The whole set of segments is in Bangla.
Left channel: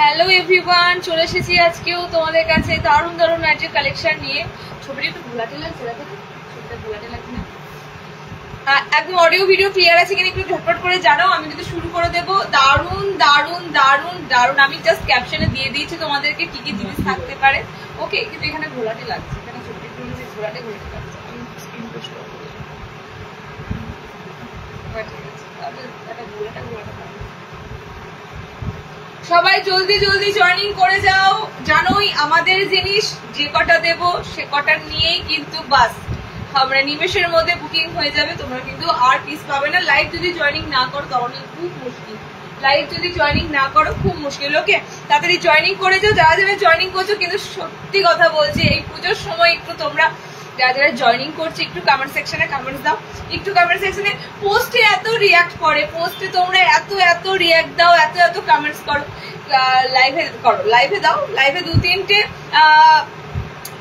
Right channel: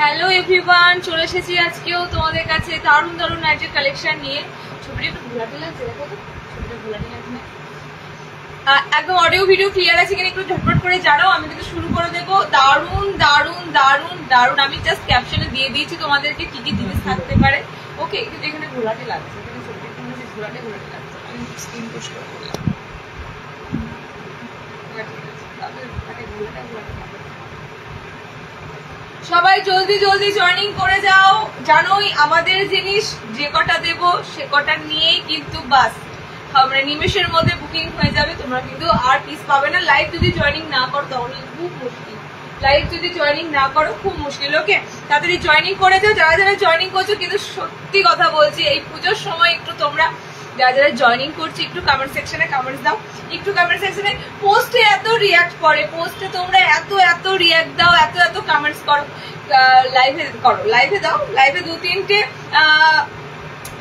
হ্যালো এভরিওয়ান, চলে এসেছি আজকেও তোমাদের কাছে দারুণ দারুণ নাইটের কালেকশন নিয়ে। ছবিটা একটু ঘোলাটে লাগছে, দেখো তো ছবিটা ঘোলাটে লাগছে না? একদম অডিও ভিডিও ক্লিয়ার আছে কিনা একটু ঝটপট করে জানাও, আমি কিন্তু শুরু করে দেবো। দারুণ দারুণ দারুণ দারুণ, আমি জাস্ট ক্যাপশনে দিয়ে দিয়েছি তোমাদেরকে কি কি জিনিস থাকতে পারে। ওকে, কিন্তু এখানে ঘোলাটে লাগছে, এখানে ছবিটা একটু ঘোলাটে ঘোলাটে লাগছে। আমি স্ক্রিন পোস্ট করে করলাম, ঠিক আছে, তাহলে ঘোলাটে ঘোলাটে লাগছে। সবাই জলদি জলদি জয়েনিং করে যাও। জানোই আমাদের জিনিস যে কটা দেব সে কটা নিয়েই কিন্তু বাস আমরা নিমেষের মধ্যে বুকিং হয়ে যাবে। তোমরা কিন্তু আর পিস পাবে না। লাইভ যদি জয়েনিং না করো তাহলে খুব মুশকিল, লাইভ যদি জয়েনিং না করো খুব মুশকিল। ওকে, তাড়াতাড়ি জয়েনিং করে যাও যারা যারা জয়েনিং করছো। কিন্তু সত্যি কথা বলছি, এই পুজোর সময় একটু তোমরা যারা যারা জয়েনিং করছে একটু কমেন্ট সেকশনে কমেন্টস দাও, একটু কমেন্ট সেকশনে। পোস্টে এত রিয়াক্ট করে, পোস্টে তোমরা এত এত রিয়াক্ট দাও, এত এত কমেন্টস করো, লাইভে করো, লাইভে দাও, লাইভে 2-3টে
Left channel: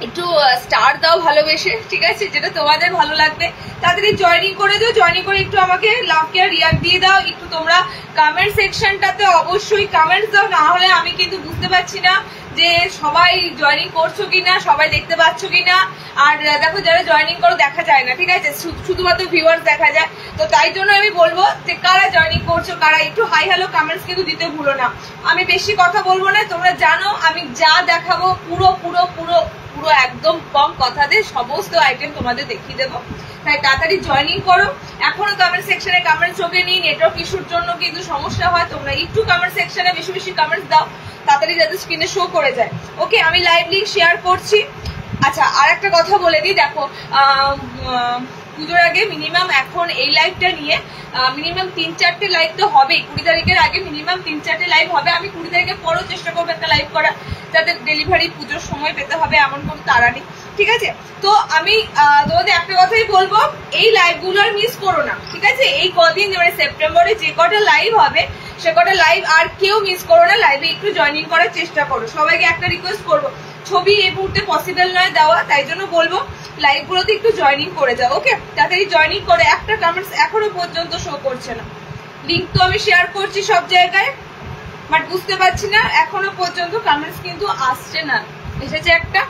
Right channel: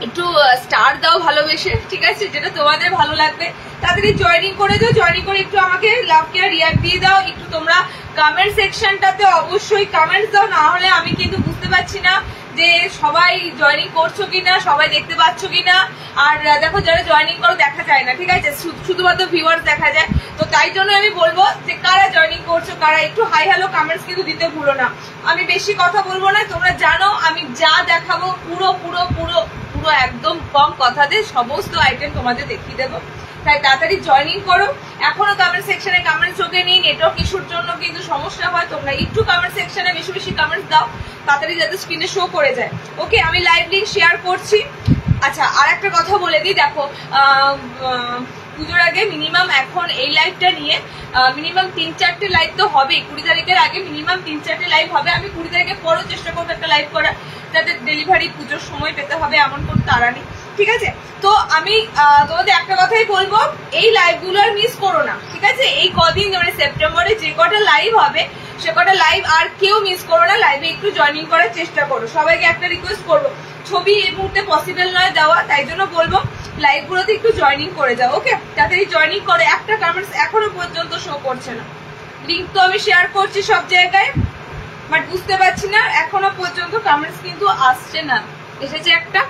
একটু স্টার দাও ভালোবেসে, ঠিক আছে, যেটা তোমাদের ভালো লাগবে। তাড়াতাড়ি জয়েনিং করে দাও, জয়েনিং করে একটু আমাকে লাভ কেয়ার রিয়াক্ট দিয়ে দাও। একটু তোমরা কমেন্ট সেকশনটাতে অবশ্যই কমেন্টস দাও, না হলে আমি কিন্তু বুঝতে পারছি না যে সবাই জয়েনিং করছো কিনা, সবাই দেখতে পাচ্ছ কিনা। আর দেখো যারা জয়েনিং করো দেখা যায় না, ঠিক আছে, শুধুমাত্র ভিউয়ার্স দেখা যায়। তো তাই জন্য আমি বলবো যে কারা জয়েনিং করছো, কারা একটু হাই হ্যালো কমেন্টস কিন্তু দিতে ভুলো না। আমি বেশি কথা বলবো না, তোমরা জানো আমি যা দেখাবো পুরো পুরো পুরো পুরো একদম কম কথাতে সমস্ত আইটেম তোমাদের দেখিয়ে দেবো। তাই তাড়াতাড়ি জয়েনিং করো। এখনো কমেন্ট সেকশনে কমেন্টস ওকে নিয়ে নেটওয়ার্ক ইস্যুর জন্য কিন্তু সমস্যা হয়। তোমরা একটু কমেন্ট সেকশনে বেশি বেশি কমেন্টস দাও, তাড়াতাড়ি যাতে স্ক্রিনে শো করে যায়। ওকে, আমি লাইভ লিঙ্ক শেয়ার করছি। আচ্ছা, আর একটা কথা বলে দিই, দেখো পুজোর আগে মিনিমাম এখন এই লাইভটা নিয়ে মিনিমাম 3-4টে লাইভ তো হবেই। 20 তারিখের আগে মিনিমাম 3-4টে লাইভ হবে। আমি 20 তারিখের পরও চেষ্টা করবো একটা লাইভ করার, যাতে ডেলিভারি পুজোর সময় পেতে হবে এমন কোনো তাড়া নেই, ঠিক আছে। তো আমি তোমাদের একটা কথাই বলবো, এই লাইভগুলো আর মিস করো না, ঠিক আছে। এই কদিন মানে সেপ্টেম্বরে যে কটা লাইভ হবে সে কটা লাইভ আর কেউ মিস করো না। লাইভে একটু জয়েনিং করার চেষ্টা করো। সবাইকে একটা রিকোয়েস্ট করবো, ছবি এই মুহূর্তে পসিবল নয় দেওয়া, তাই জন্য বলবো লাইভগুলোতে একটু জয়েনিং করে যাও। ওকে, তাড়াতাড়ি জয়েনিং করে। একটা কমেন্টস এখনো পর্যন্ত শো করছে না। লিঙ্ক তো আমি শেয়ার করছি সব জায়গায়, বাট বুঝতে পারছি না এখনো পর্যন্ত কমেন্টস কিন্তু আসছে না। এসেছে একটা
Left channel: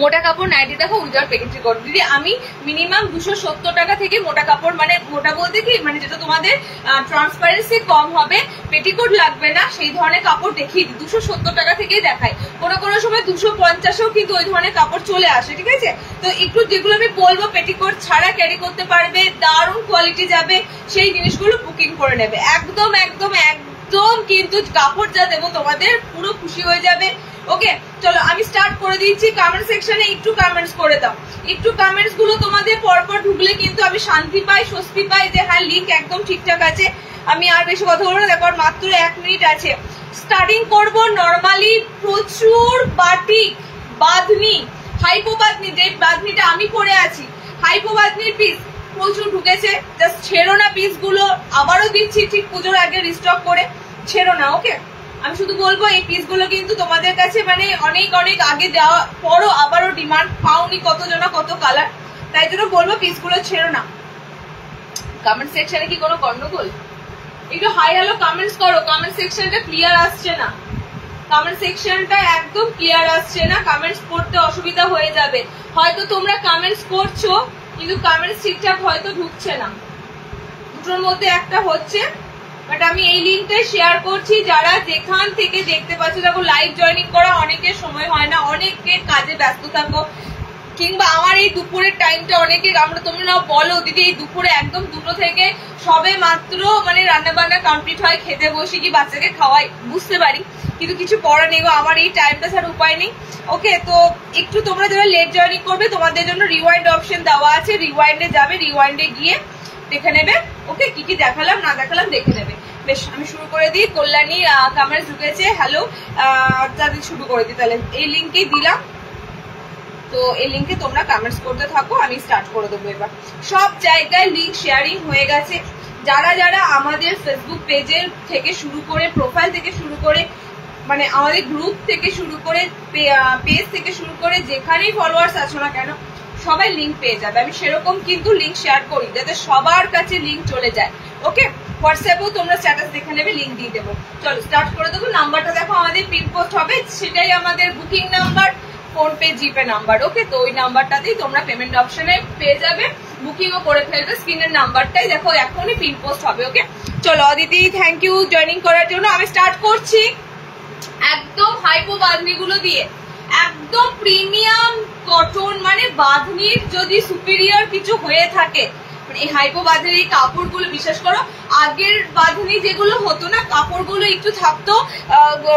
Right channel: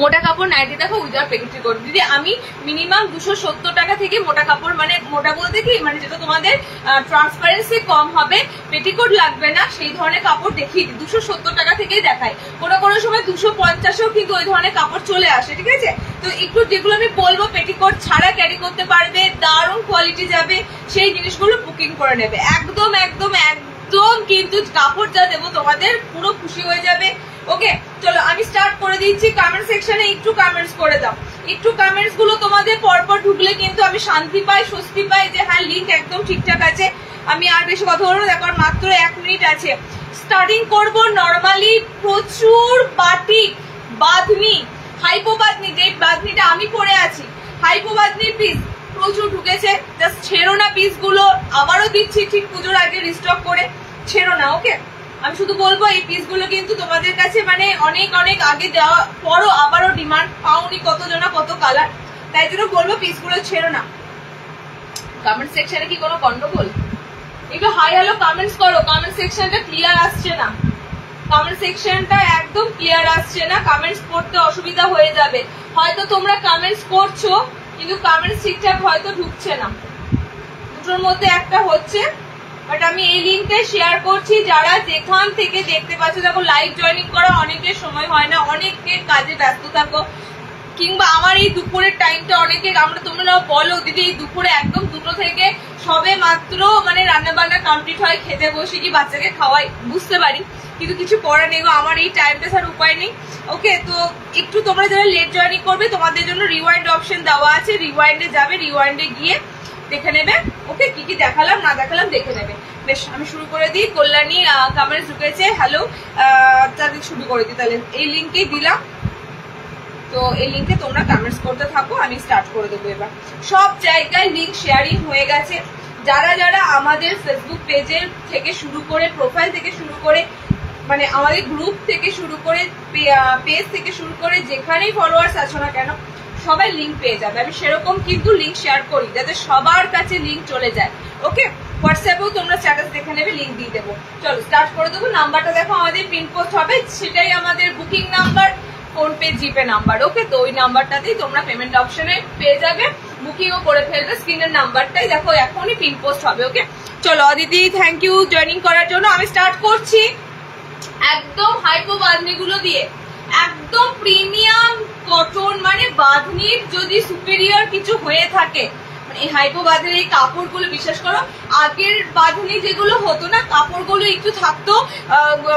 মোটা কাপড় নাইটি, দেখো উইদাউট পেটিকোট করো দিদি। আমি মিনিমাম 270 টাকা থেকে মোটা কাপড়, মানে মোটা বলতে কি মানে যেটা তোমাদের ট্রান্সপারেন্সি কম হবে, পেটিকোট লাগবে না, সেই ধরনের কাপড় দেখিয়ে দিই। 270 টাকা থেকেই দেখায়, কোনো কোনো সময় 250-ও কিন্তু ওই ধরনের কাপড় চলে আসে, ঠিক আছে। তো একটু যেগুলো আমি বলবো পেটিকোট ছাড়া ক্যারি করতে পারবে, দারুণ কোয়ালিটি যাবে, সেই জিনিসগুলো বুকিং করে নেবে। একদম একদম একদম কিন্তু কাপড় যা দেবো তোমাদের পুরো খুশি হয়ে যাবে। ওকে, চলো আমি স্টার্ট করে দিচ্ছি। কমেন্ট সেকশনে একটু কমেন্টস করে দাও। একটু কমেন্টস গুলো তোমাদের পরপর ঢুকলে কিন্তু আমি শান্তি পাই, স্বস্তি পাই যে হ্যাঁ লিঙ্ক একদম ঠিকঠাক আছে। আমি আর বেশি কথা বলবো না, দেখো মাত্র 1 মিনিট আছে। স্টার্টিং করব নর্মালি প্রচুর বাটিক বাঁধনি, হাইপো বাঁধনি, যে বাঁধনিটা আমি পরে আছি হাইপো বাঁধনির পিস প্রচুর ঢুকেছে। জাস্ট ছেড়ো না পিস গুলো, আবারও দিচ্ছি ঠিক পুজোর আগে রিস্টক করে, ছেড়ো না। ওকে, আমি শুধু বলবো এই পিসগুলো কিন্তু তোমাদের কাছে মানে অনেক অনেক আগে দেওয়া পরও আবারও ডিমান্ড পাওনি কতজনা কত কালার, তাই জন্য বলবো পিসগুলো ছেড়ো না। কমেন্ট সেকশনে কি কোনো গন্ডগোল? একটু হাই হ্যালো কমেন্টস করো। কমেন্ট সেকশনটা ক্লিয়ার আসছে না, কমেন্ট সেকশনটা একদম ক্লিয়ার আসছে না। কমেন্টস পড়তে অসুবিধা হয়ে যাবে। হয়তো তোমরা কমেন্টস করছো কিন্তু কমেন্টস ঠিকঠাক হয়তো ঢুকছে না, দুটোর মধ্যে একটা হচ্ছে। বাট আমি এই লিঙ্কটা শেয়ার করছি, যারা যেখান থেকে দেখতে পাচ্ছ। দেখো লাইভ জয়েনিং করা অনেকের সময় হয় না, অনেকের কাজে ব্যস্ত থাকো, কিংবা আমার এই দুপুরের টাইমটা অনেকে তোমরা বলো দিদি এই দুপুরে একদম 2টো থেকে সবে মাত্র মানে রান্না বান্না কমপ্লিট হয়, খেতে বসে কি বাচ্চাকে খাওয়াই, বুঝতে পারি, কিন্তু কিছু করার নেই গো, আমার এই টাইমটা ছাড়া উপায় নেই। ওকে, তো একটু তোমরা যারা লেট জয়েনিং করবে তোমাদের জন্য রিওয়াইন্ড অপশন দেওয়া আছে, রিওয়াইন্ডে যাবে, রিওয়াইন্ডে গিয়ে দেখে নেবে। ওকে, কি কি দেখালাম না দেখালাম দেখে নেবে। বেশ, আমি শুরু করে দিই। কল্যাণী কমেন্টস ঢুকেছে, হ্যালো, তাদের শুরু করে দিই। তাহলে এই লিঙ্কেই দিলাম, তো এই লিঙ্কে তোমরা কমেন্টস করতে থাকো, আমি স্টার্ট করে দেবো। এবার সব জায়গায় লিঙ্ক শেয়ারিং হয়ে গেছে। যারা যারা আমাদের ফেসবুক পেজের থেকে শুরু করে, প্রোফাইল থেকে শুরু করে, মানে আমাদের গ্রুপ থেকে শুরু করে, পেজ থেকে শুরু করে যেখানেই ফলোয়ার্স আছো না কেন সবাই লিঙ্ক পেয়ে যাবে। আমি সেরকম কিন্তু লিঙ্ক শেয়ার করি যাতে সবার কাছে লিঙ্ক চলে যায়। ওকে, হোয়াটসঅ্যাপেও তোমরা স্ট্যাটাস দেখে নেবে, লিঙ্ক দিয়ে দেবো। চলো স্টার্ট করে দেবো। নাম্বারটা দেখো আমাদের পিন পোস্ট হবে, সেটাই আমাদের booking number, PhonePe GPay number. ওকে, তো ওই নাম্বারটাতেই তোমরা পেমেন্ট অপশনে পেয়ে যাবে, বুকিংও করে ফেলবে। স্ক্রিনের নাম্বারটাই দেখো এখনই পিন পোস্ট হবে। ওকে, চলো অদিতি থ্যাংক ইউ জয়েনিং করার জন্য। আমি স্টার্ট করছি একদম হাইপো বাঁধনিগুলো দিয়ে, একদম প্রিমিয়াম কটন, মানে বাঁধনির যদি সুপিরিয়র কিছু হয়ে থাকে এই হাইপো বাঁধনির এই কাপড়গুলো, বিশেষ করো আগের বাঁধনি যেগুলো হতো না, কাপড়গুলো একটু থাকতো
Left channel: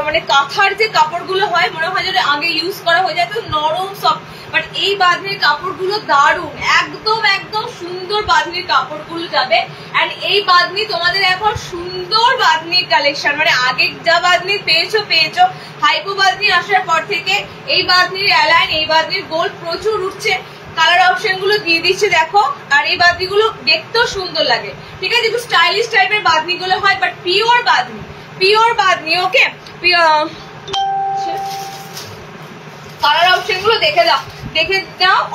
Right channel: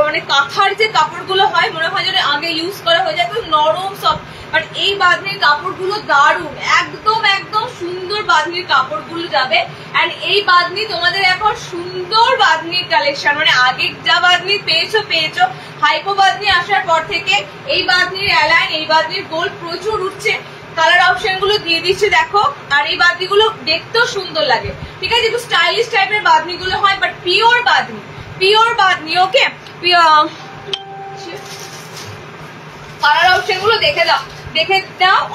মানে কাঁথার যে কাপড়গুলো হয় মনে হয় যদি আগে ইউজ করা হয়ে যেত, নরম সফট। বাট এই বাঁধনির কাপড়গুলো দারুণ, একদম একদম সুন্দর বাঁধনির কাপড়গুলো যাবে। এন্ড এই বাঁধনি তোমাদের এখন সুন্দর বাঁধনির কালেকশন, মানে আগে যা বাঁধনি পেয়েছো হাইপো বাঁধনি আসার পর থেকে এই বাঁধনির অ্যালাইন, এই বাঁধনির গোল্ড প্রচুর উঠছে। কালার অপশন গুলো দিয়ে দিচ্ছে দেখো, আর এই বাঁধনি গুলো দেখতেও সুন্দর লাগে। ঠিক আছে, একটু স্টাইলিশ টাইপের বাঁধনি গুলো হয়, but pure bandhani. Okay, colour option গুলো দেখে দাও।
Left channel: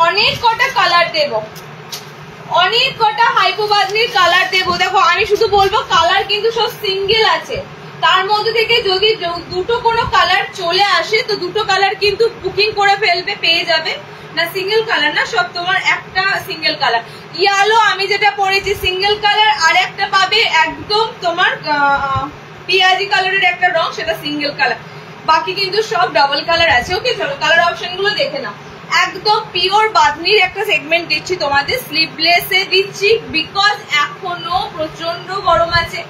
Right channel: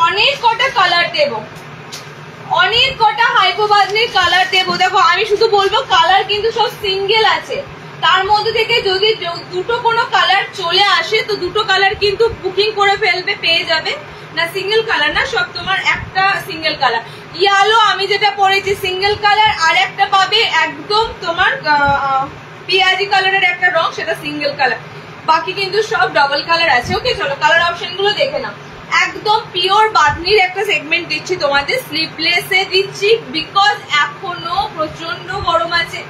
অনেক কটা কালার দেবো, অনেক কটা হাইপো বাঁধনির কালার দেবো। দেখো আমি শুধু বলবো কালার কিন্তু সব সিঙ্গেল আছে, তার মধ্যে থেকে যদি দুটো কোনো কালার চলে আসে তো দুটো কালার কিন্তু বুকিং করে ফেলবে, পেয়ে যাবে না। সিঙ্গেল কালার না, সব তোমার একটা সিঙ্গেল কালার। ইয়ালো আমি যেটা পরেছি সিঙ্গেল কালার, আর একটা পাবে একদম তোমার পিয়াজি কালারের একটা রং, সেটা সিঙ্গেল কালার, বাকি কিন্তু সব ডাবল কালার আছে। ওকে, চলো কালার অপশন গুলো দেখে নাও। একদম পিওর বাঁধনির একটা সেগমেন্ট দিচ্ছি তোমাদের, স্লিভলেসে দিচ্ছি বিকজ এখনো প্রচন্ড গরম আছে।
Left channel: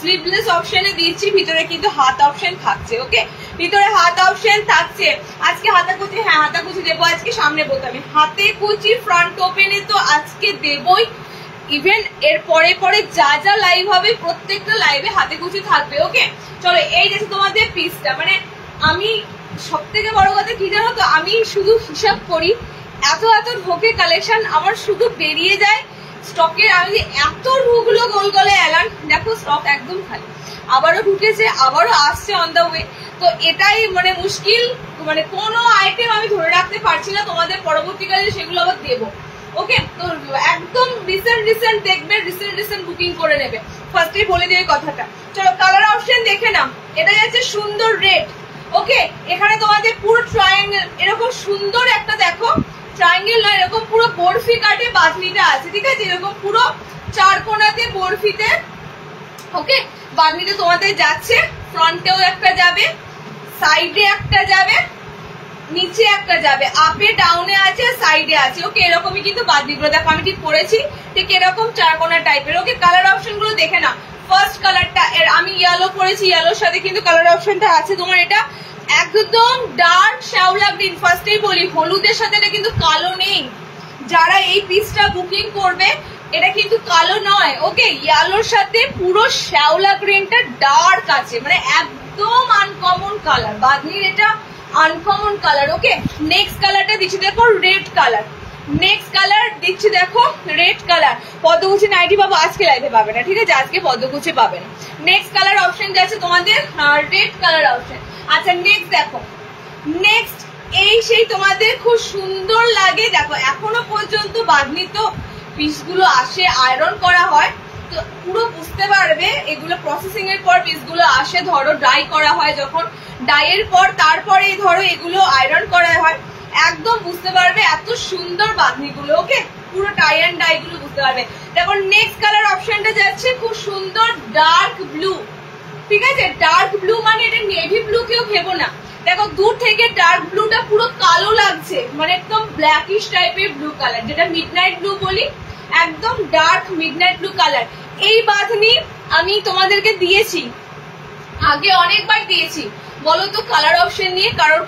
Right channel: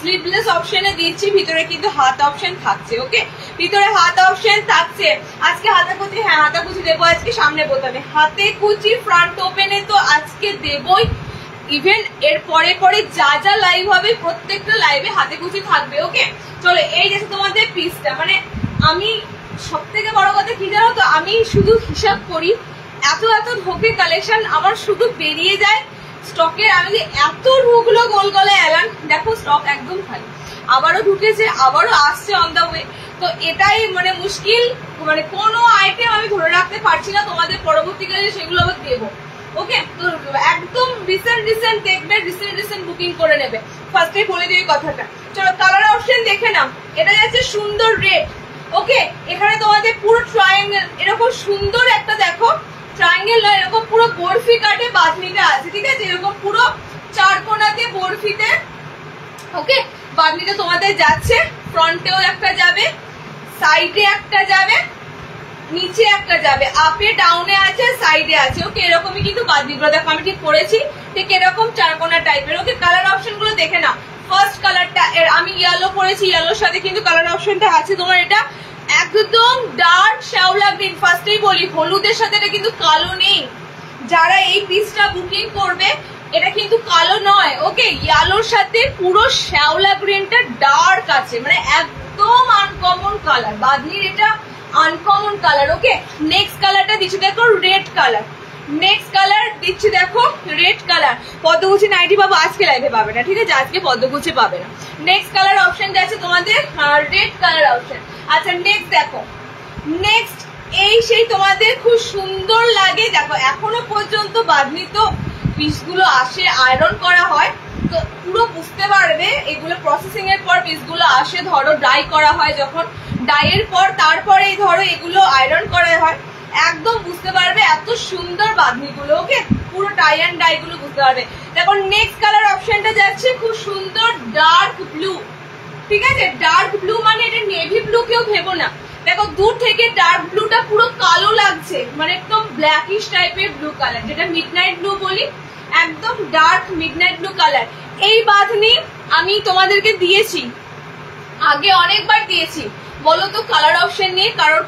স্লিভলেস অপশনে দিচ্ছি, ভিতরে কিন্তু হাত অপশন থাকছে। ওকে, ভিতরে হাত অপশন থাকছে। আজকে হাতাকুচি, হ্যাঁ হাতাকুচি দেবো আজকে, সামনে বোতামে হাতে কুচি, ফ্রন্ট ওপেনে তো আজকে দেবই। ইভেন এর পরে যা যা লাইভ হবে প্রত্যেকটা লাইভে হাতে কুচি থাকবে। ওকে, চলো এই যে তোমাদের পিসটা, মানে আমি সব থেকে বড় কথা কি জানো তো, আমি শুধু হিসাব করি এত ঢোকে কালেকশন আমার শুধু বেরিয়ে যায় স্টকের। আমি যে এত ঢুকলো গোল গলে অ্যালান, দেখো স্টক একদম খালি, আবারও ঢুকেছে, আবারও আসছে অন দ্য ওয়ে। তো এটাই মানে মুশকিল, মানে কোনো আইটেম আমি ধরে রাখতে পারছি না, তোমাদের পরবর্তীকালে সেগুলো আবার দেবো। ওকে, তো একদম রিসেন্ট দেখবে, রিসেন্ট বুকিং করে নেবে, ফার্স্টেই বলে দিয়ে কথাটা। চলো কালার অপশন দেখে নাও। এটা যাচ্ছে সুন্দর রেড। ওকে, এখানে তোমাদের পুরো ট্রায়াঙ্গেল, এরকম সুন্দর একটা দেখো ট্রায়াঙ্গেল নয়, এরকম পুরো বরফি কাটে বাঁধনিটা আছে। ঠিক আছে, এরকম পুরো চার কোনাতে বরফিতে। ওকে, বাঁধনিটা তোমাদের যাচ্ছে, ফ্রন্টেও একটা যাবে, সাইডে একটা যাবে, নিচে একটা যাবে, আপে ডাউনে আছে, সাইডে আছে। ওকে, এরকমই কিন্তু বাঁধনিগুলো দেখো আমি ঠিক করেছি, ঠিক এরকম চারকোনা টাইপের। ওকে, কালার অপশন গুলো দেখে নাও। ফার্স্ট কালারটা আমি ইয়েলো করেছি, ইয়েলোর সাথে কিন্তু কালার অপশনটা আছে তোমার এটা একদম ডার্ক শ্যাওলা গ্রিন। ফার্স্টেই বলি হলুদের সাথে এটা কিন্তু কালো নেই, যারা এই পিসটা বুকিং করবে এটা কিন্তু কালো নয়। ওকে, ইয়েলোর সাথে পুরো শ্যাওলা গ্রিনটা ডার্ক আছে, মানে একদম আনকমন কালার, বাঁধনির এটা আনকমন কালার। ওকে, নেক্সট কালারটা দিচ্ছি দেখো রেড কালার, নেক্সট কালার দিচ্ছি দেখো রেড কালার। পদ্মকুচি নাইটি পাবো, আজকে লাইভে পাবে না, ঠিক আছে, আজকে পদ্মকুচি পাবে না। নেক্সট কালার অপশন যাচ্ছে তোমাদের রেড কালার অপশন। আচ্ছা নেক্সট দেখো, নেক্সট এই সেই তোমাদের খুব সুন্দর লাগে দেখো, এখনো পর্যন্ত বাঁধনি তো পিসগুলো আসে, আয়রন করা হয়, তো পুরো বুঝতে পারবে এগুলো প্রসেসিং এর পর পিসগুলো আসে, ধরো ডাই করা হয়, যখন ডাইয়ের পর তারপরে ধরো এগুলো আয়রন করা হয়, একদম বুঝতে পারবে এত সুন্দর বাঁধনিগুলো। ওকে, পুরো টাই অ্যান্ড ডাই গুলো বুঝতে পারবে। দেখো নেক্সট কালার অপশনটা যাচ্ছে খুব সুন্দর ডার্ক ব্লু। ঠিক আছে, ডার্ক ব্লু মানে এটা নেভি ব্লু কেউ ভেবো না, দেখো দূর থেকে ডার্ক ব্লুটা পুরো কালো লাগছে, মানে একদম ব্ল্যাকিশ টাইপের ব্লু কালার, যেটা মিডনাইট ব্লু বলি, একদম ডার্ক মিডনাইট ব্লু কালার। এই বাঁধনি আমি তোমাদেরকে দিয়েছি আগে, অনেকবার দিয়েছি, বলো তো কালার অপশন নিয়ে কারোর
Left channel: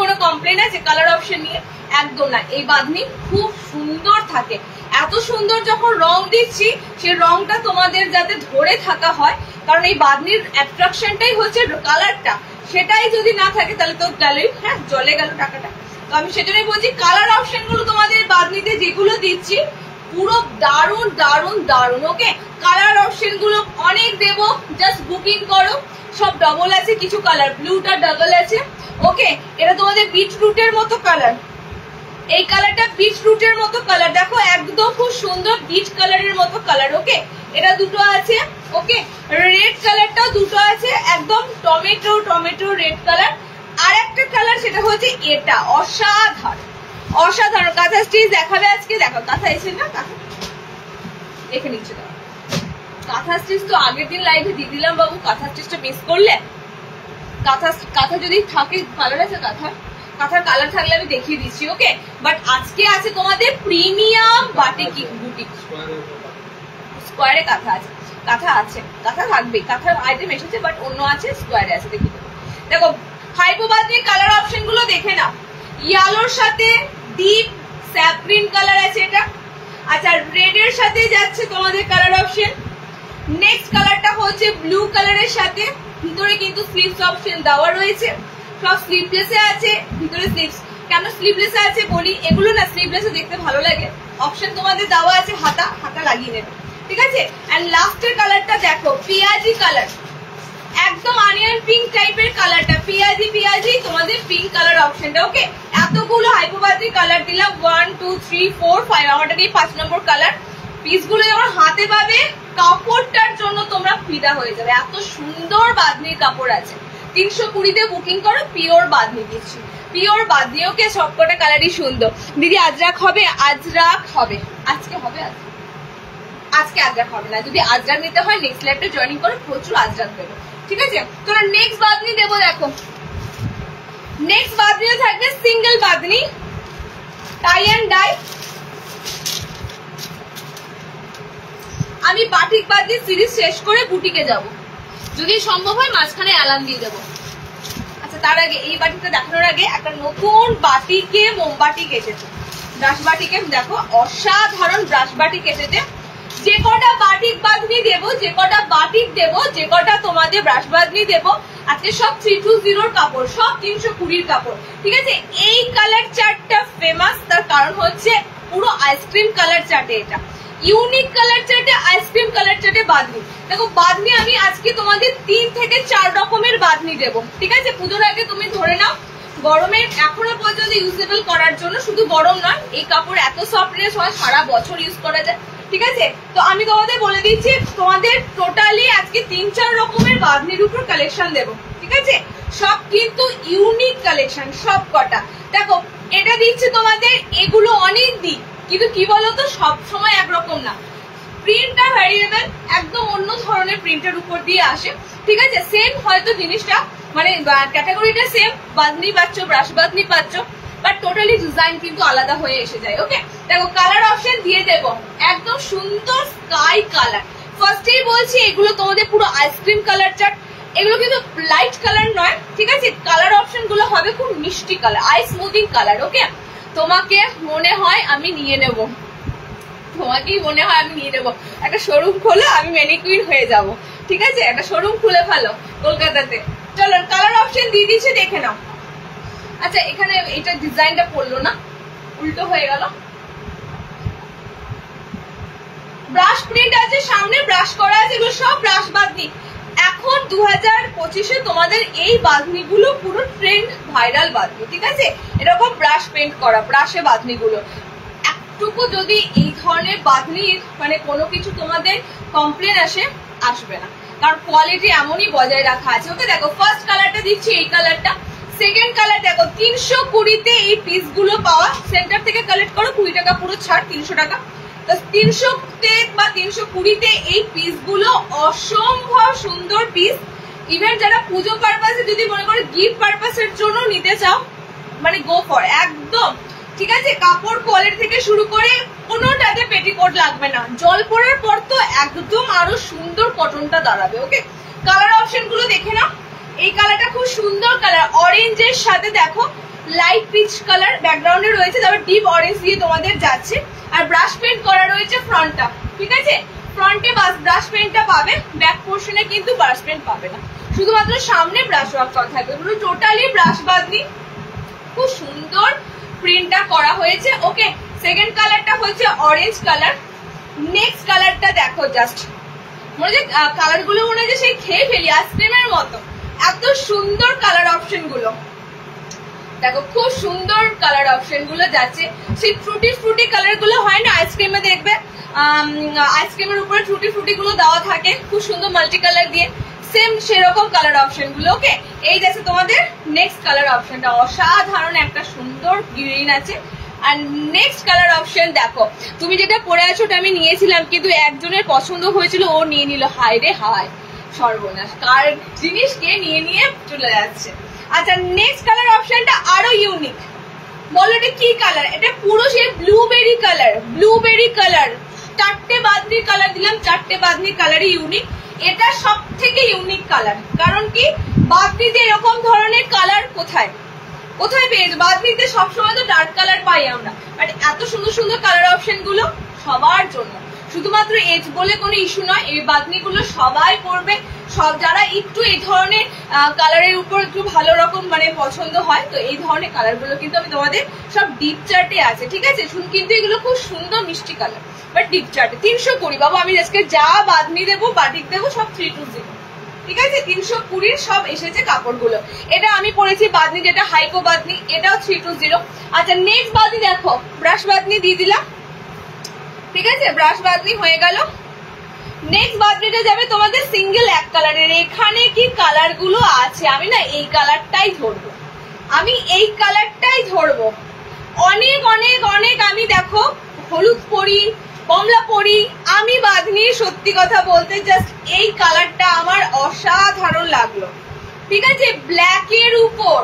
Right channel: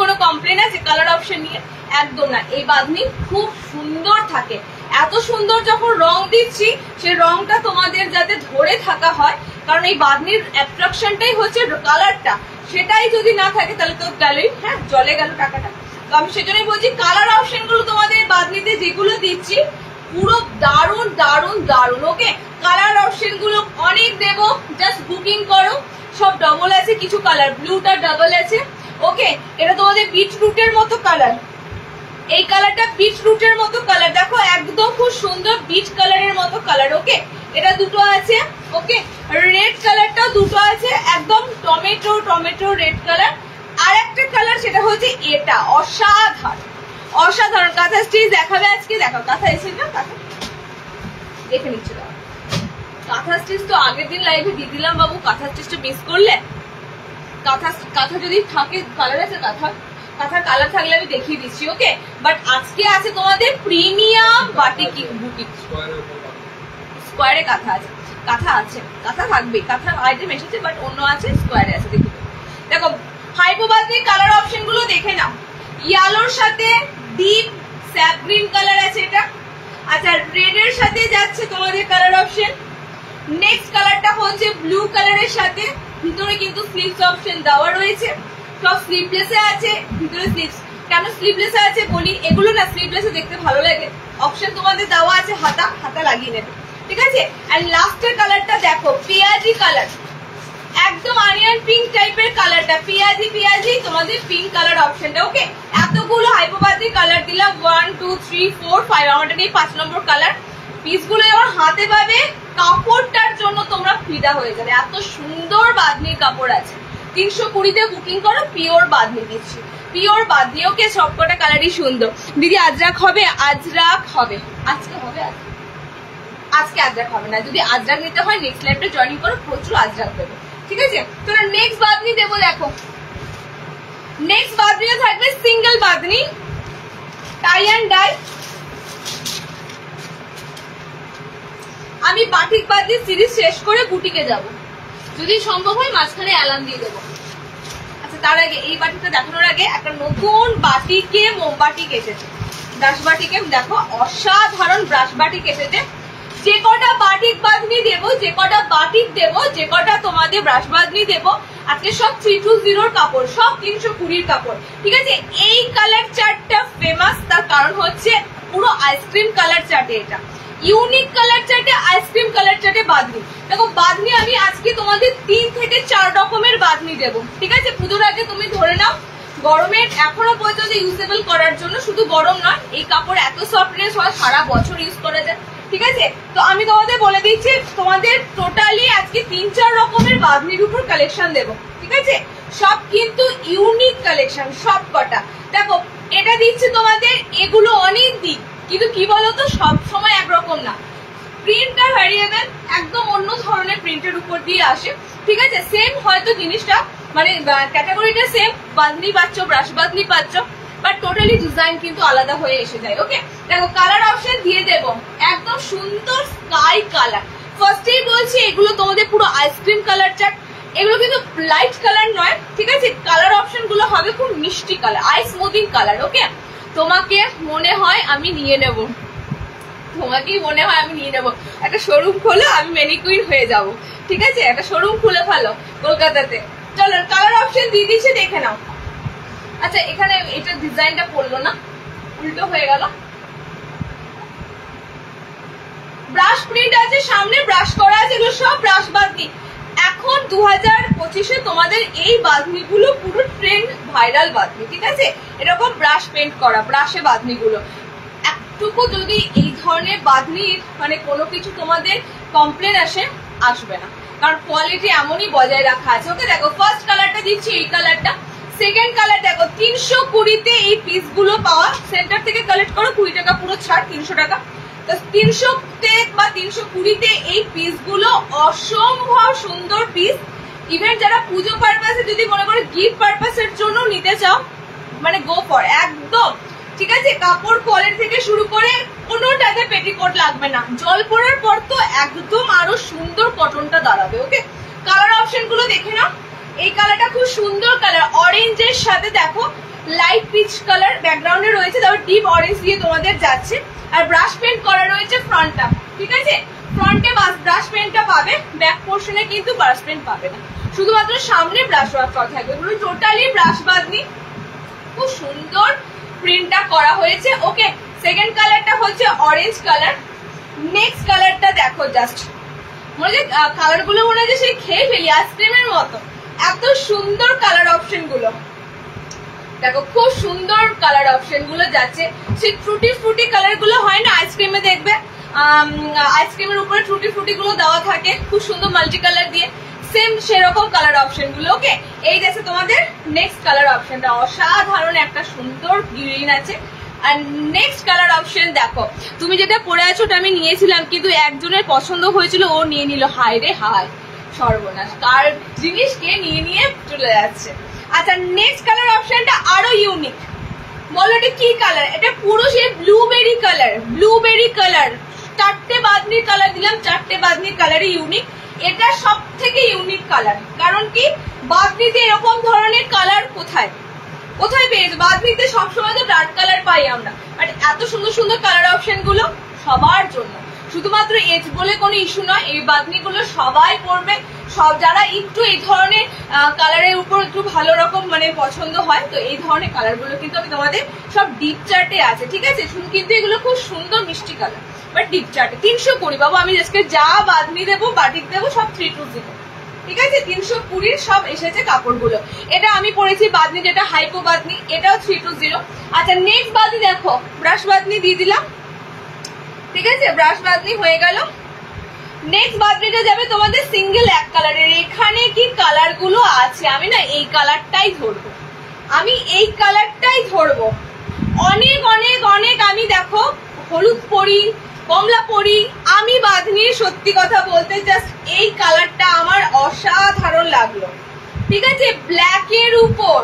কোনো কমপ্লেন আছে কালার অপশন নিয়ে? একদম না। এই বাঁধনি খুব সুন্দর থাকে, এত সুন্দর যখন রং দিচ্ছি সেই রংটা তোমাদের যাতে ধরে থাকা হয়, কারণ এই বাঁধনির অ্যাট্রাকশনটাই হচ্ছে কালারটা, সেটাই যদি না থাকে তাহলে তো গেলই, হ্যাঁ জলে গেল টাকাটা। তো আমি সেজন্যই বলছি কালার অপশন গুলো তোমাদের বাঁধনিতে যেগুলো দিচ্ছি পুরো দারুন দারুন দারুন। ওকে, কালার অপশন গুলো অনেক দেবো, জাস্ট বুকিং করো। সব ডবল আছে, কিছু কালার ব্লুটা ডাবল আছে। ওকে, এটা তোমাদের বিটরুটের মতো কালার, এই কালারটা বিটরুটের মতো কালার, দেখো একদম খুব সুন্দর বিট কালারের মতো কালার। ওকে, এটা দুটো আছে। ওকে, রেড কালারটাও দুটো আছে, একদম টমেটো টমেটো রেড কালার। আর একটা কালার সেটা হচ্ছে এটা, অসাধারণ অসাধারণ। কাঁথা স্টিচ দেখাবে আজকে, দেখো কাঁথা এসে না, কাঁথা দেখে নিচ্ছে। দাও কাঁথা স্টিচ তো আগের দিন লাইভে দিয়ে দিলাম বাবু, কাঁথা স্টিচটা মিস করলে। কাঁথা যদি থাকে, কালার আছে কাঁথার কালার থাকলে আমি দেখিয়ে দিচ্ছি। ওকে, বাট আজকে আছে তোমাদের প্রিমিয়াম বাটিক বুটিক। স্কোয়ারে কাঁথা আছে, কাঁথা থাকবে, কাঁথার আইটেম এসেছে বাট অন্য আছে, স্কোয়ারে আছে। দেখো হাইপোবাদি কালার অপশন গুলো দেখে নাও। ইয়েলোর সাথে ডিপ স্যাপ গ্রিন কালার আছে এটা। আচ্ছা, রেড এর সাথে যাচ্ছে তোমাদের কালার অপশন। নেক্সট কালারটা হচ্ছে ব্লু কালারের সাথে, ভিতরে কিন্তু স্লিভস অপশন দেওয়া রয়েছে, সব স্লিভলেসে আছে। ভিতরে স্লিভস কেন স্লিভলেসে আছে বলি, এগুলো না স্লিভলেসে দেখতে ভালো লাগে। অপশন তোমাদের দেওয়া আছে, হাতা লাগিয়ে নেবে, ঠিক আছে। এন্ড লাস্টের কালারটা দেখো, পিয়াজি কালার, একদম অনিয়ন পিঙ্ক টাইপের কালারটা, পিয়াজি তোমাদের পিঙ্ক কালার অপশনটা। ওকে, এতগুলো হাইপোবাদি কালার দিলাম, 1 2 3 4 5, আমাদের এই 5 নম্বর কালার। পিসগুলো যখন হাতে পাবে, কাপড়টার জন্য তোমরা ফিদা হয়ে যাবে। এত সুন্দর বাঁধনির কাপড় আছে। 320-তে বুকিং করো, পিওর বাঁধনি দিচ্ছি, পিওর বাঁধনি। ওকে, সবকটা কালারই সুন্দর। দিদি আজরাক হবে? আজরাক হবে, আজকে হবে, আজকে আজরাক হবে না। যদি আজরাক নিতে হয় নেক্সট লাইভে জয়েনিং করো, প্রচুর আজরাক দেবে, ঠিক আছে। তোমরা নেক্সট বাঁধনি দেবো। দেখো নেক্সট বাঁধনিও থাকবে single bandhani, tie and dye. আমি বাটিক বাঁধনি সিরিজ শেষ করে বুটিকে যাব, যদি সম্ভব হয় মাঝখানে অ্যালার্ম দিয়ে দেবো। আচ্ছা, তার আগে এই বাটিকটা দেখানোর আগে একটা নতুন বাটিকে মোমবাটিক এসেছে, ব্রাশ বাটিকে। দেখো অসাধারণ ব্রাশ বাটিক এসেছে। যে কটা বাটিক বাঁধনি দেবো, যে কটা বাটিক দেবো, যে কটা তোমাদের ব্রাশ বাঁধনি দেবো, আজকে সব 320 কাপড়, সব 320 কাপড়, ঠিক আছে। এই কালার চার্টটা ফেমাস, তার কারণ হচ্ছে পুরো আইসক্রিম কালার চার্টে, এটা ইউনিক কালার চার্টে, আইসক্রিম কালার চার্টে বাঁধনি। দেখো বাঁধনি আমি আজকে তোমাদের 3 থেকে 4 রকমের বাঁধনি দেবো, ঠিক আছে। পুজোর আগে তুমি ধরে নাও, গরমের এখনো পর্যন্ত ইউজেবল করার জন্য, শুধু গরম নয়, এই কাপড় এত সফটনেস হয়, সারা বছর ইউজ করা যায়, ঠিক আছে। তো আমি তোমাদের বলে দিচ্ছি, তোমাদের টোটালি আজকে 3-4 রকমের বাঁধনির উপর কালেকশন দেবো, ঠিক আছে। সব কিন্তু ইউনিক কালেকশন, সব কটা। দেখো এটা দিচ্ছি তোমাদের, এগুলো অনেক দিক, কিন্তু কি বলতো সব সময় একরকম না, প্রিন্টটা ভ্যারিয়েবল, একদম অন্য ধরনের প্রিন্টের উপর দিয়ে আসে, ঠিক আছে। সেম হয়তো জিনিসটা মানে ক্যাটাগরিটা সেম, বাঁধনি পাচ্ছ, ব্রাশ বাঁধনি পাচ্ছ, বাট টোটালি ডিজাইন কিন্তু আলাদা হয়ে এসে যায়। ওকে, দেখো কালার অপশন দিয়ে দেবো, একদম সুন্দর স্কাই কালার। ফার্স্টেই বলছি এগুলো তোমাদের পুরো আইসক্রিম কালার চার্ট, এগুলো কিন্তু লাইট কালার নয়, ঠিক আছে। কালার অপশন গুলো হবে খুব মিষ্টি কালার, আই স্মুথিং কালার। ওকে, তোমাকে মনে হয় আমি নিয়ে নেব, তোমাকেই মনে হয় আমি নিয়ে নেবো, একটা শোরুম খোলো, আমি ম্যানিকুইন হয়ে যাব, ঠিক আছে। একটা শোরুম খুলে ফেলো কলকাতাতে। চলো কালার অপশন দিয়ে দিচ্ছি, দেখে নাও। আচ্ছা, এখানে এটা ডিজাইনটা পড়লো না, উল্টো হয়ে গেল। ব্রাশ প্রিন্ট আছে, সামনে ব্রাশ করা আছে, এগুলো সব ব্রাশ বাঁধনি। এখন 2025-এ তোমাদের এই বাঁধনিগুলো পুরো ট্রেন্ড, ভাইরাল বাঁধনি, ঠিক আছে। এরকম ব্রাশ পেন্ট করা, ব্রাশে বাঁধনিগুলো। একটুকু যদি এই ধরনের বাঁধনির মানে কোনো কিছু তোমাদের কমপ্লেন আসবে না, কারণ কোয়ালিটি এমনই বজায় রাখা আছে। ওকে, দেখো ফার্স্ট কালারটা দিচ্ছি, এই কালারটা। সেকেন্ড কালার দেখো, 320-তে এই পিস গুলো পাওয়া, সেন্টার থেকে কালেক্ট করো, 20 টাকা পুরো ছাড়, 300 টাকা। 300-তে বা 320-তে এই পিস গুলো অসম্ভব সুন্দর পিস। ইভেন যারা পুজো পারপাসে, যদি মনে করো গিফট পারপাসের জন্য নিতে চাও, মানে গো ফর, একদম ঠিক আছে। কাপড় কোয়ালিটি থেকে শুরু করে কোনোটাতে পেটিকোট লাগবে না, জল পড়ার পর তো একদম আরো সুন্দর কটনটা দাঁড়াবে। ওকে, কালার অপশন গুলো দেখে নাও। এই কালারটা খুব সুন্দর কালার, অরেঞ্জের সাথে দেখো লাইট পিচ কালার ব্যাকগ্রাউন্ডে রয়েছে, তারপর ডিপ অরেঞ্জ দিয়ে তোমাদের যাচ্ছে, আর ব্রাশ পেন্ট করা রয়েছে ফ্রন্টটা, ঠিক আছে। ফ্রন্টে ব্রাশ পেন্টটা পাবে, ব্যাক পোর্শনে কিন্তু ব্রাশ পেন্ট পাবে না, শুধুমাত্র সামনে ব্রাশ ওয়ার্ক করা থাকবে। এগুলো টোটালি ব্রাশ বাঁধনি, খুব সুন্দর প্রিন্টটা করা হয়েছে। ওকে, সেকেন্ড কালারটা হচ্ছে অরেঞ্জ কালার। নেক্সট কালারটা দেখো, জাস্ট মনে হচ্ছে কালার গুলো মনে হচ্ছে সেই খেয়ে ফেলি আইসক্রিমের মতো, এত সুন্দর কালার অপশন গুলো। দেখো খুব সুন্দর কালার অপশন গুলো যাচ্ছে, সেই ফ্রুটি ফ্রুটি কালার গুলো হয় না আইসক্রিমে, দেখবে আইসক্রিমের উপরে টুটি ফ্রুটি গুলো দেওয়া থাকে খুব সুন্দর মাল্টি কালার দিয়ে, সেম সেরকম কালার অপশন গুলো। ওকে, এই যাচ্ছে তোমাদের নেক্সট কালার অপশনটা, অসাধারণ একটা সুন্দর গ্রিন আছে। আর নেক্সট কালার অপশন দেখো, তুমি যেটা পরে আছো ওটা আমি নিয়েছিলাম, কিন্তু একজনের পছন্দ হয়েছিল, ও নিয়ে নিল। হাই রে হাই, সর্বনাশ, কার জিনিস কে নিয়ে নিয়ে চলে যাচ্ছে। আচ্ছা, নেক্সট কালার অপশনটা আরো ইউনিক। বলো এটা কি কালার? এটা পুরো সে ব্লুবেরি কালার, ব্লুবেরি কালার। 4টে বাদনির কালার দিলাম, 4টে বাদনির কালারই ইউনিক। এটা সব থেকে ইউনিক কালার, কারণ কি বাদনিতে এরকম ধরনের কালার কোথায় কোথায় পেয়েছে? বাদনিতে সবসময় তো ডার্ক কালার পাই আমরা, বাট এত সুন্দর সুন্দর কালার অপশন গুলো সবার জন্য। শুধুমাত্র এজ বলে কোনো ইস্যু নয়, এই বাদনিগুলো সবাই পরবে, সব যারা একটু এই ধরনের কালারের উপর একটু ভালো রকম মানে পছন্দ হয়, তো এই ধরনের কালার গুলো কিন্তু আমি তোমাদের সব ডিপ চার্টে আছে, ঠিক আছে? কিন্তু এগুলো খুব সুন্দর মিষ্টি কালার, বাট ডিপ চার্টে 320 বাবু। আমি আজকে যা বাদনি দেবো, বাটিক দেবো, সব 320, ঠিক আছে? 320 সব এসেছে কাপড়গুলো। এটা আমি পরেছি বাদনি, যেটা হাইকো বাদনি, এটাও 320। আচ্ছা, নেক্সট বাদনি দেখো, ব্রাশ বাদনি দিয়ে দিলাম, ঠিক আছে? ব্রাশ বাদনি হয়ে গেল। নেক্সট বাদনিটা যাবে তোমাদের সিঙ্গেল এক কালারের। এখানে কি কালার গুলো আছে, আমি না এই কালারটাই ধরবো, আমি এই কালারটাই ধরবো। অনেক অনেক অনেক আমি দেখো হলুদ পরি, কমলা পরি, আমি বাদনি সত্যি কথা বলতে জাস্ট এই কালারটা আমার অসাধারণ লাগলো, ঠিক আছে? ব্ল্যাকের উপর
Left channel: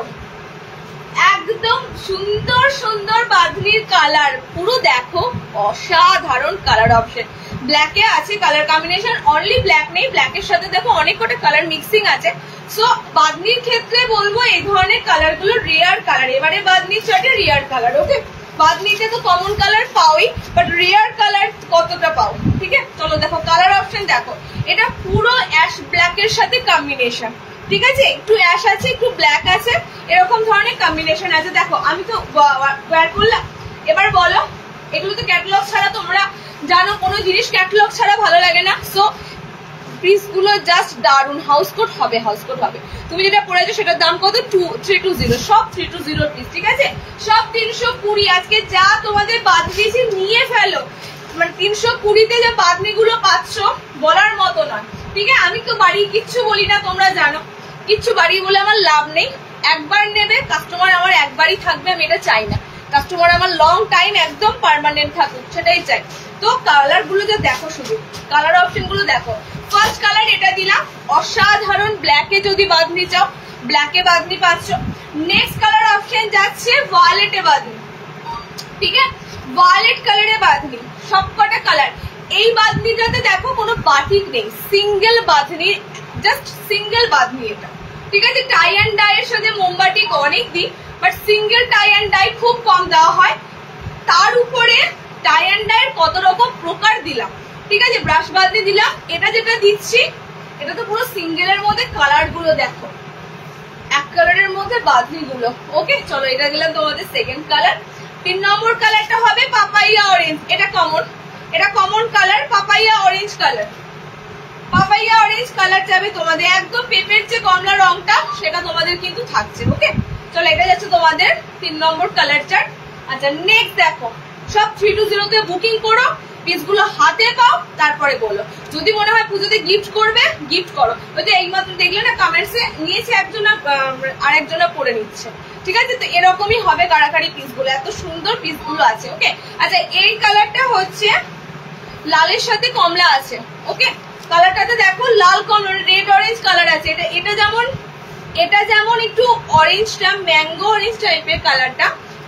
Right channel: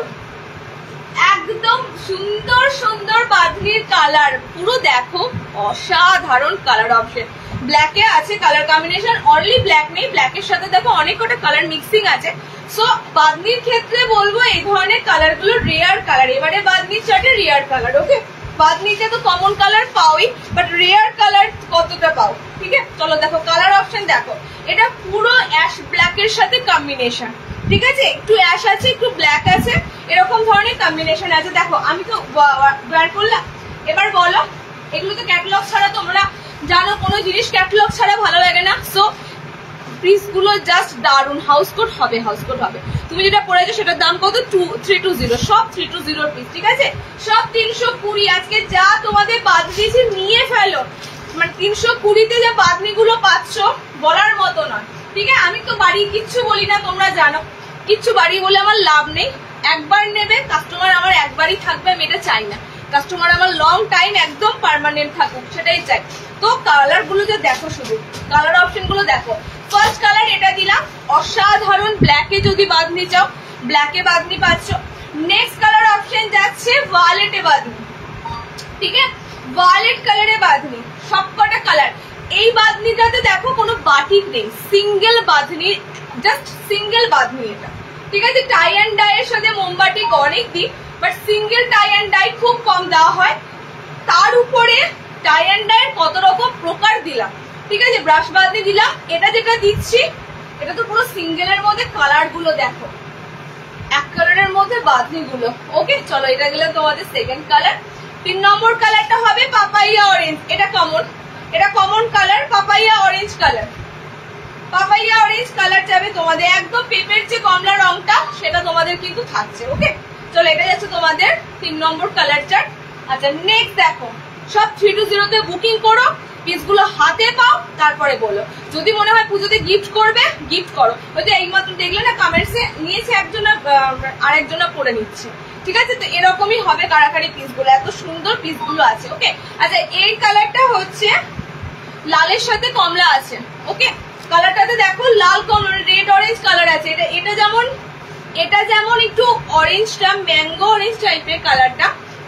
একদম সুন্দর সুন্দর বাদনির কালার, পুরো দেখো অসাধারণ কালার অপশন। ব্ল্যাকে আছে কালার কম্বিনেশন, অনলি ব্ল্যাক নেই, ব্ল্যাকের সাথে দেখো অনেক কটা কালার মিক্সিং আছে। সো বাদনির ক্ষেত্রে বলবো এই ধরনের কালার গুলো রেয়ার কালার, এবারে বাদনির চার্টে রেয়ার কালার। ওকে, বাদনিতে তো কমন কালার পাওই, বাট রেয়ার কালার কতটা পাও, ঠিক আছে? চলো দেখো কালার অপশন দেখো, এটা পুরো অ্যাশ ব্ল্যাকের সাথে কম্বিনেশন, ঠিক আছে? একটু অ্যাশ আছে, একটু ব্ল্যাক আছে, এরকম ধরনের কম্বিনেশন আছে। দেখো আমি তো বের করলাম, এবার বলো, এগুলো তো ক্যাটালগ ছাড়া, তোমরা জানো কোনো জিনিস ক্যাটালগ ছাড়া ভালো লাগে না। সো পিস গুলো জাস্ট দারুন, হাউস কোট হবে, হাউস কোট হবে। তুমি যেটা পড়েছো সেটার দাম কত? 320, সব 320 পিস, ঠিক আছে? সব 320। আজকে যা তোমাদের বাদ দিয়েছি নিয়ে ফেলো, মানে 320তে যে বাদনি গুলো পাচ্ছ বলার মতো নয়, ঠিক আছে? আমি তো বাড়ি কিচ্ছু বলি না, তোমরা জানো কিচ্ছু বাড়ি বলে আমার লাভ নেই। একবার নেবে কাস্টমার আমার, একবারই থাকবে, আমি এটা চাই না। কাস্টমার আমার লং টাইম একদম পার্মানেন্ট থাকুক, সেটাই চাই। তো কালার গুলো যে দেখো, শুধু কালার অপশন গুলো দেখো। ফার্স্ট কালার এটা দিলাম, অসাধারণ ব্ল্যাকে যদি বাদনি চাও, ব্ল্যাকে বাদনি পাচ্ছ। নেক্সট কালার অপশন যাচ্ছে ভায়োলেটে বাদনি, ঠিক আছে? ভায়োলেট কালারে বাদনি, সবকটা কালার। এই বাদনিটাতে দেখো কোনো বাটিক নেই, single Bamni, just single Bamni এটা, ঠিক আছে? টাই অ্যান্ড ডাই এর সাথে মোমবাটিক অনেক দিই, but single tie and dye খুব কম দেওয়া হয়। তার উপরে টাই অ্যান্ড ডাই এর কত রকম প্রকার দিলাম, ঠিক আছে? ব্রাশ বাদনি দিলাম, এটা যেটা দিচ্ছি এটা তো পুরো সিঙ্গেলের মধ্যে কালার গুলো দেখো, এক কালারের মধ্যে বাদনি গুলো। ওকে, চলো এটা গেলাম তোমাদের সেকেন্ড কালার। 3 নম্বর কালারটা হবে পাপাইয়া অরেঞ্জ, এটা common colour, papaya orange colour. Papaya orange colour যাবে তোমাদের, একদম পেপের যে কমলা রংটা সেটা তোমাদের কিন্তু থাকছে। ওকে, চলো এটা যাচ্ছে তোমাদের 3 নম্বর কালার চার্ট। আচ্ছা, নেক্সট দেখো, সব 320 তে বুকিং করো, পিসগুলো হাতে পাও, তারপরে বলো। যদি মনে হয় পুজোতে গিফট করবে, গিফট করো। ওই যে এইমাত্র দেখলে না কমেন্টসে, নিয়েছে একজন আর একজনা পরে নিচ্ছে, ঠিক আছে? তো এরকমই হবে কারাকারি পিসগুলো, এত সুন্দর পিসগুলো আছে। ওকে, আচ্ছা এই কালারটা হচ্ছে লালের সাথে কমলা আছে। ওকে, কালারটাতে দেখো লাল কমলা, রেড অরেঞ্জ কালার আছে। এটা যেমন একটু অরেঞ্জটা ম্যাঙ্গো অরেঞ্জ টাইপের কালারটা,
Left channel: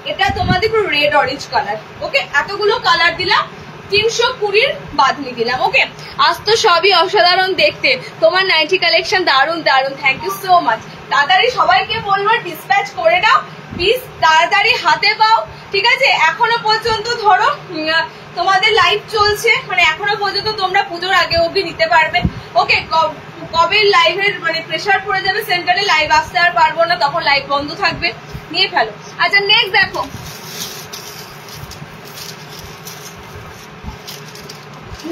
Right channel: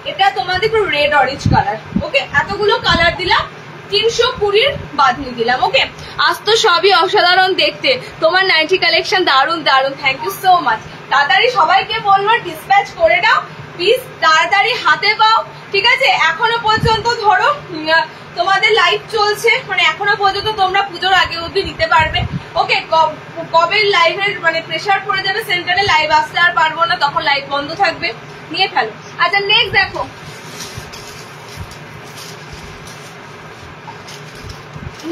এটা তোমাদের পুরো রেড অরেঞ্জ কালার। ওকে, এতগুলো কালার দিলাম, 320 বাদনি দিলাম। ওকে, আজ তো সবই অসাধারণ দেখতে, তোমার নাইটি কালেকশন দারুন দারুন, থ্যাংক ইউ সো মাচ। তাড়াতাড়ি সবাইকে বলবো ডিসপ্যাচ করে দাও, প্লিজ তাড়াতাড়ি হাতে পাও, ঠিক আছে? এখনো পর্যন্ত ধরো তোমাদের লাইভ চলছে, মানে এখনো পর্যন্ত তোমরা পুজোর আগে অবধি নিতে পারবে। ওকে, কবে লাইভের মানে প্রেসার পড়ে যাবে সেন্টারে, লাইভ আসতে আর পারবো না, তখন লাইভ বন্ধ থাকবে, নিয়ে ফেলো। আচ্ছা, নেক্সট দেখো,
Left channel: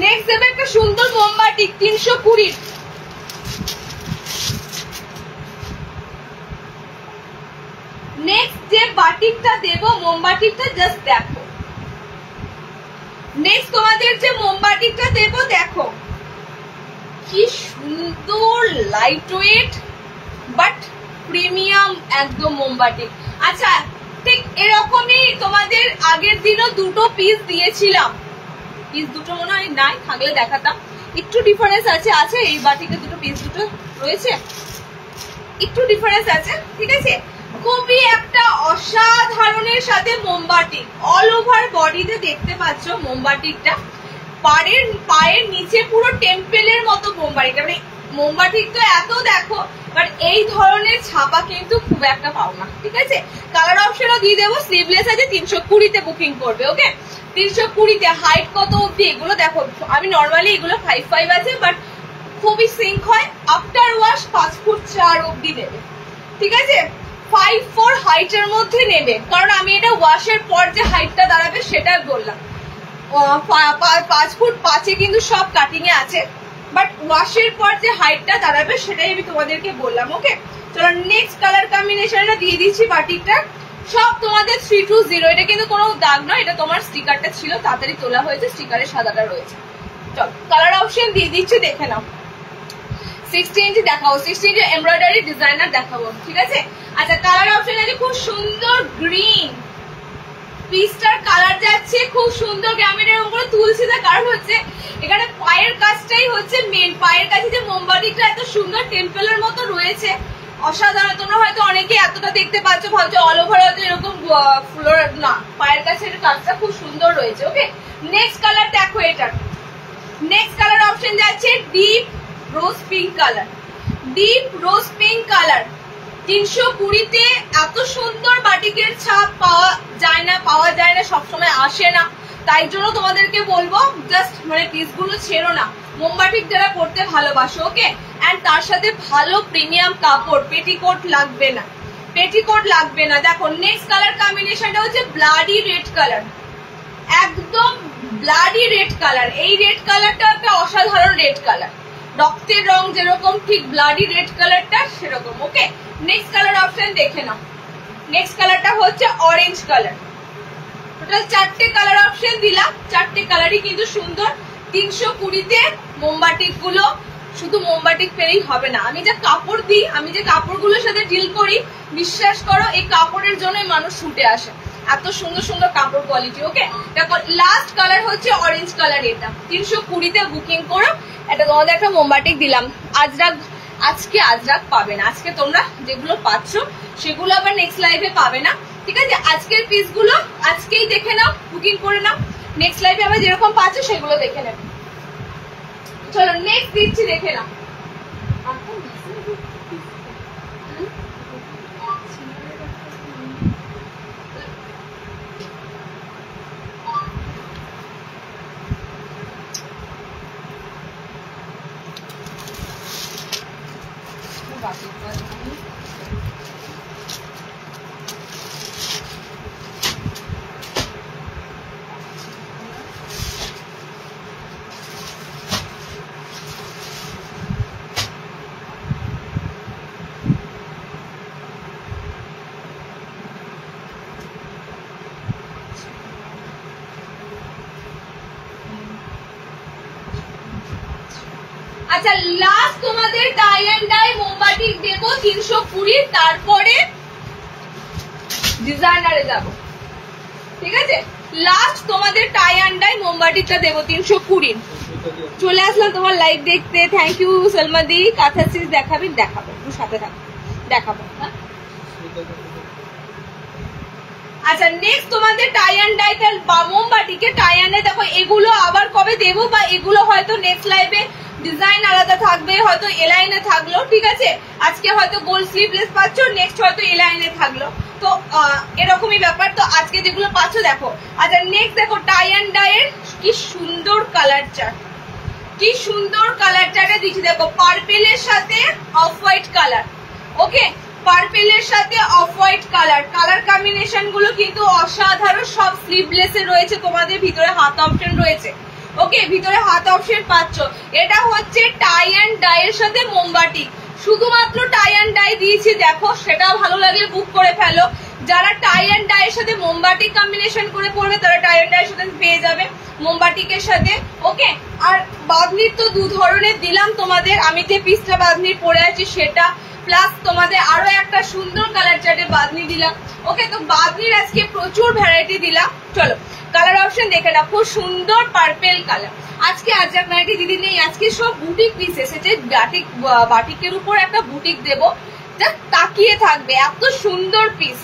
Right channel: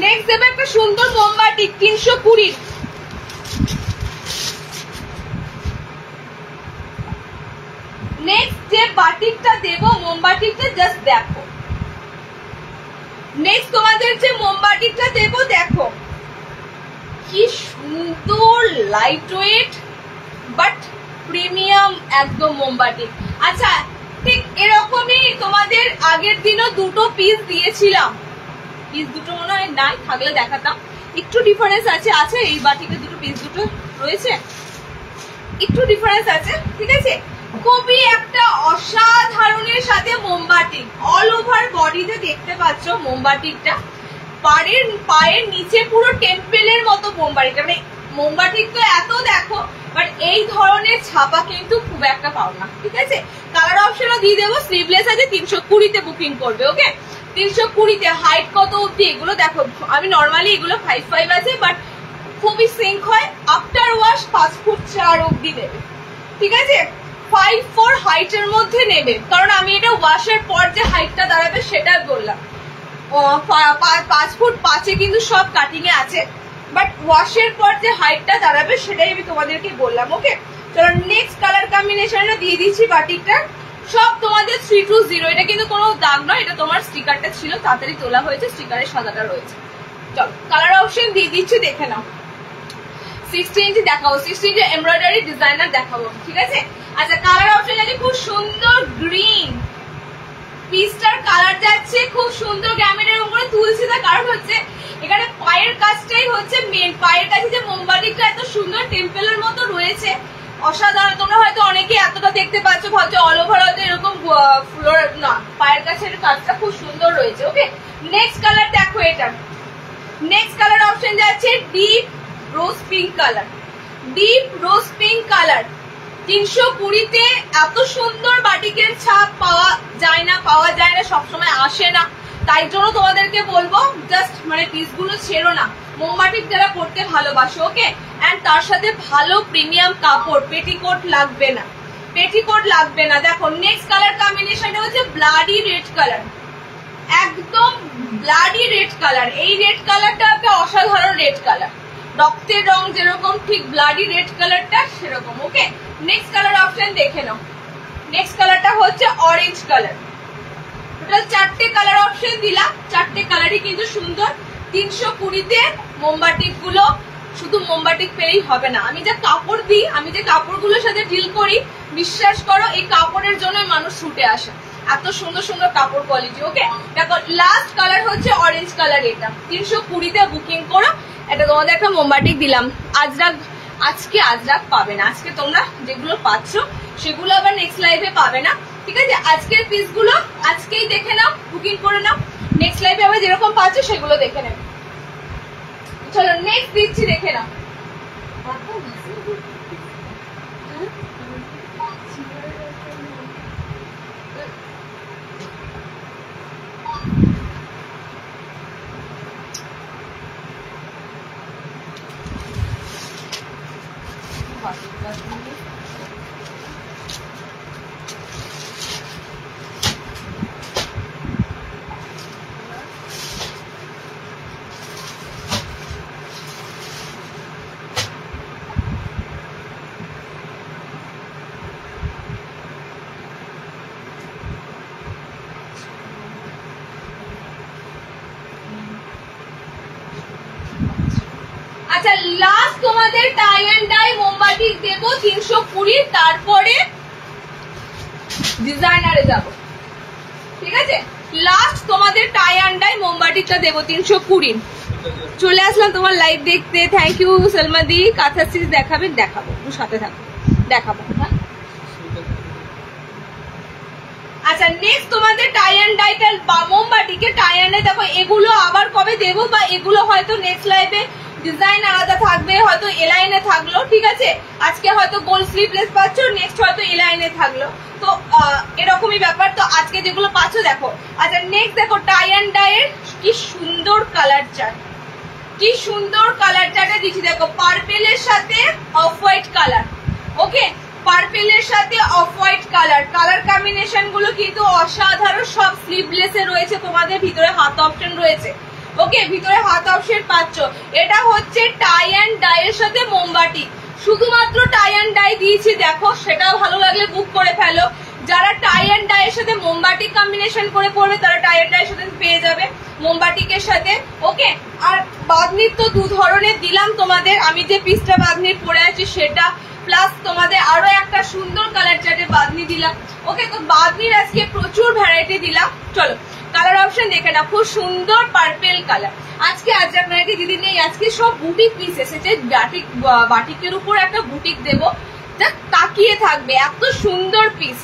নেক্সট দেবে একটা সুন্দর মোমবাতি 320। নেক্সট যে বাটিকটা দেবো, মোমবাতিকটা জাস্ট দেখো, নেক্সট তোমাদের যে মোমবাটিকটা দেবো দেখো কি সুন্দর লাইট ওয়েট বাট প্রিমিয়াম একদম মোমবাতি। আচ্ছা ঠিক এরকমই তোমাদের আগের দিনও দুটো পিস দিয়েছিলাম, পিস দুটো মনে হয় নাই, থাকলে দেখাতাম। একটু ডিফারেন্স আছে, আছে এই বাটিকে দুটো পিস দুটো রয়েছে, একটু ডিফারেন্স আছে, ঠিক আছে। খুবই একটা অসাধারণের সাথে মোমবাটিক, অল ওভার বডিতে দেখতে পাচ্ছ মোমবাটিকটা, পায়ের নিচে পুরো টেম্পেলের মতো মোমবাটিকটা, মানে মোমবাটিক তো এত দেখো, বাট এই ধরনের ছাপা কিন্তু খুব একটা পাও না, ঠিক আছে। কালার অপশনও দিয়ে দেবো, স্লিভলেস আছে, 320-তে বুকিং করবে, ওকে। 320-তে হাইট কত অব্দি এগুলো দেখো, আমি নর্মালি এগুলো 5'5" আছে, বাট খুবই সিঙ্ক হয়। আফটার ওয়াশ 5 ফুট 4 অব্দি নেবে, ঠিক আছে। 5'4" হাইটের মধ্যে নেবে, কারণ আমি এটা ওয়াশের পর যে হাইটটা দাঁড়াবে সেটা বললাম। 5 ফুট 5-এ কিন্তু সব কাটিং এ আছে, বাট ওয়াশের পর যে হাইটটা দাঁড়াবে সেটাই আমি তোমাদেরকে বললাম, ওকে। চলো নেক্সট কালার কম্বিনেশনটা দিয়ে দিচ্ছি বাটিকটা, সব তোমাদের 320। এটা কিন্তু কোনো দাগ নয়, এটা তোমার স্টিকারটা ছিল, তাড়াতাড়ি তোলা হয়েছে, স্টিকারের সাদাটা রয়েছে। চলো কালার অপশন দিয়ে দিচ্ছি, দেখে নাও। 60 ইঞ্চি দেখাবো, 60 ইঞ্চি এমব্রয়ডারি ডিজাইনার দেখাবো, ঠিক আছে। আচ্ছা কালার অপশন আছে খুব সুন্দর গ্রিন, পিসটার কালার যাচ্ছে খুব সুন্দর গ্যামিনের উপরে তুলছি, তার কারণ হচ্ছে এখানে পায়ের কাজটাই হচ্ছে মেন। পায়ের কাছে যে মোমবাটিকটা এত সুন্দর টেম্পেলের মতো রয়েছে, অসাধারণ। তোমরা হয়তো অনেকে এতটা দেখতে পাচ্ছ, ভাবছো অল ওভার হয়তো এরকম ফ্লোর না, পায়ের কাছে কাজটা খুব সুন্দর রয়েছে, ওকে। নেক্সট কালার দেখো, এটার নেক্সট কালার অপশন যাচ্ছে deep rose pink colour, deep rose pink colour. 320-তে এত সুন্দর বাটিকের ছাপ পাওয়া যায় না, সবসময় আসে না, তাই জন্য তোমাদেরকে বলবো জাস্ট মানে পিসগুলো ছেড়ো না, মোমবাটিক যারা পড়তে ভালোবাসো, ওকে। এন্ড তার সাথে ভালো প্রিমিয়াম কাপড়, পেটিকোট লাগবে না, পেটিকোট লাগবে না। দেখো নেক্সট কালার কম্বিনেশনটা হচ্ছে ব্লাডি রেড কালার, একদম ব্লাডি রেড কালার। এই রেড কালারটা একটা অসাধারণ রেড কালার, রক্তের রং যেরকম ঠিক ব্লাডি রেড কালারটা সেরকম, ওকে। নেক্সট কালার অপশন দেখে নাও, নেক্সট কালারটা হচ্ছে অরেঞ্জ কালার। টোটাল 4টে কালার অপশন দিলাম, 4টে কালারই কিন্তু সুন্দর। 320-তে মোমবাটিক গুলো শুধু মোমবাটিক পেলেই হবে না, আমি যে কাপড় দিই, আমি যে কাপড়গুলোর সাথে ডিল করি, বিশ্বাস করো এই কাপড়ের জন্য মানুষ ছুটে আসে, এত সুন্দর সুন্দর কাপড় কোয়ালিটি, ওকে। দেখো লাস্ট কালার হচ্ছে অরেঞ্জ কালার, এটা 320-তে বুকিং করো। এটা তোমাদের একটা মোমবাটিক দিলাম, আজকে আজরাক পাবে না, আজকে তোমরা যেগুলো পাচ্ছ সেগুলো আবার নেক্সট লাইভে পাবে না, ঠিক আছে। আজকের পিসগুলো আজকেই দেখে নাও, বুকিং করে নাও, নেক্সট লাইভে আবার যেরকম পাচ্ছ সেগুলো দেখে নেবে। চলো নেক্সট দিচ্ছি, দেখে নাও। আচ্ছা লাস্ট তোমাদের টাই এন্ড ডাই মোমবাটিক দেবো 320, তারপরে ডিজাইনারে যাব, ঠিক আছে। লাস্ট তোমাদের টাই এন্ড ডাই মোমবাটিকটা দেবো 320। চলে আসলাম তোমার লাইভ দেখতে, থ্যাংক ইউ সলমাদি। কাঁথা স্টিচ দেখাবে, দেখাবো, সাথে থাকবে, দেখাবো, হ্যাঁ। আচ্ছা নেক্সট তোমাদের টাই এন্ড ডাইটার মোমবাটিকে টাই এন্ড ডাই দেখো, এগুলো আবার কবে দেবো, বা এগুলো হয়তো নেক্সট লাইভে ডিজাইন আলাদা থাকবে, হয়তো এলাইনে থাকলো, ঠিক আছে। আজকে হয়তো গোল স্লিভলেস পাচ্ছ, নেক্সট হয়তো এলাইনে থাকলো, তো এরকমই ব্যাপার। তো আজকে যেগুলো পাচ্ছ দেখো। আচ্ছা নেক্সট দেখো টাই এন্ড ডাই এর কি সুন্দর কালার চার্ট, কি সুন্দর কালার চার্টে দিচ্ছি, দেখো পার্পেলের সাথে অফ হোয়াইট কালার, ওকে। পার্পেলের সাথে off white colour, colour combination গুলো কিন্তু অসাধারণ, সব স্লিভলেসে রয়েছে, তোমাদের ভিতরে হাত অপশন রয়েছে, ওকে। ভিতরে হাত অপশন পাচ্ছ। এটা হচ্ছে টাই এন্ড ডাই এর সাথে মোমবাটি, শুধুমাত্র টাই এন্ড ডাই দিয়েছি, দেখো সেটাও ভালো লাগলে বুক করে ফেলো। যারা টাই অ্যান্ড ডাই এর সাথে মোমবাটিক কম্বিনেশন করে পরবে তারা টাই অ্যান্ড ডাই এর সাথে পেয়ে যাবে মোমবাটিকের সাথে। ওকে, আর বাঁধনির তো দু ধরনের দিলাম তোমাদের, আমি যে পিসটা বাঁধনির পরে আছি সেটা, প্লাস তোমাদের আরো একটা সুন্দর কালার চার্টে বাঁধনি দিলাম। ওকে, তো বাঁধনির আজকে প্রচুর ভ্যারাইটি দিলাম। চলো কালার অপশন দেখে না, খুব সুন্দর পার্পেল কালার। আজকে আজরাক নাইটি দিদি নেই, আজকে সব বুটিক পিস এসেছে। বাটিকের উপর একটা বুটিক দেবো, তাকিয়ে থাকবে, এত সুন্দর পিস।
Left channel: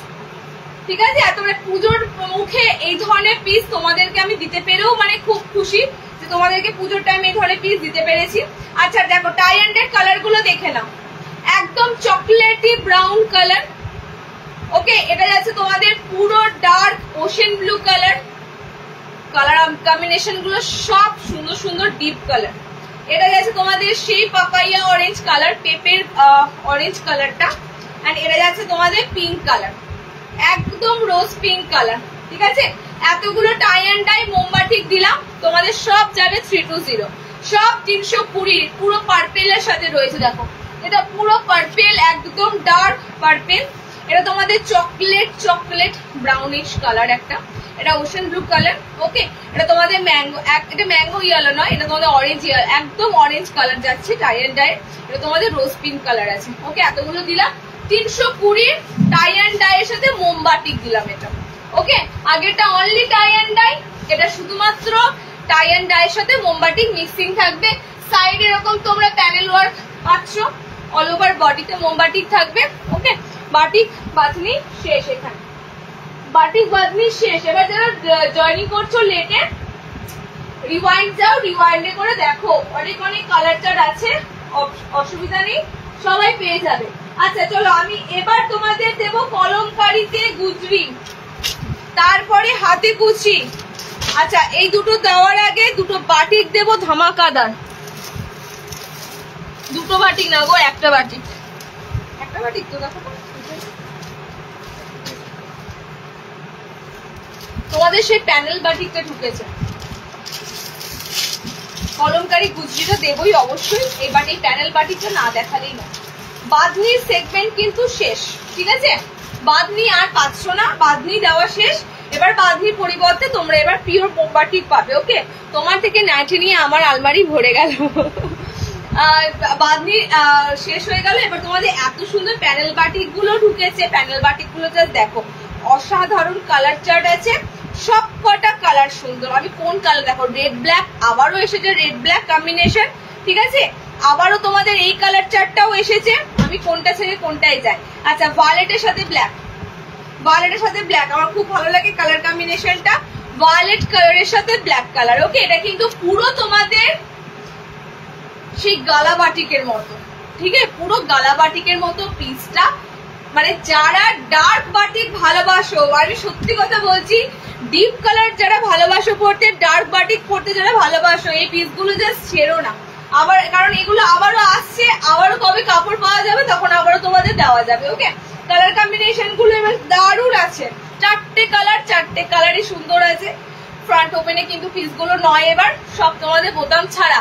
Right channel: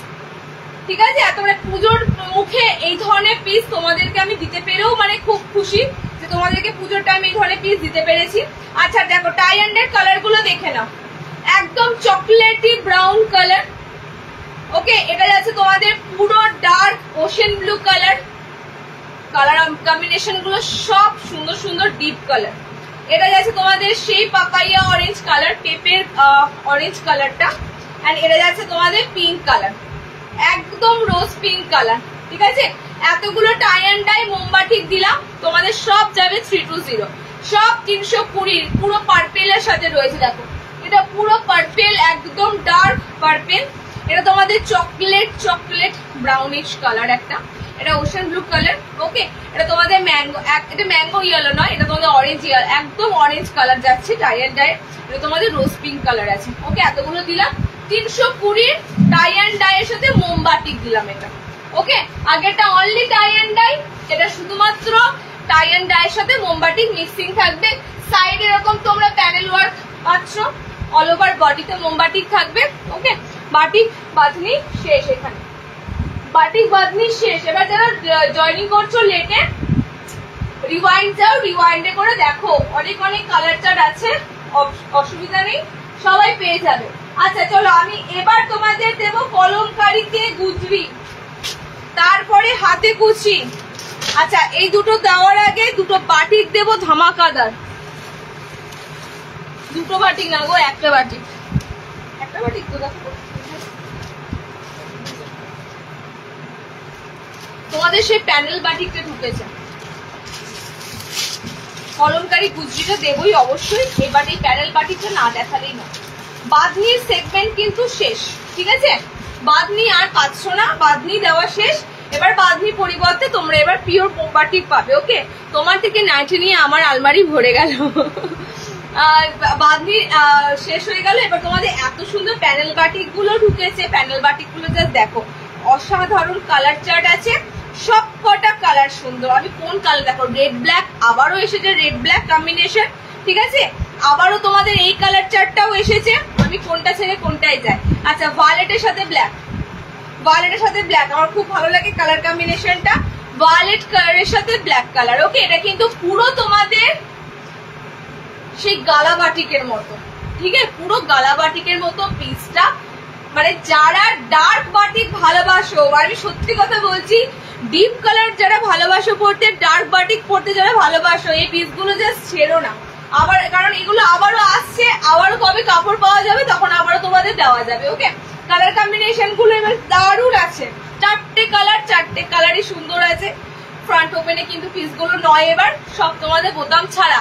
ঠিক আছে, আর তোমরা পুজোর মুখে এই ধরনের পিস তোমাদেরকে আমি দিতে পেরেও মানে খুব খুশি যে তোমাদেরকে পুজোর টাইম এই ধরনের পিস দিতে পেরেছি। আচ্ছা দেখো টাই অ্যান্ড ডাই কালার গুলো দেখে নাও, একদম চকলেটি ব্রাউন কালার। ওকে, এটা যাচ্ছে তোমাদের পুরো dark ocean blue colour. Colour combination গুলো সব সুন্দর সুন্দর ডিপ কালার। এটা যাচ্ছে তোমাদের সেই পাপাইয়া অরেঞ্জ কালার, পেপের অরেঞ্জ কালারটা। এন্ড এটা যাচ্ছে তোমাদের পিঙ্ক কালার, একদম রোজ পিঙ্ক কালার। ঠিক আছে, এতগুলো টাই অ্যান্ড ডাই মোমবাটিক দিলাম, তোমাদের সব যাবে 320, সব 320। পুরো পার্পেলের সাথে রয়েছে, দেখো এটা পুরো পার্পেল, একদম ডার্ক পার্পেল। এটা তোমাদের চকলেট ব্রাউনিশ কালার একটা, এটা ওশেন ব্লু কালার। ওকে, এটা তোমাদের ম্যাঙ্গো, এটা ম্যাঙ্গো ইয়েলো নয়, এটা তোমাদের অরেঞ্জ ইয়েলো, একদম অরেঞ্জ কালার যাচ্ছে টাই অ্যান্ড ডাই। এটা তোমাদের রোজ পিঙ্ক কালার আছে। ওকে, এতগুলো দিলাম 320 টাই অ্যান্ড ডাই এর সাথে মোমবাটিক দিলাম এটা। ওকে, আগেরটা অনলি টাই অ্যান্ড ডাই, এটা শুধুমাত্র টাই অ্যান্ড ডাই এর সাথে মোমবাটিক মিক্সিং থাকবে। সাইড এরকম তোমরা প্যানেল ওয়ার্ক পাচ্ছ, অল ওভার বডিতে মোমবাটিক থাকবে। ওকে, বাটিক বাঁধনি শেষ, এখানে বাটিক বাঁধনি শেষ। এবার যারা জয়েনিং করছো লেটে রিওয়াইন্ড যাও, রিওয়াইন্ডে করে দেখো, অনেক অনেক কালার চার্ট আছে, অসুবিধা নেই, সবাই পেয়ে যাবে। আচ্ছা চলো আমি এবার তোমাদের দেবো কলমকারিতে গুজরি, তারপরে হাতে কুচি। আচ্ছা এই দুটো দেওয়ার আগে দুটো বাটিক দেবো ধামাকাদার, দুটো বাটিক না গো, একটা বাটিক তো দেখো তোমাদের সেই প্যানেল বাটিকটা ঢুকেছে। কলমকারি গুজরিটা দেবই অবশ্যই, এবার এই প্যানেল বাটিকটা না দেখালেই না। বাঁধনির সেগমেন্ট কিন্তু শেষ, ঠিক আছে, বাঁধনি আর পাচ্ছ না, বাঁধনি দেওয়া শেষ। এবার বাঁধনির পরিবর্তে তোমরা এবার পিওর মোমবাটিক পাবে। ওকে, তোমার থেকে নাইটি নিয়ে আমার আলমারি ভরে গেল। বাঁধনি শেষ হয়ে গেল, এবার তোমাদের এত সুন্দর প্যানেল বাটিক গুলো ঢুকেছে। প্যানেল বাটিক গুলো জাস্ট দেখো, অসাধারণ কালার চার্ট আছে, সব কটা কালার সুন্দর। আমি কোন কালার দেখো, রেড ব্ল্যাক, আবারও এসেছে রেড ব্ল্যাক কম্বিনেশন। ঠিক আছে, আবারও তোমাদের এই কালার চার্টটাও এসেছে, আমি কোনটা ছেড়ে কোনটাই যাই। আচ্ছা ভায়োলেটের সাথে ব্ল্যাক, ভায়োলেটের সাথে ব্ল্যাক আমার খুব ভালো লাগে কালার কম্বিনেশনটা, ভায়োলেট কালারের সাথে ব্ল্যাক কালার। ওকে, এটা কিন্তু পুরো তোমাদের সেই গালা বাটিকের মতো, ঠিক আছে, পুরো গালা বাটিকের মতো পিসটা। মানে যারা ডার্ক বাটিক ভালোবাসো, আমি সত্যি কথা বলছি, ডিপ কালার যারা ভালোবাসো পড়তে, ডার্ক বাটিক পড়তে যারা ভালোবাসো, এই পিসগুলো জাস্ট ছেড়ো না। আবার কারণ এগুলো আবারও আসছে, আবারও কবে কাপড় পাওয়া যাবে তখন আবারও তোমাদের দেওয়া যাবে। ওকে, কালার কম্বিনেশন গুলো এবার দারুণ আছে, চারটে কালারই সুন্দর আছে। ফ্রন্ট ওপেনে কিন্তু পিসগুলো নয়, এবার সব তোমাদের বোতাম ছাড়া।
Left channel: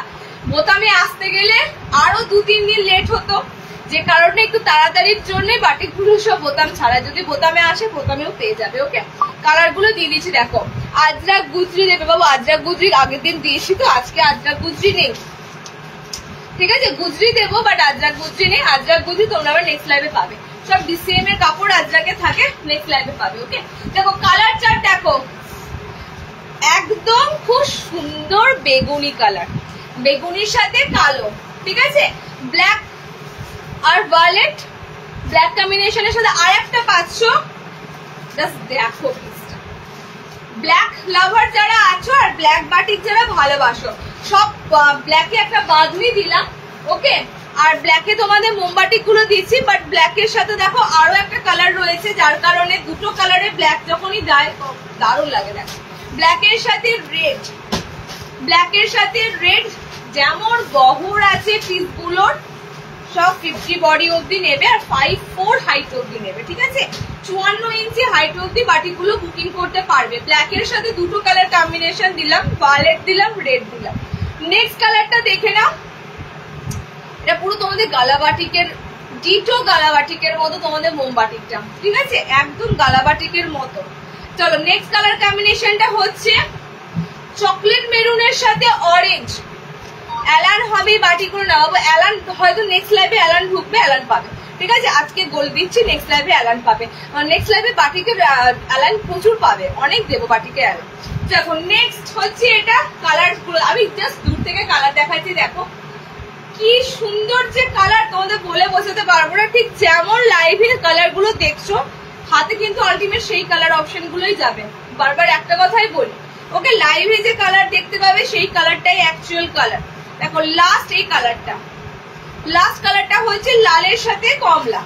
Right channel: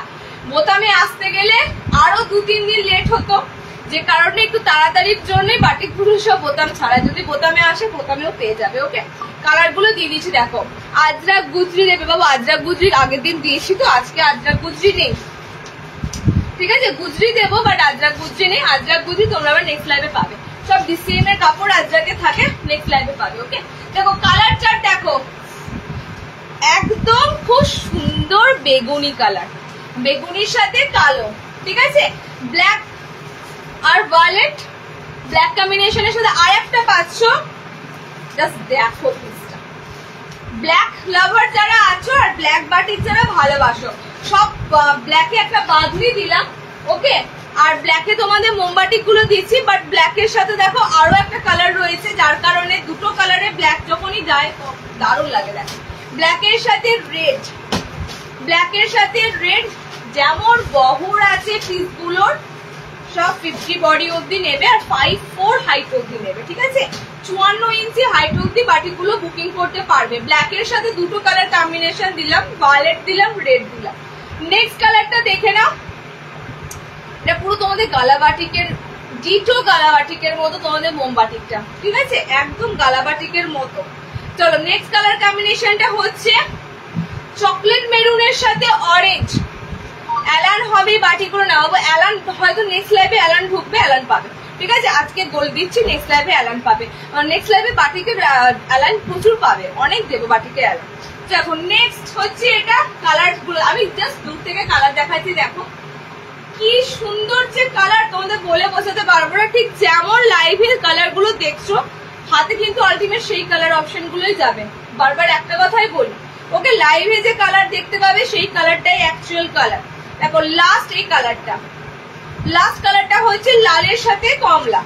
বোতামে আসতে গেলে আরো 2-3 দিন লেট হতো, যে কারণে একটু তাড়াতাড়ির জন্য বাটিকগুলো সব বোতাম ছাড়া, যদি বোতামে আসে বোতামেও পেয়ে যাবে। ওকে, কালার গুলো দিয়ে দিচ্ছি দেখো। আজরাক গুজরি দেবে বাবু, আজরাক গুজরি আগের দিন দিয়েছি তো, আজকে আজরাক গুজরি নেই। ঠিক আছে, গুজরি দেবো বাট আজরাক গুজরি নেই। আজরাক গুজরি তোমরা আবার নেক্সট লাইভে পাবে, সব ডিসিএম এর কাপড় আজরাকে থাকে, নেক্সট লাইভে পাবে। ওকে, দেখো কালার চার্ট দেখো, একদম খুব সুন্দর বেগুনি কালার, বেগুনির সাথে কালো। ঠিক আছে, ব্ল্যাক আর ভায়োলেট, ব্ল্যাক কম্বিনেশনের সাথে আর একটা পাচ্ছ, জাস্ট দেখো পিসটা। ব্ল্যাক লাভার যারা আছো আর ব্ল্যাক বাটিক যারা ভালোবাসো, সব ব্ল্যাকে একটা বাঁধনি দিলাম। ওকে, আর ব্ল্যাকে তোমাদের মোমবাটিক গুলো দিচ্ছি, বাট ব্ল্যাকের সাথে দেখো আরো একটা কালার রয়েছে, যার কারণে দুটো কালারে ব্ল্যাক যখনই যায় দারুণ লাগে। দেখো ব্ল্যাকের সাথে রেড, ব্ল্যাকের সাথে রেড, যেমন বহর আছে পিসগুলোর, সব 50 বডি অব্দি নেবে আর 5'4" হাইট অব্দি নেবে। ঠিক আছে, 54 ইঞ্চি হাইট অব্দি বাটিগুলো বুকিং করতে পারবে। ব্ল্যাকের সাথে দুটো কালার কম্বিনেশন দিলাম, ভায়োলেট দিলাম, রেড দিলাম। নেক্সট কালারটা দেখে নাও, এটা পুরো তোমাদের গালা বাটিকের ডিটো গালাবাটিকের মতো তোমাদের মোমবাটিকটা, ঠিক আছে, একদম গালাবাটিকের মতো। চলো নেক্সট কালার কম্বিনেশনটা হচ্ছে চকলেট মেরুনের সাথে অরেঞ্জ। অ্যালান হবে বাটিকগুলো নেওয়াবো, অ্যালান হয়তো নেক্সট লাইভে অ্যালান ঢুকবে, অ্যালান পাবে, ঠিক আছে, আজকে গোল দিচ্ছি, নেক্সট লাইভে অ্যালান পাবে, নেক্সট লাইভে বাটিকের অ্যালান প্রচুর পাবে, অনেক দেবো বাটিকে অ্যালান। দেখো নেক্সট হচ্ছে এটা কালার গুলো, আমি জাস্ট দূর থেকে কালার দেখাচ্ছি, দেখো কি সুন্দর যে কালার, তোমাদের বলে বোঝাতে পারবো না, ঠিক যেমন লাইভে কালার গুলো দেখছো হাতে কিন্তু আলটিমেট সেই কালার অপশন গুলোই যাবে। বারবার একটা কথাই বলি, ওকে, লাইভে যে কালার দেখতে পাবে সেই কালারটাই অ্যাকচুয়াল কালার। দেখো লাস্ট এই কালারটা, লাস্ট কালারটা হচ্ছে লালের সাথে কমলা,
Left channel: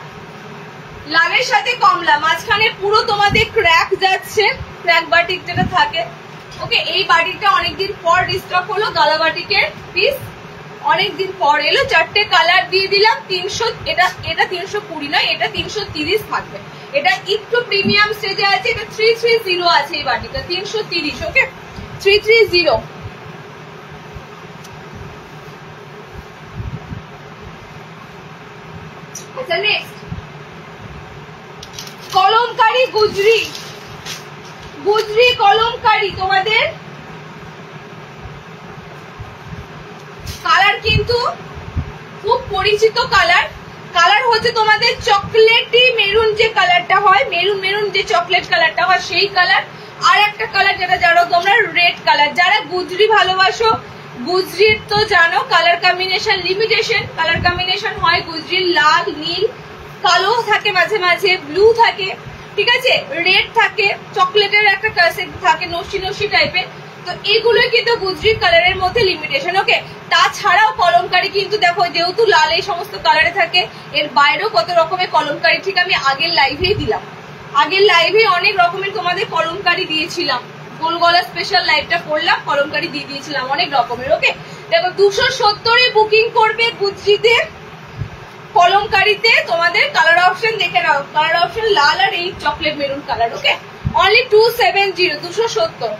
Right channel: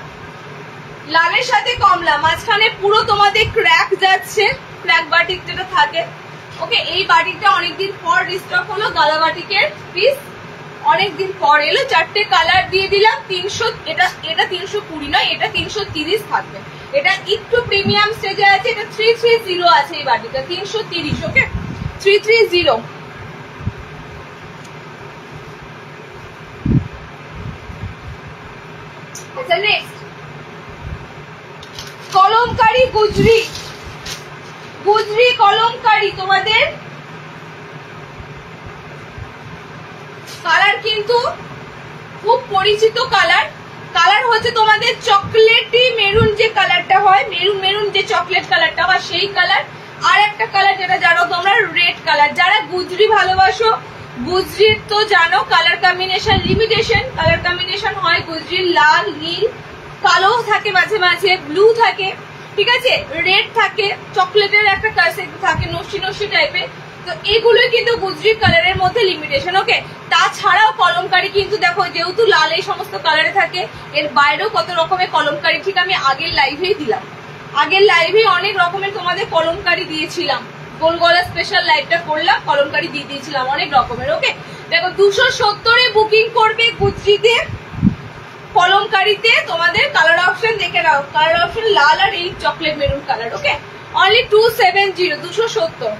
লালের সাথে কমলা, মাঝখানে পুরো তোমাদের ক্র্যাক যাচ্ছে, ক্র্যাক বাটিক যেটা থাকে, ওকে, এই বাটিকটা অনেকদিন পর রিস্টক হলো, গালা বাটিকের পিস অনেকদিন পর এলো, 4টে কালার দিয়ে দিলাম, 300, এটা 320 নয়, এটা 330 থাকবে, এটা একটু প্রিমিয়াম স্টেজে আছে, এটা 330 আছে এই বাটিটা, 330, ওকে, 330। আচ্ছা নেক্সট কলমকারি গুজরি, গুজরি কলমকারি, তোমাদের কালার কিন্তু খুব পরিচিত কালার, কালার হচ্ছে তোমাদের চকলেটি মেরুন যে কালারটা হয়, মেরুন মেরুন যে চকলেট কালারটা হয় সেই কালার, আর একটা কালার যেটা জানো তোমরা রেড কালার। যারা গুজরি ভালোবাসো, গুজরির তো জানো colour combination limitation, colour combination হয় গুজরির লাল, নীল, কালো থাকে, মাঝে মাঝে ব্লু থাকে, ঠিক আছে, রেড থাকে, চকলেটের একটা থাকে নস্যি নস্যি টাইপের, তো এগুলোই কিন্তু গুজরির কালারের মধ্যে লিমিটেশন, ওকে। তাছাড়াও কলমকারি কিন্তু দেখো যেহেতু লাল এই সমস্ত কালারে থাকে, এর বাইরেও কত রকমের কলমকারি, ঠিক আমি আগের লাইভেই দিলাম, আগের লাইভে অনেক রকমের তোমাদের কলমকারি দিয়েছিলাম, গোল গলা স্পেশাল লাইভটা করলাম, কলমকারি দিয়ে দিয়েছিলাম অনেক রকমের, ওকে। দেখো 270 বুকিং করবে গুজরিতে, কলমকারিতে তোমাদের কালার অপশন দেখে নাও, কালার অপশন লাল আর এই চকলেট মেরুন কালার, ওকে, অনলি 270, 270।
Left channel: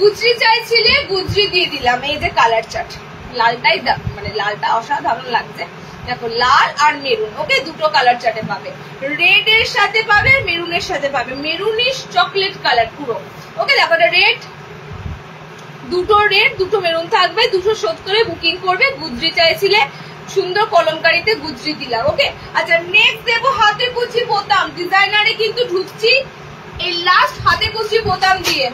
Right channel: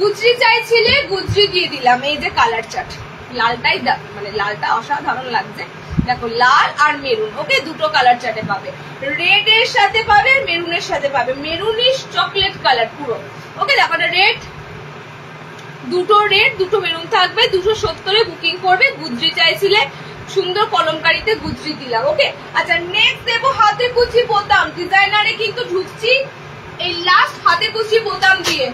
গুজরি চাইছিলে, গুজরি দিয়ে দিলাম, এই যে কালার চার্ট, লালটাই মানে লালটা অসাধারণ লাগছে, দেখো লাল আর মেরুন, ওকে, দুটো কালার চার্টে পাবে, রেড এর সাথে পাবে আর মেরুনের সাথে পাবে, মেরুনিশ চকলেট কালার পুরো, ওকে। দেখো রেড, দুটো রেড দুটো মেরুন থাকবে, 270 বুকিং করবে, গুজরি চাইছিলে, সুন্দর কলমকারিতে গুজরি দিলাম, ওকে। আচ্ছা নেক্সট দেবো হাতে কুচি বোতাম, ডিজাইনারে কিন্তু ঢুকছি এই লাস্ট হাতে কুচি বোতাম দিয়ে,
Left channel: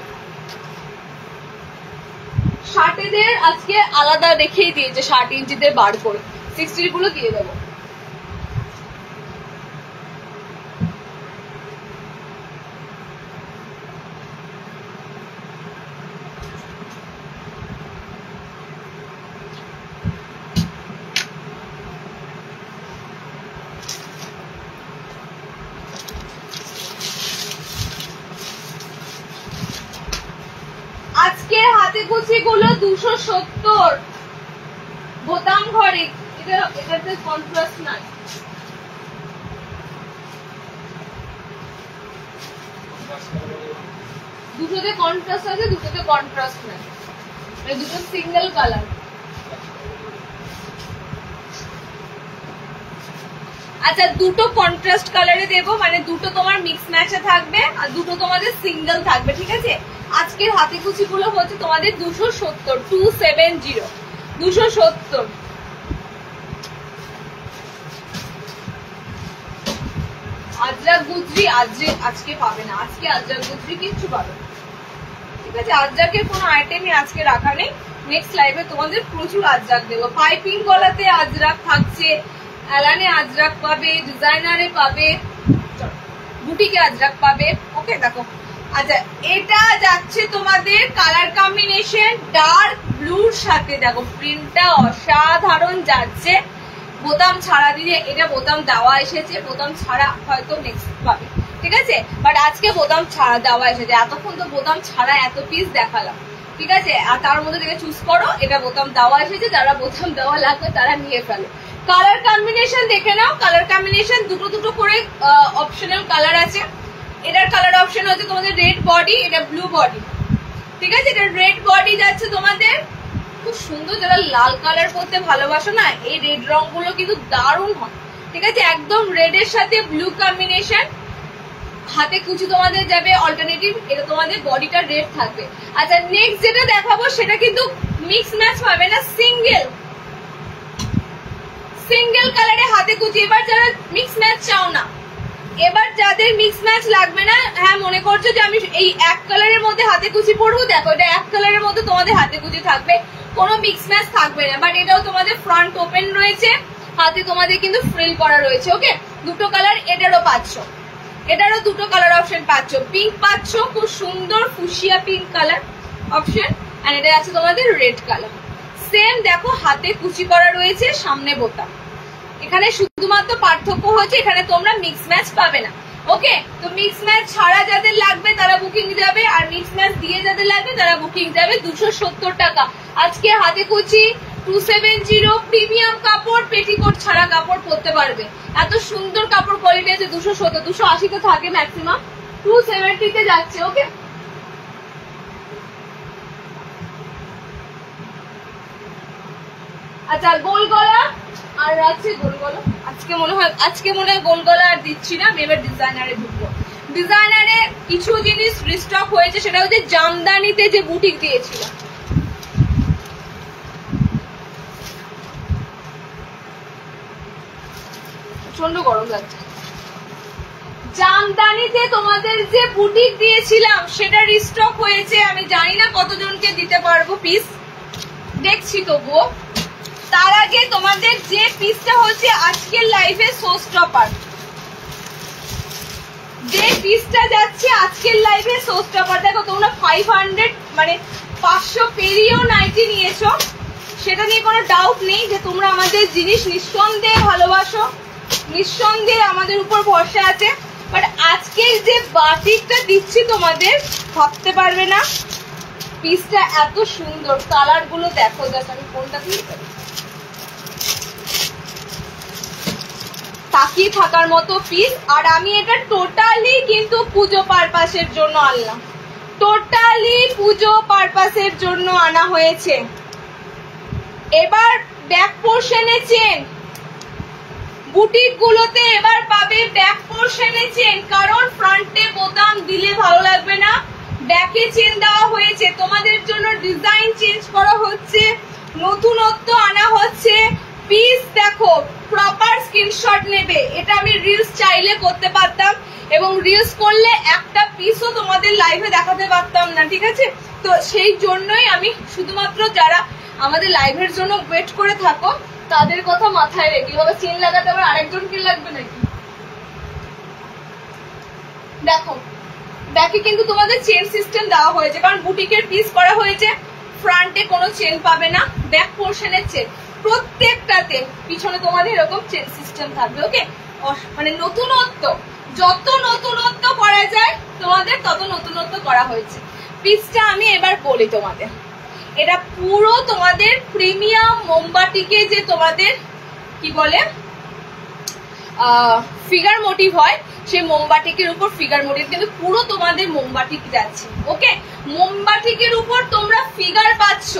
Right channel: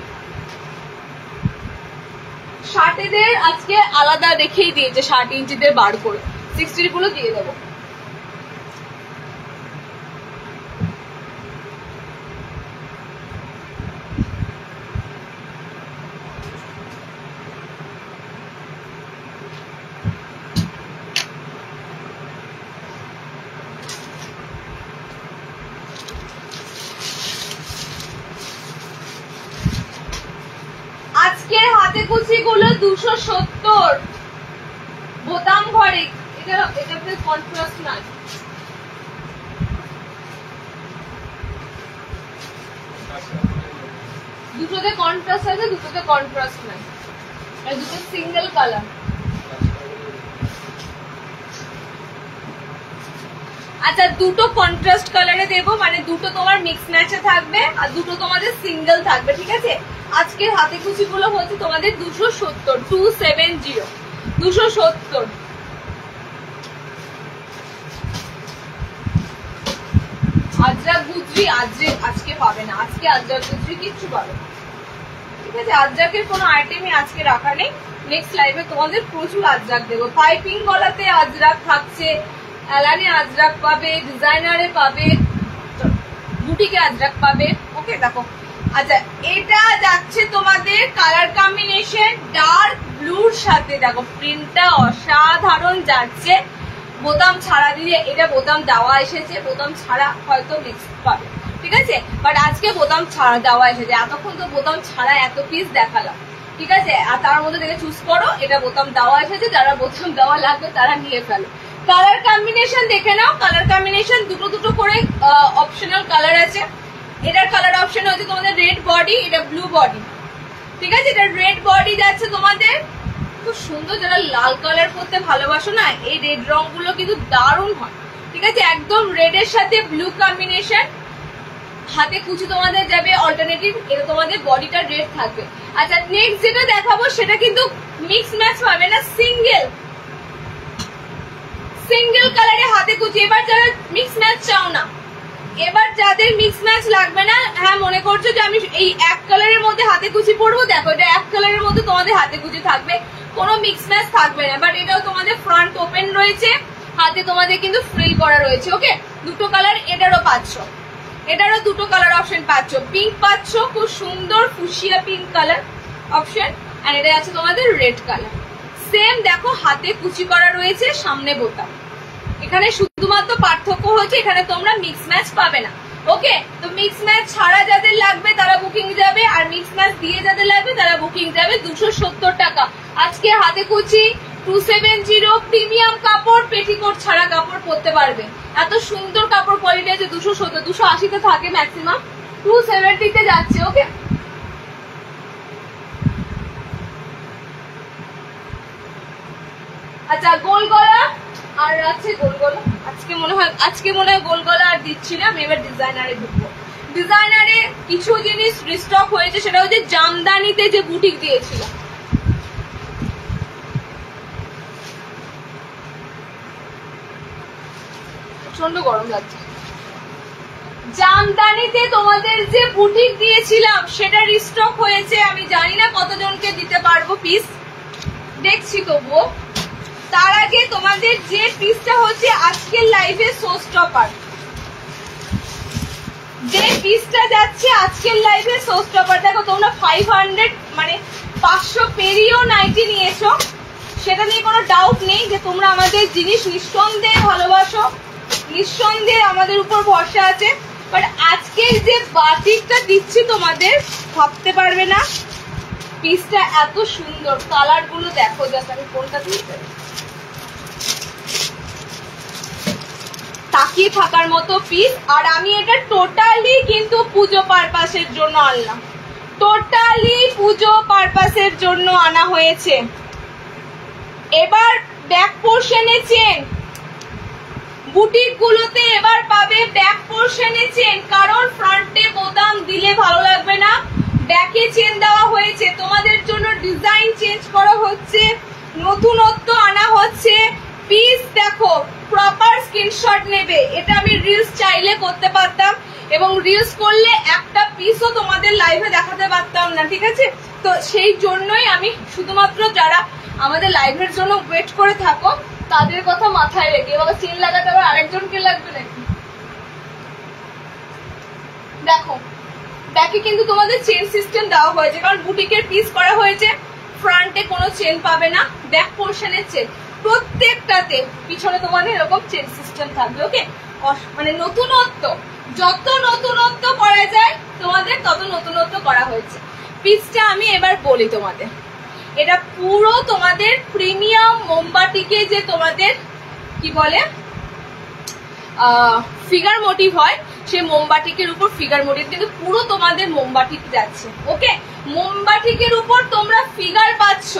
শার্টেদের আজকে আলাদা রেখেই দিয়েছে, 60 ইঞ্চিদের বার করে 60 গুলো দিয়ে দেবো। আজকের হাতে কুচি গুলো 270 বোতাম ঘরে, এটাতে কন্ট্রাস্ট নাই, দুটোতে কন্ট্রাস্ট আছে, দুটোতে কন্ট্রাস্ট নাই, দুটো সিঙ্গেল কালার। আচ্ছা দুটো কন্ট্রাস্ট কালারে দেবো, মানে দুটো তোমার মিক্স ম্যাচে থাকবে আর দুটো তোমাদের সিঙ্গেল থাকবে, ঠিক আছে। আজকের হাতে কুচি গুলো হচ্ছে তোমাদের 270, 270, 270। আজরাক গুজরি আজকে পাবে না, আজকে আজরাক গুজরি কিচ্ছু পাবে, ঠিক আছে, আজরাকের কোনো আইটেমই আজকে রাখা নেই, নেক্সট লাইভে তোমাদের প্রচুর আজরাক দেবো। পাইপিং গলাতে আজরাক থাকছে, অ্যালানে আজরাক পাবে, ডিজাইনারে পাবে, বুটিকে আজরাক পাবে, ওকে। দেখো আচ্ছা এটা যাচ্ছে তোমাদের কালার কম্বিনেশন ডার্ক ব্লুর সাথে, দেখো প্রিন্টটা অসাধারণ যাচ্ছে, বোতাম ছাড়া দিয়ে, এটা বোতাম দেওয়া এসেছে, বোতাম ছাড়া হয়তো নেক্সট পাবে, ঠিক আছে, বাট আজকে বোতাম ছাড়া দেওয়া এসেছে, এতক্ষণ তো বোতাম ছাড়া এত পিস দেখালাম, ঠিক আছে, আর তার মধ্যে থেকে চুজ করো, এটা বোতাম দেওয়া এসেছে, যারা বোতাম দেওয়া লাগবে তারা নিয়ে ফেলো। কালার কম্বিনেশন দেখে নাও, কালার কম্বিনেশন দুটো দুটো করে অপশনাল কালার আছে, এটার কালার অপশন হচ্ছে তোমাদের রেড বডি, এটা ব্লু বডি, ঠিক আছে, এটা রেড বডি যাচ্ছে তোমাদের খুব সুন্দর। যারা লাল কালার পরতে ভালোবাসো না, এই রেড রং গুলো কিন্তু দারুণ হয়। ঠিক আছে, একদম রেড এর সাথে ব্লু কম্বিনেশন। হাতে কুচি তোমাদের যাবে অল্টারনেটিভ, এটা তোমাদের বডিটা রেড থাকবে। আচ্ছা, নেক্সট যেটা দেখাবো সেটা কিন্তু মিক্স ম্যাচ পাবে না, সিঙ্গেল কালারে হাতে কুচি। এবার যারা মিক্স ম্যাচ চাও না, এবার যাদের মিক্স ম্যাচ লাগবে না, হ্যাঁ মনে করছো যে আমি এই এক কালারের মধ্যে হাতে কুচি পরবো, দেখো এটা এক কালারের মধ্যে তোমাদের হাতে কুচি থাকবে, কোনো মিক্স ম্যাচ থাকবে না। বাট এটাও তোমাদের ফ্রন্ট ওপেন রয়েছে, হাতে তোমাদের কিন্তু ফ্রিল করা রয়েছে। ওকে, দুটো কালার এটারও পাচ্ছ, এটারও দুটো কালার অপশন পাচ্ছ। পিঙ্ক পাচ্ছ, খুব সুন্দর ফুসিয়া পিঙ্ক কালার অপশন, আর এটা আছে তোমাদের রেড কালার। সেম দেখো হাতে কুচি করা রয়েছে, সামনে বোতাম। এখানে শুধুমাত্র পার্থক্য হচ্ছে এখানে তোমরা মিক্স ম্যাচ পাবে না। ওকে, তো মিক্স ম্যাচ ছাড়া যাদের লাগবে তারা বুকিং যাবে, আর মিক্স ম্যাচ দিয়ে যাদের লাগবে তারা বুকিং যাবে 270 টাকা। আজকে হাতে কুচি 270, প্রিমিয়াম কাপড়, পেটিকোট ছাড়া কাপড় পরতে পারবে। এত সুন্দর কাপড় কোয়ালিটি আছে। 270, 280 তে থাকে ম্যাক্সিমাম, 270 তে যাচ্ছে। ওকে, আচ্ছা গোল গলা আর আছে গোল গলা। আজকে মনে হয় গোল গলা আর দিচ্ছি না, আমি এবার ডিজাইনারে ঢুকবো। ডিজাইনারে কিছু জিনিস রিস্টক হয়েছে, সেটা হচ্ছে জামদানিতে যে বুটিক দিয়েছিলাম। প্রচন্ড গরম লাগছে। জামদানিতে তোমাদের যে বুটিক দিয়েছিলাম সেটা রিস্টক হয়েছে। আমি জানি না কতজনকে দিতে পারবো পিস, দেখছি তবুও। তার আগে তোমাদের যে পিসটা হচ্ছে আজকের লাইভে শো স্টপার, যে পিসটা যাচ্ছে আজকের লাইভে শো স্টপার, দেখো তোমরা 500 মানে 500 পেরিয়েও নাইটি নিয়েছো, সেটা নিয়ে কোনো ডাউট নেই যে তোমরা আমাদের জিনিস নিঃসন্দেহে ভালোবাসো, নিঃসন্দেহে আমাদের উপর ভরসা আছে। বাট আজকের যে বাটিকটা দিচ্ছি তোমাদের, ভাবতে পারবে না পিসটা এত সুন্দর। কালার গুলো দেখো, জাস্ট আমি কোনটা দিয়ে পারি, তাকিয়ে থাকার মতো পিস। আর আমি এটা টোটালি কিন্তু পুজো পারপাসের জন্য আনলাম, টোটালি পুজো পারপাসের জন্য আনা হয়েছে। এবার ব্যাক পোর্শনে চেন, বুটিক গুলোতে এবার পাবে ব্যাক পোর্শনে চেন, কারণ ফ্রন্টে বোতাম দিলে ভালো লাগবে না, ব্যাকে চেন দেওয়া হয়েছে। তোমাদের জন্য ডিজাইন চেঞ্জ করা হচ্ছে, নতুনত্ব আনা হচ্ছে। পিস দেখো, প্রপার স্ক্রিনশট নেবে। এটা আমি রিলস চাইলে করতে পারতাম, এবং রিলস করলে একটা পিসও তোমাদের লাইভে দেখাতে পারতাম না, ঠিক আছে? তো সেই জন্যই আমি শুধুমাত্র যারা আমাদের লাইভের জন্য ওয়েট করে থাকো তাদের কথা মাথায় রেখে, এবার চেন লাগাতে আবার আরেকজনকে লাগবে নাকি। দেখো ব্যাকে কিন্তু তোমাদের চেন সিস্টেম দেওয়া হয়েছে, কারণ বুটিকের পিস করা হয়েছে। ফ্রন্টে কোনো চেন পাবে না, ব্যাক পোর্শনের চেন প্রত্যেকটাতে, পিছনে তোমাদের এরকম চেন সিস্টেম থাকবে। ওকে, মানে নতুনত্ব, যত নতুনত্ব করা যায় তোমাদের তত নতুনত্ব করা হয়েছে। পিসটা আমি এবার বলি তোমাদের, এটা পুরো তোমাদের প্রিমিয়াম মোমবাটিকে, যে তোমাদের কি বলে ফিগার মোটিভ হয়, সেই মোমবাটিকের উপর ফিগার মোটিভ, কিন্তু পুরো তোমাদের মোমবাটিক যাচ্ছে। ওকে, মোমবাটিকের উপর তোমরা ফিগার পাচ্ছ,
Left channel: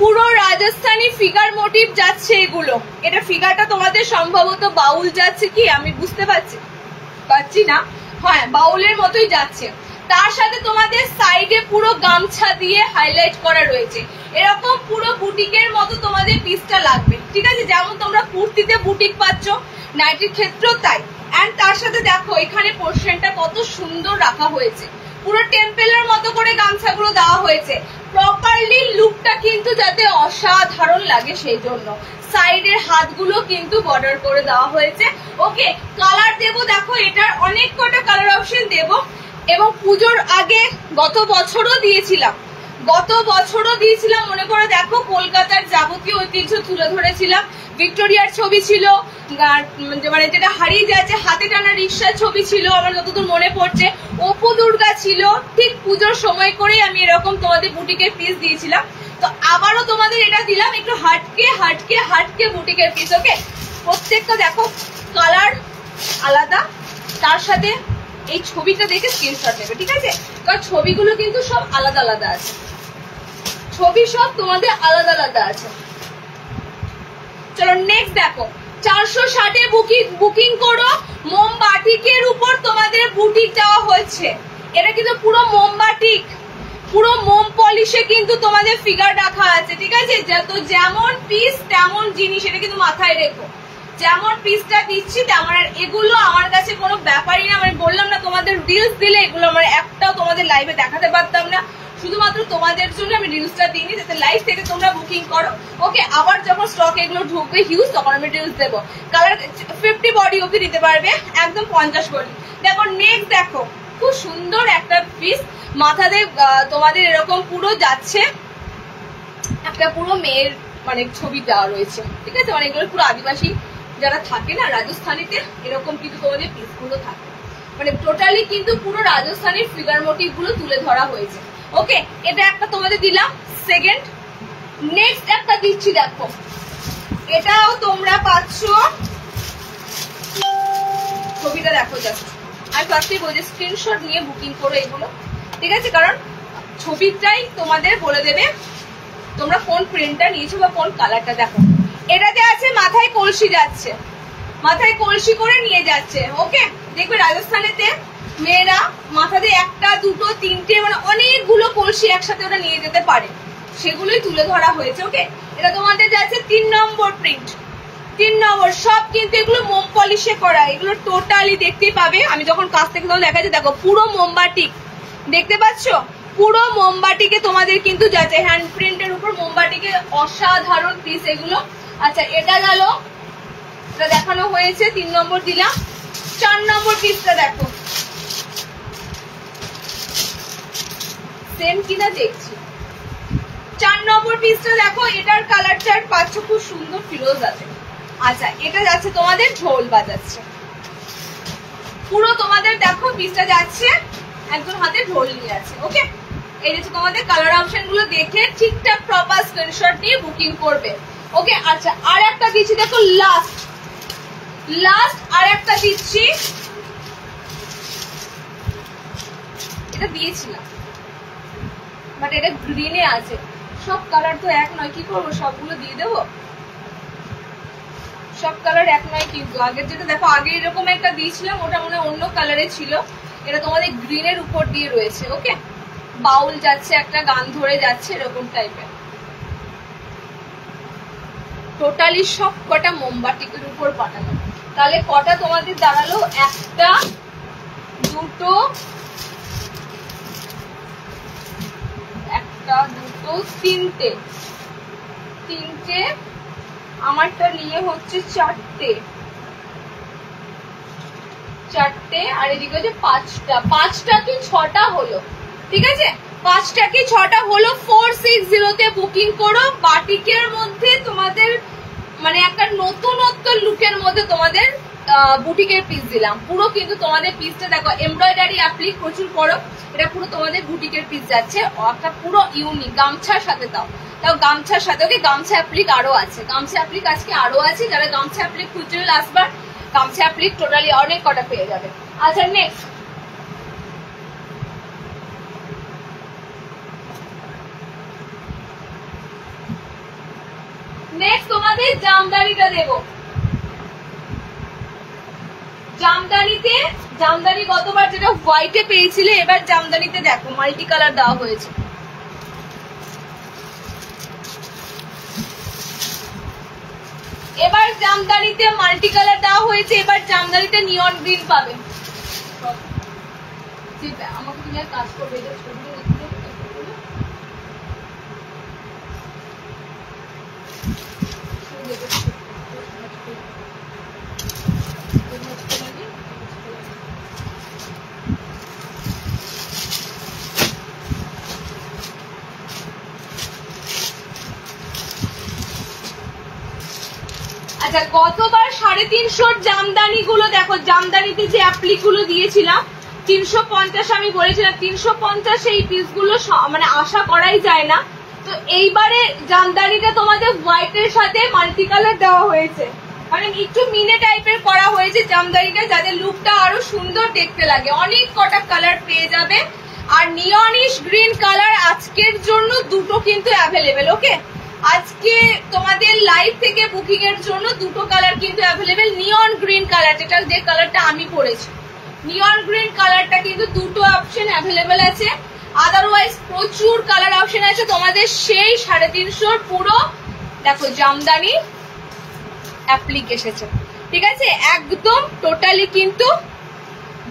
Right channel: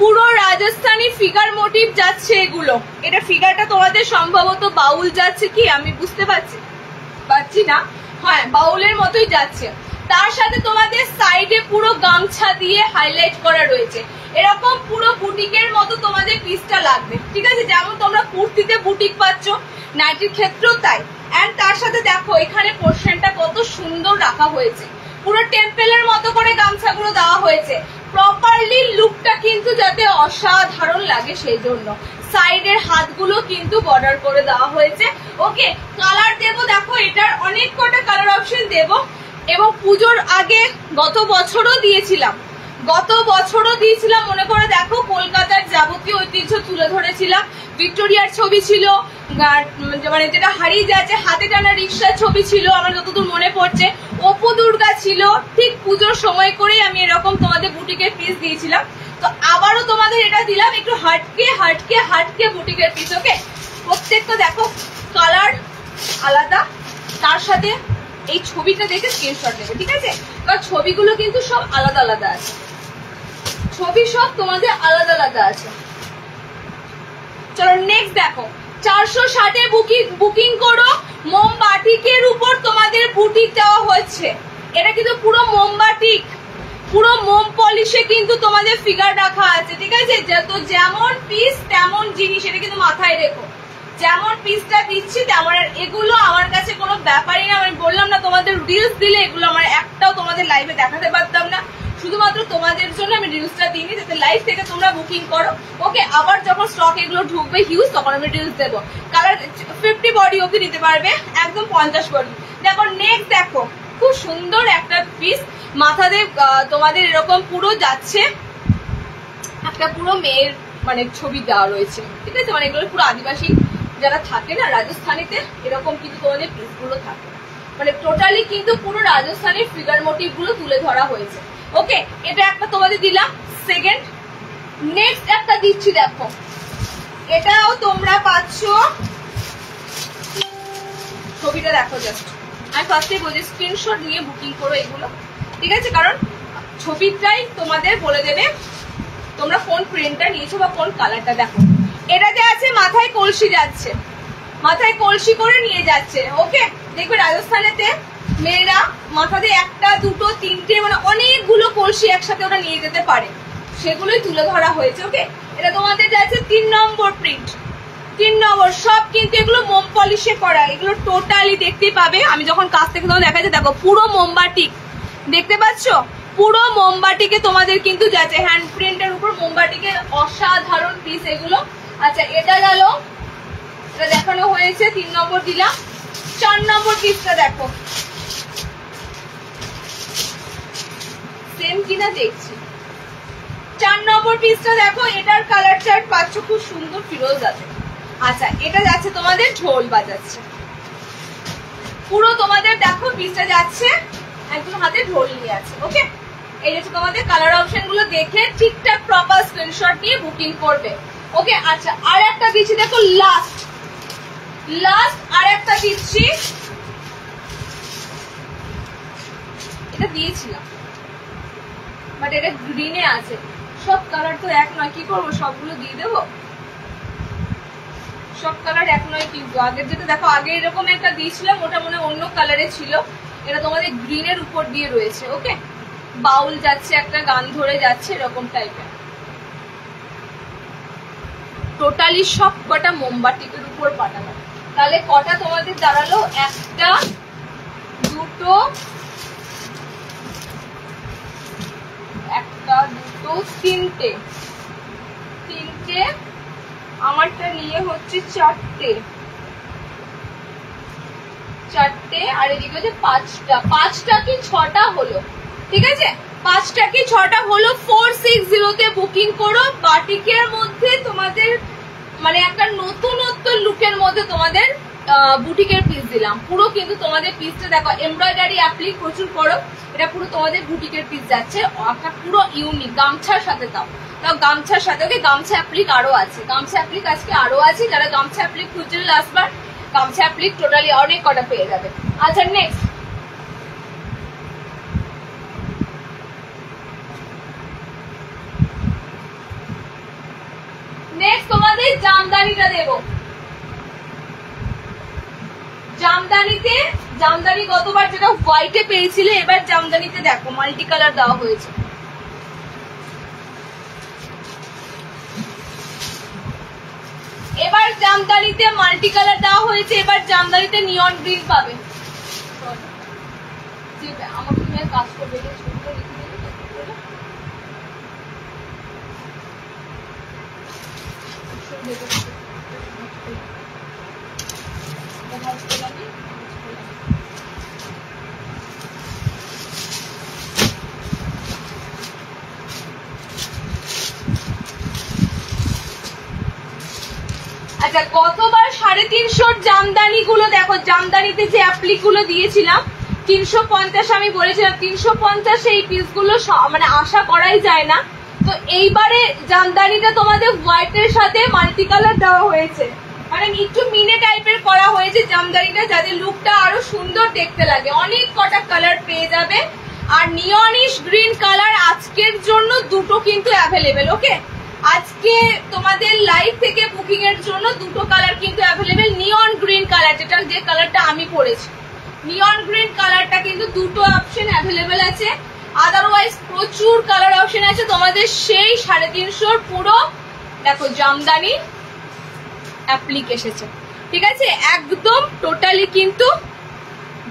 পুরো রাজস্থানী ফিগার মোটিভ যাচ্ছে এগুলো। এটা ফিগারটা তোমাদের সম্ভবত বাউল যাচ্ছে, কি আমি বুঝতে পারছি না, হ্যাঁ বাউলের মতোই যাচ্ছে। তার সাথে তোমাদের সাইডে পুরো গামছা দিয়ে হাইলাইট করা রয়েছে। এরকম পুরো বুটিকের মতো তোমাদের পিসটা লাগবে, ঠিক আছে? যেমন তোমরা কুর্তিতে বুটিক পাচ্ছ, নাইটির ক্ষেত্রেও তাই। এন্ড তার সাথে দেখো এখানে পোর্শনটা কত সুন্দর রাখা হয়েছে, পুরো টেম্পেলের মতো করে গামছাগুলো দেওয়া হয়েছে। প্রপারলি লুকটা কিন্তু যাতে অসাধারণ লাগে সেই জন্য সাইডের হাতগুলো কিন্তু বর্ডার করে দেওয়া হয়েছে। ওকে, কালার দেবো, দেখো এটার অনেক কটা কালার অপশন দেবো। এবং পুজোর আগে গত বছরও দিয়েছিলাম, মনে করে দেখো, কলকাতার যাবতীয় ঐতিহ্য তুলে ধরেছিলাম। ভিক্টোরিয়ার ছবি ছিল, মানে যেটা হারিয়ে যাচ্ছে, হাতে টানা রিক্সার ছবি ছিল আমার যতদূর মনে পড়ছে, অপু দুর্গা ছিল। ঠিক পুজোর সময় করেই আমি এরকম তোমাদের বুটিকের পিস দিয়েছিলাম। তো আবারও তোমাদের এটা দিলাম, একটু হাটকে বুটিকের পিস। ওকে, প্রত্যেকটা দেখো কালার আলাদা, তার সাথে এই ছবিটা দেখে স্ক্রিনশট নেবে, ঠিক আছে? কারণ ছবিগুলো কিন্তু সব আলাদা আলাদা আছে, ছবি সব তোমাদের আলাদা আলাদা আছে। চলো নেক্সট দেখো, 460-এ বুকিং করো। মোমবাটিকের উপর তোমাদের বুটিক দেওয়া হচ্ছে। এটা কিন্তু পুরো মোমবাটিক, পুরো মোম পলিশে কিন্তু তোমাদের ফিগার রাখা আছে, ঠিক আছে? তো যেমন পিস তেমন জিনিস, এটা কিন্তু মাথায় রেখো। যেমন পিসটা দিচ্ছি তেমন। আর এগুলো আমার কাছে কোনো ব্যাপারই না, আমি বললাম না তোমাদের রিলস দিলে এগুলো আমার একটাও তোমাদের লাইভে দেখাতে পারতাম না, শুধুমাত্র তোমাদের জন্য আমি রিলসটা দিইনি যাতে লাইভ থেকে তোমরা বুকিং করো। ওকে, আবার যখন স্টক এগুলো ঢুকবে হিউজ, তখন আমি রিলস দেবো। কালার 50 বডি অব্দি দিতে পারবে, একদম 50 বডি। দেখো নেক্সট দেখো, খুব সুন্দর একটা পিস, মাথাতে তোমাদের এরকম পুরো যাচ্ছে একটা পুরো মেয়ের মানে ছবি দেওয়া রয়েছে, ঠিক আছে? মানে এগুলো পুরো আদিবাসী যারা থাকে না রাজস্থানীতে, এরকম কিন্তু তোমাদের পিস গুলো থাকে, মানে টোটালি কিন্তু পুরো রাজস্থানের ফিগার মোটিভ গুলো তুলে ধরা হয়েছে। ওকে, এটা একটা তোমাদের দিলাম। সেকেন্ড নেক্সট একটা দিচ্ছি, দেখো এটাও তোমরা পাচ্ছ। ছবিটা দেখো জাস্ট, আমি ফার্স্টে বলছি স্ক্রিনশট নিয়ে বুকিং করো এগুলো, ঠিক আছে? কারণ ছবিটাই তোমাদের বলে দেবে তোমরা কোন প্রিন্টটা নিয়েছো বা কোন কালারটা। দেখো এটাতে আছে মাথায় কলসি যাচ্ছে, মাথায় কলসি করে নিয়ে যাচ্ছে। ওকে, দেখবে রাজস্থানেতে মেয়েরা মাথাতে একটা দুটো তিনটে মানে অনেকগুলো কলসি একসাথে ওরা নিয়ে যেতে পারে, সেগুলোই তুলে ধরা হয়েছে। ওকে, এটা তোমাদের যাচ্ছে 3 নম্বর প্রিন্ট, 3 নম্বর। সব কিন্তু এগুলো মোম পলিশে করা, এগুলো টোটালি দেখতেই পাবে। আমি যখন কাছ থেকে তোমাদের দেখাচ্ছি, দেখো পুরো মোমবাটিক, দেখতে পাচ্ছ? পুরো মোমবাটিকে তোমাদের কিন্তু যাচ্ছে, হ্যান্ড প্রিন্টের উপর মোমবাটিকে অসাধারণ পিস এগুলো। আচ্ছা, এটা গেল, এটা দেখানো হয়েছে, 3 নম্বর দিলাম। 4 নম্বর পিসটা দেখো, সেম কিনা দেখছি। 4 নম্বর পিসটা দেখো, এটার কালার চার্ট পাচ্ছ খুব সুন্দর ফিরোজ আছে। আচ্ছা, এটা যাচ্ছে তোমাদের ঝোল বাজাচ্ছে, পুরো তোমাদের দেখো পিসটা যাচ্ছে, একজন হাতে ঢোল নিয়ে আছে। ওকে, এই যে তোমাদের কালার অপশন গুলো দেখে ঠিকঠাক প্রপার স্ক্রিনশট নিয়ে বুকিং করবে। ওকে, আচ্ছা আর একটা দিচ্ছি, দেখো লাস্ট আর একটা দিচ্ছি, এটা দিয়েছিলাম বাট এটা গ্রিনে আছে। সব কালার তো এক নয়, কি করবো সবগুলো দিয়ে দেবো? সব কালার এক নয় কিন্তু। আগের যেটা দেখো, আগে এরকম একটা দিয়েছিলাম, ওটা মনে অন্য কালারে ছিল, এটা তোমাদের গ্রিনের উপর দিয়ে রয়েছে। ওকে, বাউল যাচ্ছে, একটা গান ধরে যাচ্ছে, এরকম টাইপের। টোটালি সব কটা মোমবাটিকের উপর পাঠানো। তাহলে কটা তোমাদের দাঁড়ালো? একটা, দুটো, তিনটে, আমারটা নিয়ে হচ্ছে চারটে, আর এদিকে হচ্ছে পাঁচটা কি ছটা হলো, ঠিক আছে? 5টা কি 6টা হলো। 460-তে বুকিং করো। বাটিকের মধ্যে তোমাদের মানে একটা নতুনত্ব লুকের মধ্যে তোমাদের বুটিকের পিস দিলাম। পুরো কিন্তু তোমাদের পিসটা দেখো, এমব্রয়ডারি অ্যাপ্লিক প্রচুর করো, এটা পুরো তোমাদের বুটিকের পিস যাচ্ছে, একটা পুরো ইউনিক। গামছার সাথে তাও গামছার সাথে। ওকে, গামছা অ্যাপ্লিক আরো আছে, গামছা অ্যাপ্লিক আজকে আরো আছে। যারা গামছা অ্যাপ্লিক খুঁজছিল লাস্টবার, গামছা অ্যাপ্লিক টোটালি অনেক কটা পেয়ে যাবে। আচ্ছা নেক্সট তোমাদের জামদানিটা দেব। জামদানি গতবার যেটা হোয়াইটে পেয়েছিলে, এবার জামদানিতে দেখো মাল্টি কালার দেওয়া হয়েছে। এবার জামদানিতে মাল্টি কালার দেওয়া হয়েছে, এবার জামদানিতে নিয়ন গ্রিন পাবে। আমাকে তুমি আর কাজ করবে, ছবিটা লিখে দেবে আচ্ছা, গতবার 350 জামদানি গুলো দেখো, জামদানিতে যে অ্যাপ্লিক গুলো দিয়েছিলাম 350, আমি বলেছিলাম 350 এই পিস গুলো মানে আশা করাই যায় না। তো এইবারে জামদানিটা তোমাদের হোয়াইটের সাথে মাল্টি কালার দেওয়া হয়েছে, মানে একটু মিনে টাইপের করা হয়েছে জামদানিটা, যাতে লুকটা আরো সুন্দর দেখতে লাগে। অনেক কটা কালার পেয়ে যাবে। আর নিয়নিশ গ্রিন কালার আজকের জন্য দুটো কিন্তু অ্যাভেলেবেল। ওকে, আজকে তোমাদের লাইভ থেকে বুকিং এর জন্য দুটো কালার কিন্তু অ্যাভেলেবেল। নিয়ন গ্রিন কালার, যেটা যে কালারটা আমি পরেছি, নিয়ন গ্রিন কালারটা কিন্তু দুটো অপশন অ্যাভেলেবেল আছে। আদারওয়াইজ প্রচুর কালার অপশন আছে তোমাদের। সেই 350 পুরো দেখো জামদানি অ্যাপ্লিক এসেছে, ঠিক আছে, একদম টোটালি কিন্তু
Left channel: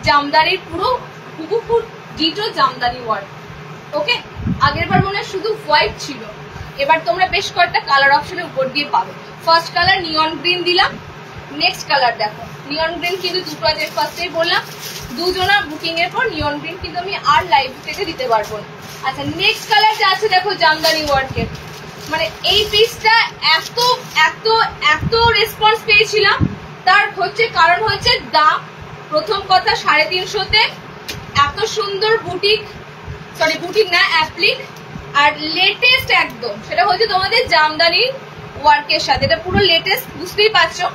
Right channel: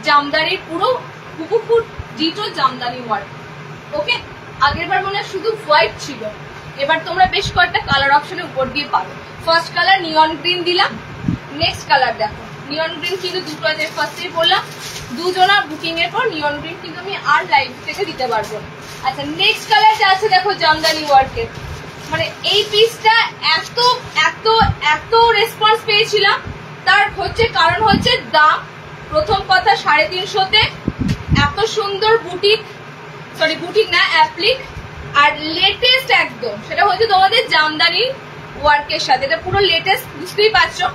জামদানির পুরো হুবহু ডিটো জামদানি ওয়ার্ক। ওকে, আগের বার মনে হয় শুধু হোয়াইট ছিল, এবার তোমরা বেশ কয়েকটা কালার অপশনের উপর দিয়ে পাবে। ফার্স্ট কালার নিয়ন গ্রিন দিলাম, নেক্সট কালার দেখো নিয়ন গ্রিন কিন্তু দুটো আছে, ফার্স্টেই বললাম দুজনা বুকিং এর পর নিয়ন গ্রিন কিন্তু আমি আর লাইভ থেকে দিতে পারবো না। আচ্ছা, নেক্সট কালার যে আছে দেখো জামদানি ওয়ার্কের, মানে এই পিসটা এত এত এত রেসপন্স পেয়েছিলাম, তার হচ্ছে কারণ হচ্ছে দাম। প্রথম কথা 350-তে এত সুন্দর বুটিক, সরি বুটিক না অ্যাপ্লিক, আর লেটেস্ট একদম, সেটা হচ্ছে তোমাদের জামদানি ওয়ার্কের সাথে, এটা পুরো লেটেস্ট, বুঝতেই পারছো।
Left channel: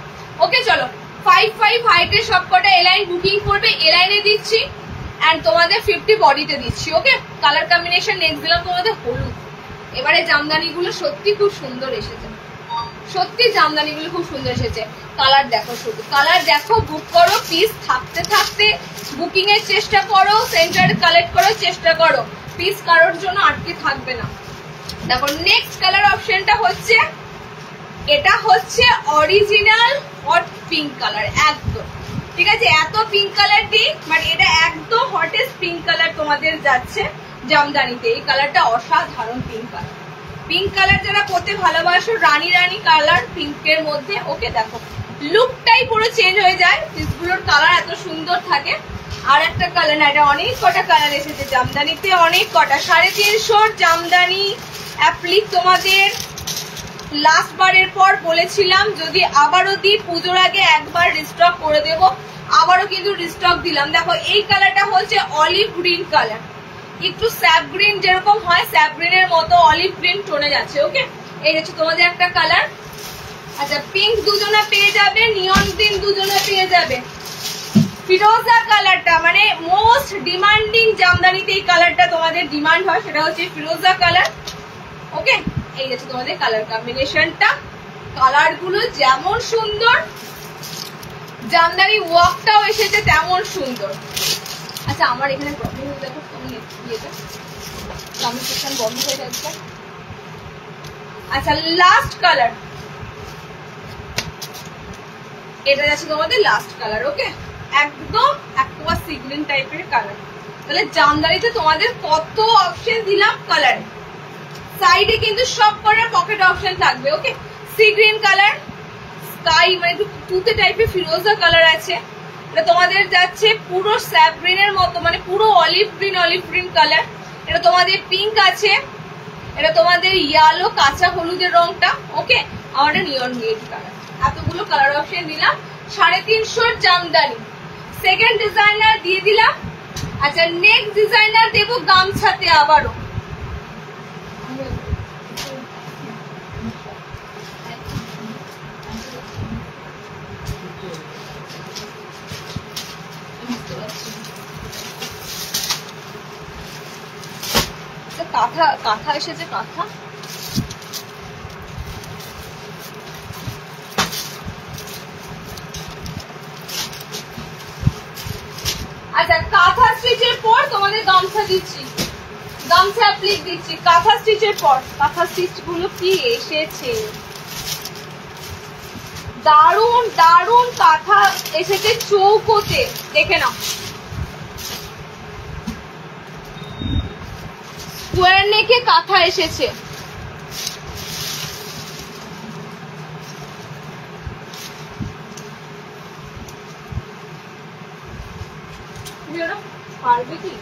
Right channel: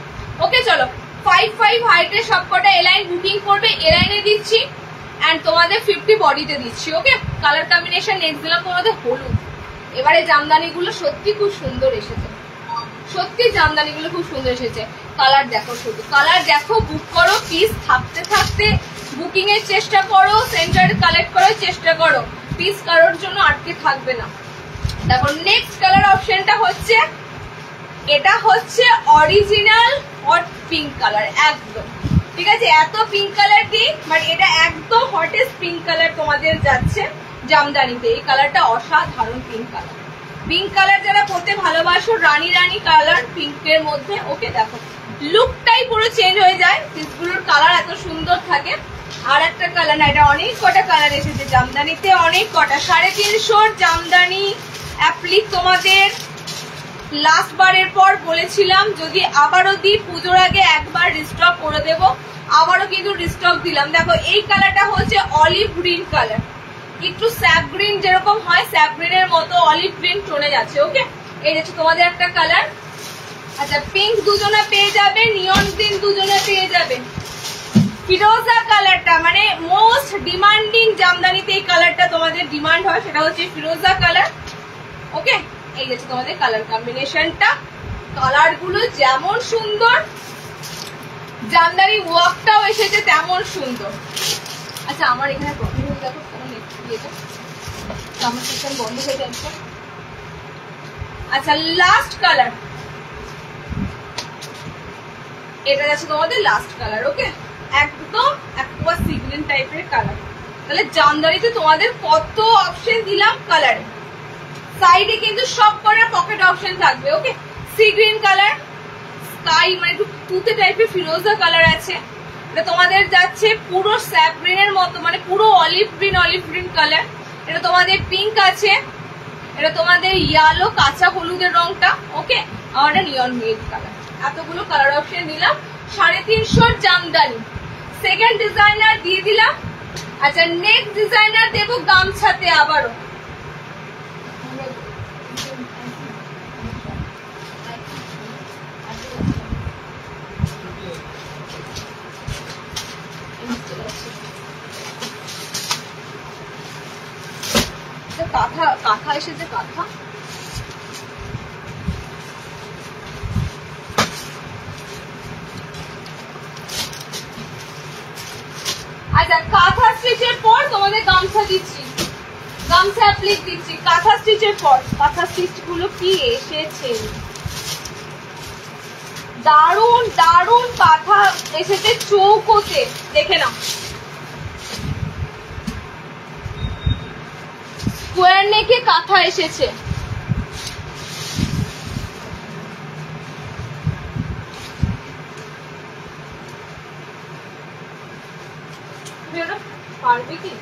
ওকে, চলো 5-5 হাইটের সবকটা এলাইন বুকিং করবে, এলাইনে দিচ্ছি এন্ড তোমাদের 50 বডিতে দিচ্ছি। ওকে, কালার কম্বিনেশন নেক্সট দিলাম তোমাদের হলুদ। এবারে জামদানি গুলো সত্যি খুব সুন্দর এসেছে, সত্যি জামদানি গুলো খুব সুন্দর এসেছে। কালার দেখো, শুধু কালার দেখো, বুক করো, পিস থাকতে থাকতে বুকিং এর চেষ্টা করো, সেন্টারে কালেক্ট করার চেষ্টা করো, পিস কারোর জন্য আটকে থাকবে না। দেখো নেক্সট কালার অপশনটা হচ্ছে, এটা হচ্ছে অরিজিনাল হট পিঙ্ক কালার একদম, ঠিক আছে, এত পিঙ্ক কালার দিই, বাট এটা একদম হটেস্ট পিঙ্ক কালার তোমাদের যাচ্ছে জামদানিতে। এই কালারটা অসাধারণ পিঙ্ক কালার, পিঙ্ক কালার যারা পরতে ভালোবাসো, রানী রানী কালার পিঙ্কের মধ্যে। ওকে, দেখো লুকটাই পুরো চেঞ্জ হয়ে যায়, পিসগুলোর কালার এত সুন্দর থাকে। আর একটা কালার না, এটা অনেক কটা কালার এসেছে জামদানিতে, অনেক কটা। 350 জামদানি অ্যাপ্লিক তোমাদের লাস্ট বারের পর বলেছিলাম যদি আবারও দিই, পুজোর আগে একবার রিস্টক করে দেব, আবারও কিন্তু রিস্টক দিলাম। দেখো এই কালারটা হচ্ছে অলিভ গ্রিন কালার, একটু স্যাপ গ্রিন যেরকম হয়, স্যাপ গ্রিনের মতো অলিভ গ্রিন টোনে যাচ্ছে। ওকে, এই হচ্ছে তোমাদের একটা কালার। আচ্ছা, পিঙ্ক দুজনে পেয়ে যাবে, নিয়ন গ্রিন দুজনে পেয়ে যাবে। ফিরোজা কালারটা মানে মোস্ট ডিমান্ডিং জামদানিতে এই কালারটা তোমাদের ডিমান্ড হয়, সেটা হচ্ছে ফিরোজা কালার। ওকে, এই হচ্ছে তোমাদের কালার কম্বিনেশনটা। কালার গুলো যেমন সুন্দর, জামদানি ওয়ার্কটাও এসেছে তেমন সুন্দর। আচ্ছা, আমার এখানে প্রবলেম হয়ে দেখো, ইয়েটা আমার সিস্টেম বন্ধ হয়ে যাচ্ছে। আচ্ছা, লাস্ট কালার, এটা যাচ্ছে তোমাদের লাস্ট কালার। ওকে, একদম একটা সি গ্রিন টাইপের কালার। তাহলে জামদানিতে তোমাদের কত অপশন দিলাম কালারে, সাইডে কিন্তু সব করার পকেট অপশন থাকবে। ওকে, সি গ্রিন কালার, স্কাই মানে একটু তুতে টাইপের ফিরোজা কালার আছে, এটা তোমাদের যাচ্ছে পুরো স্যাপ গ্রিনের মতো, মানে পুরো অলিভ গ্রিন কালার। এটা তোমাদের পিঙ্ক আছে, এটা তোমাদের ইয়েলো কাঁচা হলুদের রংটা। ওকে, আমার নিয়ন রেড কালার। এতগুলো কালার অপশন দিলাম। 350 জামদানি সেকেন্ড ডিজাইনার দিয়ে দিলাম। আচ্ছা, নেক্সট ডিজাইনার দেবো গামছাতে আবারও। কাঁথা কাঁথা এসেছে, কাঁথা। আচ্ছা, কাঁথা স্টিচের পর তোমাদের গামছা দিচ্ছি, গামছা অ্যাপ্লিক দিচ্ছি। কাঁথা স্টিচের পর কাঁথা স্টিচ গুলো কি এসেছে, দারুন দারুন কাঁথা এসেছে চৌকোতে, দেখে নাও। স্কোয়ার নেকে কাঁথা এসেছে, পারবে কি?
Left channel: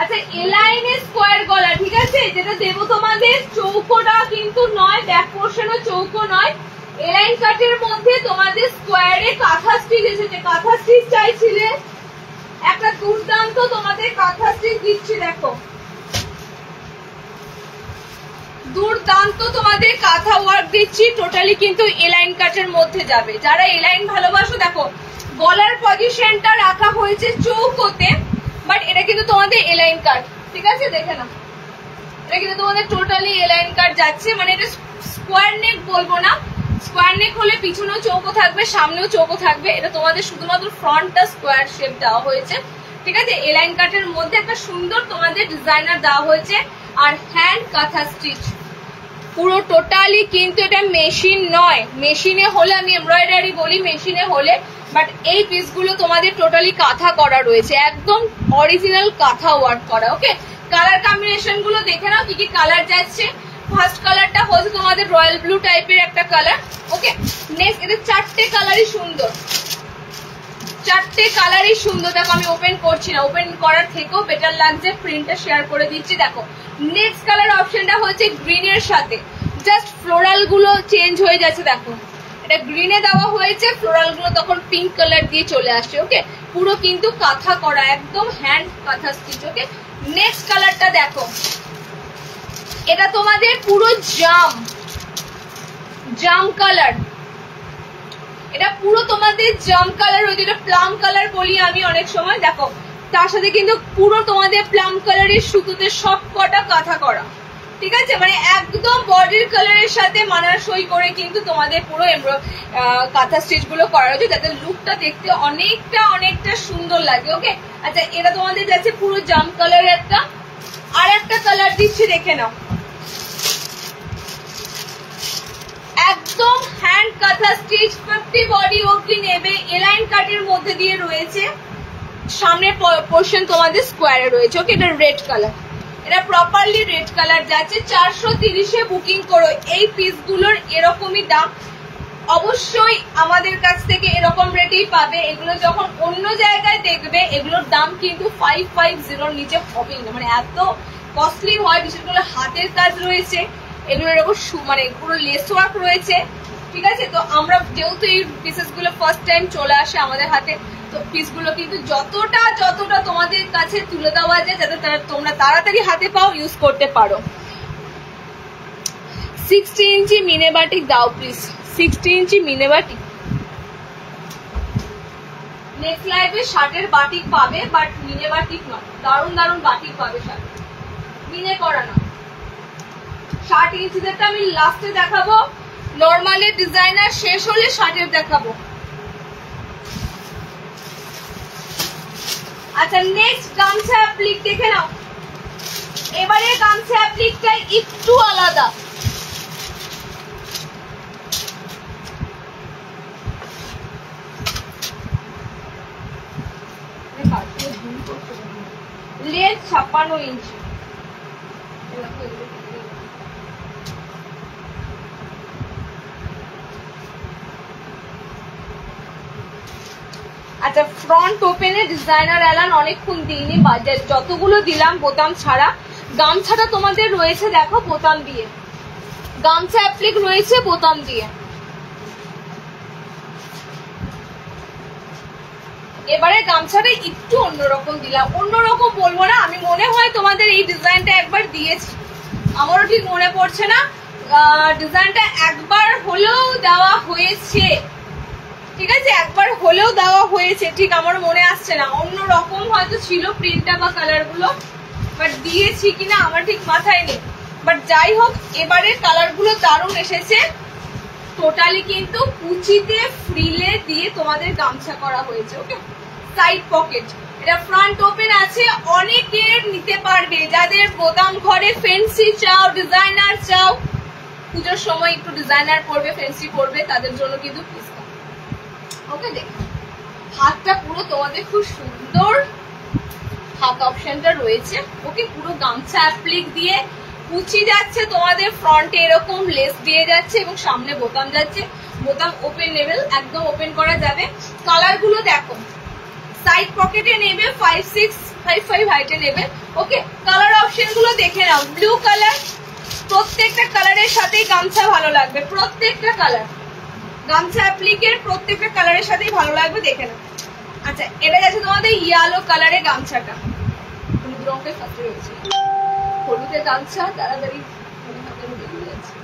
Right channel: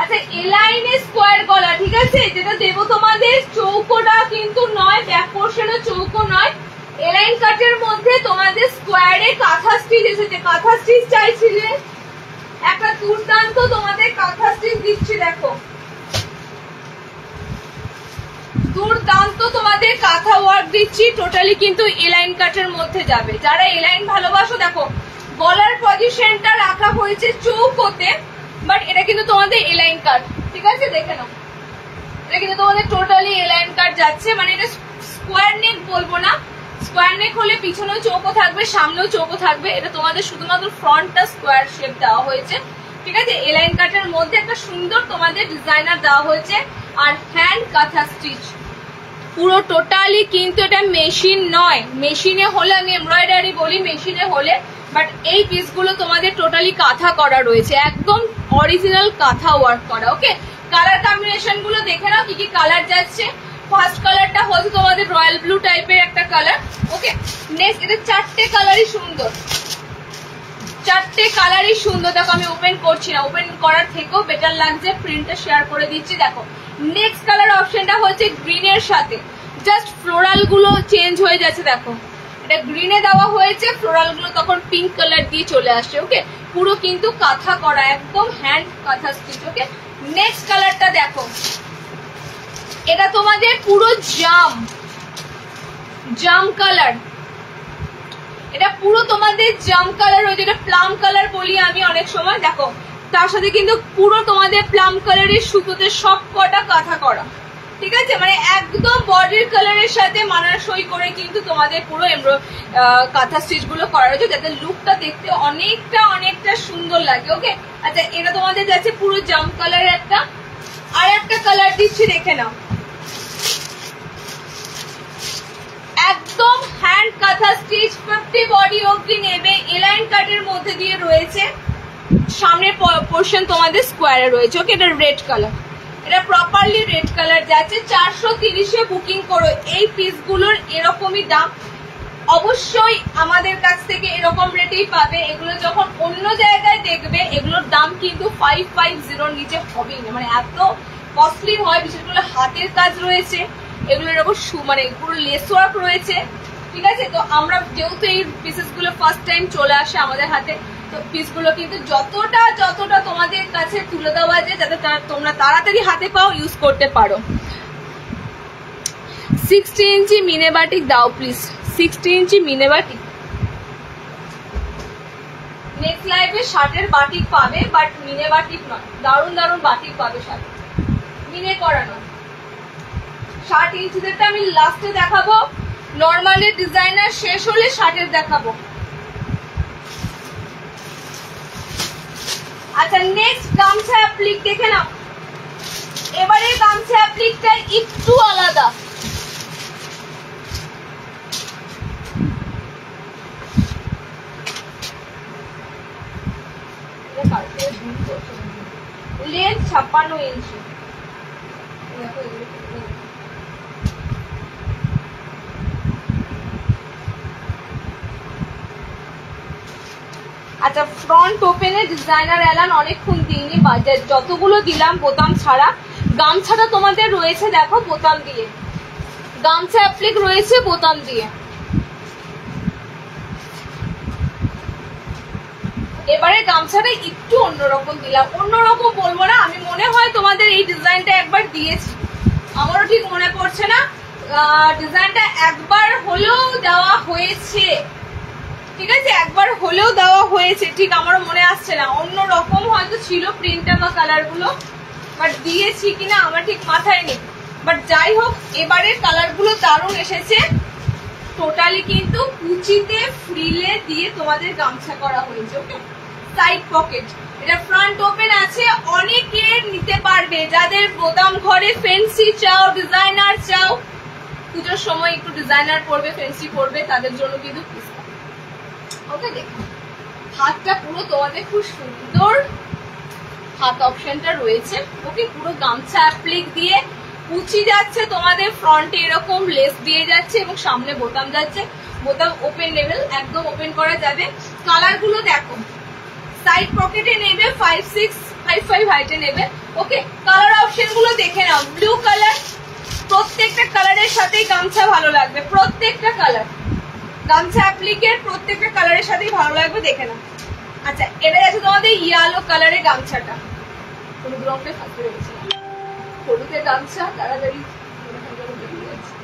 আচ্ছা, এলাইনে স্কোয়ার গলা, ঠিক আছে, যেটা দেবো তোমাদের চৌকোটা কিন্তু নয়, ব্যাক পোর্শনে চৌকো নয়, এলাইন কাটের মধ্যে তোমাদের স্কোয়ারে কাঁথা স্টিচ এসেছে। কাঁথা স্টিচ চাইছিলে, একটা দুর্দান্ত তোমাদের কাঁথা স্টিচ দিচ্ছি, দেখো দুর্দান্ত তোমাদের কাঁথা ওয়ার্ক দিচ্ছি, টোটালি কিন্তু এলাইন কাটের মধ্যে যাবে। যারা এলাইন ভালোবাসো, দেখো গলার পজিশনটা রাখা হয়েছে চৌকোতে, বাট এটা কিন্তু তোমাদের এলাইন কাট, ঠিক আছে দেখে নাও। এটা কিন্তু তোমাদের টোটালি এলাইন কাট যাচ্ছে, মানে এটা স্কোয়ার নেক বলবো না, স্কোয়ার নেক হলে পিছনেও চৌকো থাকবে সামনেও চৌকো থাকবে, এটা তোমাদের শুধুমাত্র ফ্রন্টটা স্কোয়ার শেপ দেওয়া হয়েছে, ঠিক আছে। এলাইন কাটের মধ্যে একটা সুন্দর তোমাদের ডিজাইনার দেওয়া হয়েছে, আর হ্যান্ড কাঁথা স্টিচ পুরো টোটালি কিন্তু এটা মেশিন নয়, মেশিনে হলে আমি এমব্রয়ডারি বলি মেশিনে হলে, বাট এই পিসগুলো তোমাদের টোটালি কাঁথা করা রয়েছে, একদম অরিজিনাল কাঁথা ওয়ার্ক করা। ওকে, কালার কম্বিনেশন গুলো দেখে নাও কি কি কালার যাচ্ছে। ফার্স্ট কালারটা হচ্ছে তোমাদের রয়্যাল ব্লু টাইপের একটা কালার। ওকে, নেক্সট এদের চারটে কালারই সুন্দর, চারটে কালারই সুন্দর। দেখো আমি ওপেন করছি না, ওপেন করার থেকেও বেটার লাগছে, প্রিন্টটা শেয়ার করে দিচ্ছি। দেখো নেক্সট কালার অপশনটা হচ্ছে গ্রিনের সাথে, জাস্ট ফ্লোরাল গুলো চেঞ্জ হয়ে যাচ্ছে। দেখো এটা গ্রিনে দেওয়া হয়েছে, ফ্লোরাল গুলো তখন পিঙ্ক কালার দিয়ে চলে আসছে। ওকে, পুরো কিন্তু কাঁথা করা, একদম হ্যান্ড কাঁথা স্টিচ। ওকে, নেক্সট কালারটা দেখো, এটা তোমাদের পুরো জাম কালার, এটা পুরো তোমাদের জাম কালার হয়েছে, এটা প্লাম কালার বলি আমি অনেক সময়। দেখো তার সাথে কিন্তু পুরো তোমাদের প্লাম কালারের সুতোতে সব কটা কাঁথা করা, ঠিক আছে, মানে একদম বডির কালারের সাথে মানানসই করে কিন্তু তোমাদের পুরো কাঁথা স্টিচ গুলো করা হয়েছে, যাতে লুকটা দেখতে অনেকটা সুন্দর লাগে। ওকে, আচ্ছা এটা তোমাদের যাচ্ছে পুরো জাম কালারের একটা, আর একটা কালার দিচ্ছি দেখে নাও, একদম হ্যান্ড কাঁথা স্টিচ 50 বডি অবধি নেবে, এলাইন কাটের মধ্যে দিয়ে রয়েছে, সামনের পোর্শন তোমাদের স্কোয়ারে রয়েছে। ওকে, এটা রেড কালার, এটা প্রপারলি রেড কালার যাচ্ছে। 430-এ বুকিং করো, এই পিসগুলোর এরকমই দাম, অবশ্যই আমাদের কাছ থেকে এরকম রেটেই পাবে। এগুলো যখন অন্য জায়গায় দেখবে এগুলোর দাম কিন্তু 550 নিচে হবেই না, মানে এত কস্টলি হয়, বিশেষ করে হাতের কাজ রয়েছে এগুলোর এরকম মানে পুরো লেস ওয়ার্ক রয়েছে, ঠিক আছে। তো আমরা যেহেতু এই পিসেস গুলো ফার্স্ট টাইম চলে আসে আমাদের হাতে, তো পিসগুলো কিন্তু যতটা তোমাদের কাছে তুলে দেওয়া যায় যাতে তোমরা তাড়াতাড়ি হাতে পাও, ইউজ করতে পারো। 60 ইঞ্চি মিনে বাটিক দাও প্লিজ, 60 ইঞ্চি মিনে বাটিক। নেক্সট লাইভে শার্টের বাটিক পাবে, বাট মিনে বাটিক নয়, দারুণ বাটিক পাবে, শার্ট মিনে করা নয়। 60 ইঞ্চিদেরটা আমি লাস্টে দেখাবো, নর্মালের ডিজাইনার শেষ হলে শার্টের দেখাবো। আচ্ছা নেক্সট গামছা অ্যাপ্লিক দেখে নাও, এবারে গামছা অ্যাপ্লিকটা একটু আলাদা, লেন্থ 56 ইঞ্চি। আচ্ছা ফ্রন্ট ওপেনে ডিজাইনার এলান অনেকক্ষণ দিইনি, যতগুলো দিলাম বোতাম ছাড়া। গামছাটা তোমাদের রয়েছে দেখো বোতাম দিয়ে, গামছা অ্যাপ্লিক রয়েছে বোতাম দিয়ে। এবারে গামছাটা একটু অন্যরকম দিলাম, অন্যরকম বলবো না, আমি মনে হয় তোমাদের এই ডিজাইনটা একবার দিয়েছি, আমারও ঠিক মনে পড়ছে না, ডিজাইনটা একবার হলেও দেওয়া হয়েছে, ঠিক আছে, একবার হলেও দেওয়া হয়েছে, ঠিক আমার মনে আসছে না, অন্যরকম হয়তো ছিল প্রিন্টটা বা কালার গুলো, বাট দিয়েছি কিনা আমার ঠিক মাথায় নেই। বাট যাই হোক, এবারে কালার গুলো দারুণ এসেছে, টোটালি কিন্তু কুচিতে ফ্রিলে দিয়ে তোমাদের গামছা করা হয়েছে। ওকে, সাইড পকেট, এটা ফ্রন্ট ওপেন আছে, অনেকের নিতে পারবে, যাদের বোতাম ঘরে ফেন্সি চাও, ডিজাইনার চাও, পুজোর সময় একটু ডিজাইনার পরবে, ফেন্সি পরবে, তাদের জন্য কিন্তু পিসটা। ওকে, দেখো হাতটা পুরো তোমাদের খুব সুন্দর হাত অপশনটা রয়েছে। ওকে, পুরো গামছা অ্যাপ্লিক দিয়ে কুচি যাচ্ছে তোমাদের, ফ্রন্টে এরকম লেস দিয়ে যাচ্ছে এবং সামনে বোতাম যাচ্ছে, বোতাম ওপেন লেভেল, একদম ওপেন করা যাবে। কালার গুলো দেখো, সাইড পকেটে নেবে 56, 55 হাইটে নেবে। ওকে, কালার অপশন গুলো দেখে নাও, ব্লু কালার, প্রত্যেকটা কালারের সাথেই গামছা ভালো লাগবে, প্রত্যেকটা কালার গামছা অ্যাপ্লিকের প্রত্যেকটা কালারের সাথেই ভালো লাগবে, দেখে নাও। আচ্ছা এটা যাচ্ছে তোমাদের ইয়েলো কালারের গামছাটা, হলুদ রঙের ফাঁসে রয়েছিলাম, হলুদের গামছা তাড়াতাড়ি বেরিয়ে যাচ্ছে।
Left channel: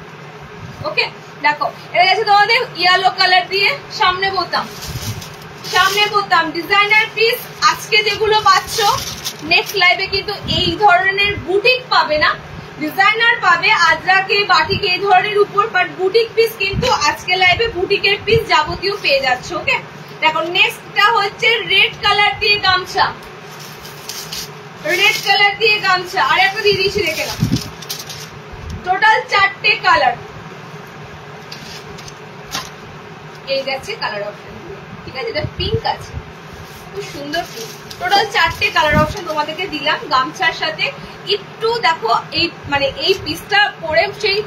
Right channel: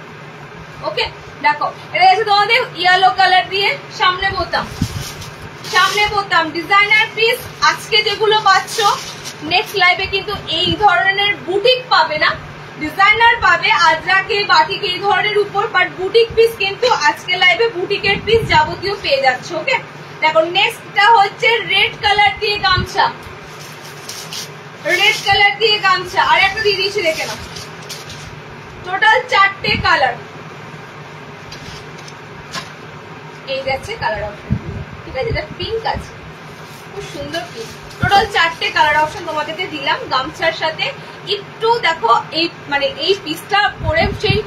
ওকে দেখো, এটা যাচ্ছে তোমাদের ইয়েলো কালার দিয়ে, সামনে বোতাম, সামনে বলতাম ডিজাইনার পিস আজকে যেগুলো পাচ্ছ নেক্সট লাইভে কিন্তু এই ধরনের বুটিক পাবে না, ডিজাইনার পাবে, আজরাকে বাটিক এই ধরনের উপর, বাট বুটিক পিস কিন্তু আজকে লাইভে বুটিকের পিস যাবতীয় পেয়ে যাচ্ছে। ওকে দেখো নেক্সটটা হচ্ছে রেড কালার দিয়ে গামছা, রেড কালার দিয়ে গামছা আর একটা দিয়ে দিয়েছি দেখে নাও। টোটাল 4টে কালার, এই যাচ্ছে কালার অপশন, ঠিক আছে? এটা পিঙ্ক আছে, খুব সুন্দর পিঙ্ক। টোটাল 4টে কালার অপশন তোমাদেরকে দিলাম গামছার সাথে। একটু দেখো এই মানে এই পিসটা পরে সেই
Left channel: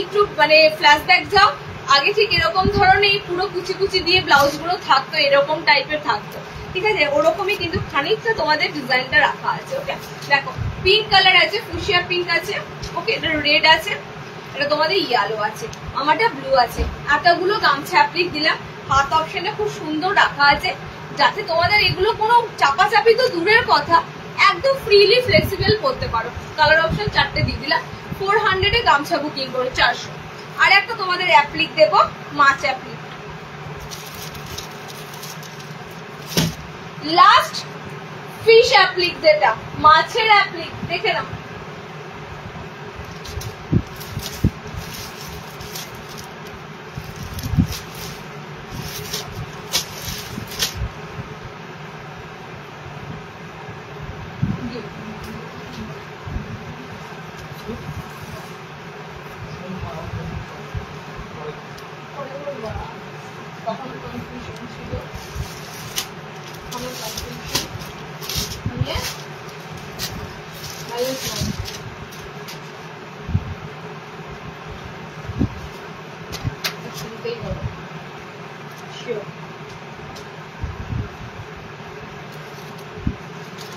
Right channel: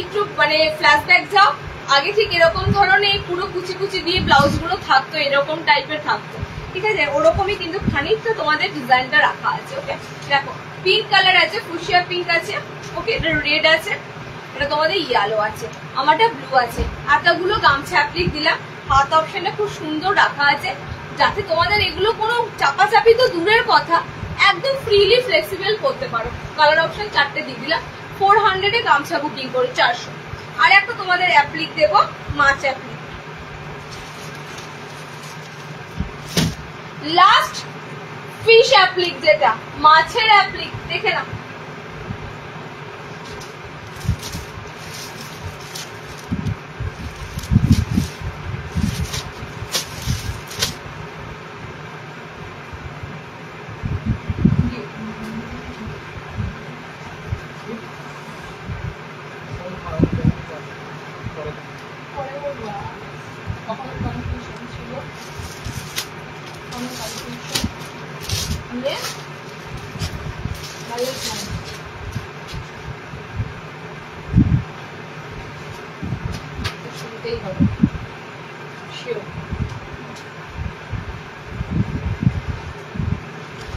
একটু মানে ফ্ল্যাশব্যাক যাও, আগে ঠিক এরকম ধরনের পুরো কুচি কুচি দিয়ে ব্লাউজ গুলো থাকতো, এরকম টাইপের থাকতো, ঠিক আছে? ওরকমই কিন্তু খানিকটা তোমাদের ডিজাইনটা রাখা আছে। ওকে দেখো পিঙ্ক কালার আছে, ফুশিয়া পিঙ্ক আছে, ওকে এটা রেড আছে, এটা তোমাদের ইয়েলো আছে, আমারটা ব্লু আছে। এতগুলো গামছা অ্যাপ্লিক দিলাম, হাত অপশনটা খুব সুন্দর রাখা আছে, যাতে তোমাদের এগুলো কোনো চাপাচাপি তো দূরের কথা, একদম ফ্রিলি ফ্লেক্সিবল করতে পারো। কালার অপশন 4টে দিয়ে দিলাম। 400 এ গামছা বুকিং করে 400। আর একটা তোমাদের অ্যাপ্লিক দেবো, মাছ অ্যাপ্লিক। লাস্ট ফিশ অ্যাপ্লিক, যেটা মাছের অ্যাপ্লিক, দেখে নাও।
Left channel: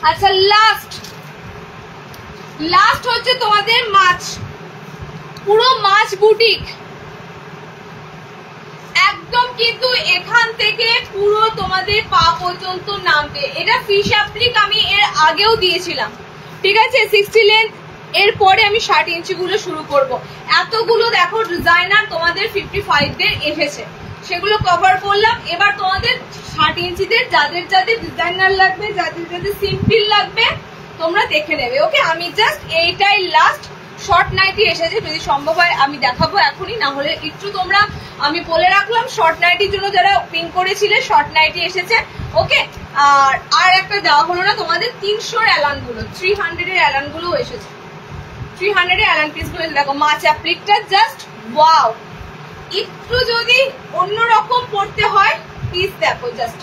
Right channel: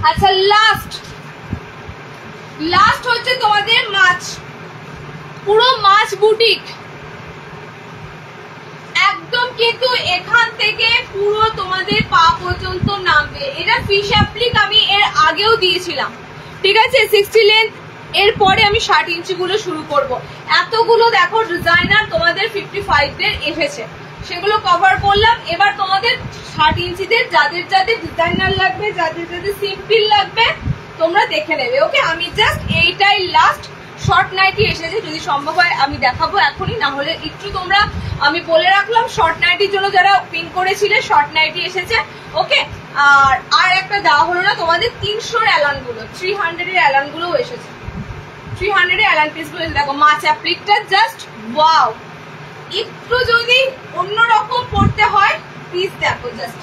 আচ্ছা লাস্ট হচ্ছে তোমাদের মাছ, পুরো মাছ বুটিক একদম, কিন্তু এখান থেকে পুরো তোমাদের পা পর্যন্ত নামবে। এটা ফিশ অ্যাপ্লিক আমি এর আগেও দিয়েছিলাম, ঠিক আছে? 60 লেন্থ, এর পরে আমি 60 ইঞ্চি গুলো শুরু করব। এতগুলো দেখো ডিজাইনার তোমাদের 55 দের এসেছে, সেগুলো কভার করলাম। এবার তোমাদের 60 ইঞ্চিদের যাদের যাদের ডিজাইনার লাগবে, যাদের যাদের সিম্পল লাগবে, তোমরা দেখে নেবে। ওকে আমি জাস্ট এইটাই লাস্ট শর্ট নাইটি এসেছে, যদি সম্ভব হয় আমি দেখাবো এখনই, না হলে একটু তোমরা আমি বলে রাখলাম শর্ট নাইটির জন্য যারা পিন করেছিলে শর্ট নাইটি এসেছে। ওকে আর একটা দেওয়া হলো না তোমাদের 300 অ্যালান গুলো, 300 এর অ্যালান গুলো এসেছে, 300 এর অ্যালান পিস গুলো দেখো। মাছ অ্যাপ্লিকটা জাস্ট ওয়াও, একটু যদি অন্যরকম পড়তে হয় পিস দেখো জাস্ট,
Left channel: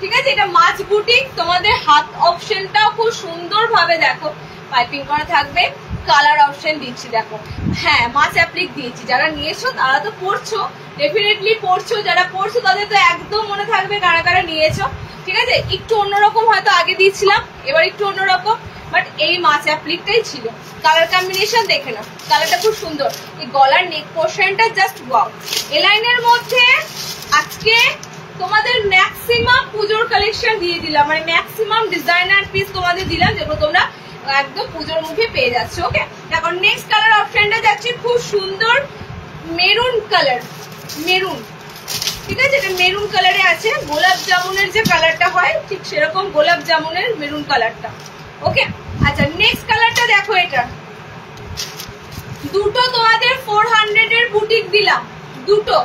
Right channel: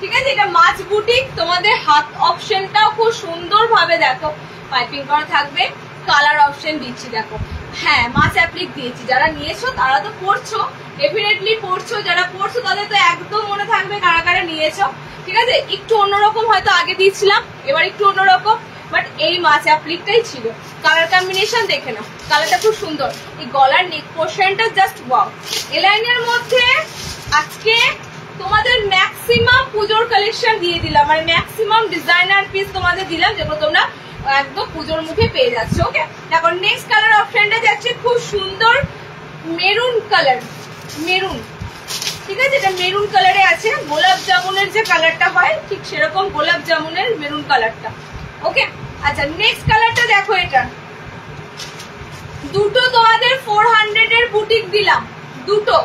ঠিক আছে? এটা মাছ বুটিক, তোমাদের হাত অপশনটাও খুব সুন্দর ভাবে দেখো পাইপিং করা থাকবে। কালার অপশন দিচ্ছি দেখো, হ্যাঁ মাছ অ্যাপ্লিক দিয়েছি। যারা নিয়েছো তারা তো পড়ছো, ডেফিনেটলি পড়ছো, যারা পড়ছো তাদের তো একদম মনে থাকবে কারা কারা নিয়েছো, ঠিক আছে? একটু অন্যরকম হয়তো আগে দিয়েছিলাম, এবার একটু অন্যরকম, বাট এই মাছ অ্যাপ্লিকটাই ছিল। কালার কম্বিনেশন দেখে নাও, কালারটা খুব সুন্দর। এই গলার নেক পোর্শনটা জাস্ট ওয়াও। এলাইনের মধ্যে আজকে তোমাদের ম্যাক্সিমাম পুজোর কালেকশন দিয়ে দিলাম, মানে ম্যাক্সিমাম ডিজাইনার পিস তোমাদের দিলাম, যেগুলো তোমরা একদম পুজোর মুখে পেয়ে যাচ্ছে। ওকে এখন নেক্সট কালার অপশনটা যাচ্ছে খুব সুন্দর মেরুন কালার, মেরুন, ঠিক আছে? এটা মেরুন কালারে আছে, গোলাপ জামুনের যে কালারটা হয় ঠিক সেরকম গোলাপ জামুনের মেরুন কালারটা। ওকে আচ্ছা নেক্সট কালারটা দেখো, এটা দুটো তোমাদের 400 এর বুটিক দিলাম, দুটো,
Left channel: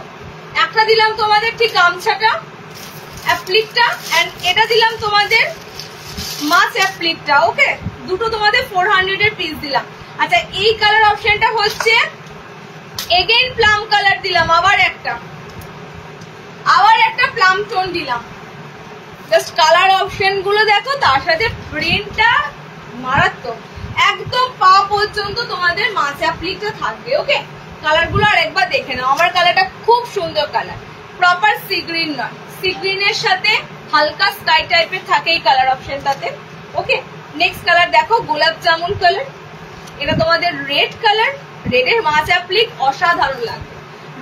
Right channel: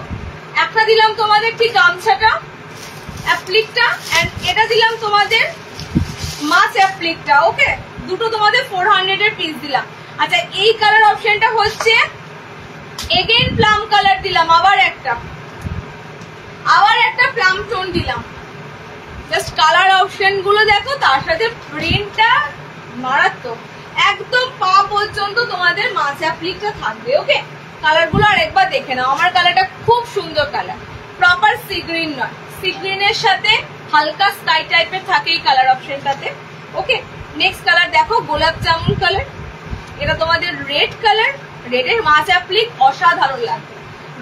একটা দিলাম তোমাদের ঠিক গামছাটা অ্যাপ্লিকটা, এন্ড এটা দিলাম তোমাদের মাছ অ্যাপ্লিকটা। ওকে দুটো তোমাদের 400 এর পিস দিলাম। আচ্ছা এই কালার অপশনটা হচ্ছে এগেইন প্লাম কালার দিলাম, আবার একটা প্লাম টোন দিলাম। জাস্ট কালার অপশন গুলো দেখো, তার সাথে প্রিন্টটা মারাত্মক, একদম পা পর্যন্ত তোমাদের মাছ অ্যাপ্লিকটা থাকবে। ওকে কালার গুলো আরেকবার দেখে নাও, আমার কালারটা খুব সুন্দর কালার, প্রপার সি গ্রিন নয়, সি গ্রিনের সাথে হালকা স্কাই টাইপের থাকে এই কালার অপশনটাতে। ওকে নেক্সট কালার দেখো গোলাপ জামুন কালার, এটা তোমাদের রেড কালার, রেডের মাছ অ্যাপ্লিক অসাধারণ লাগবে,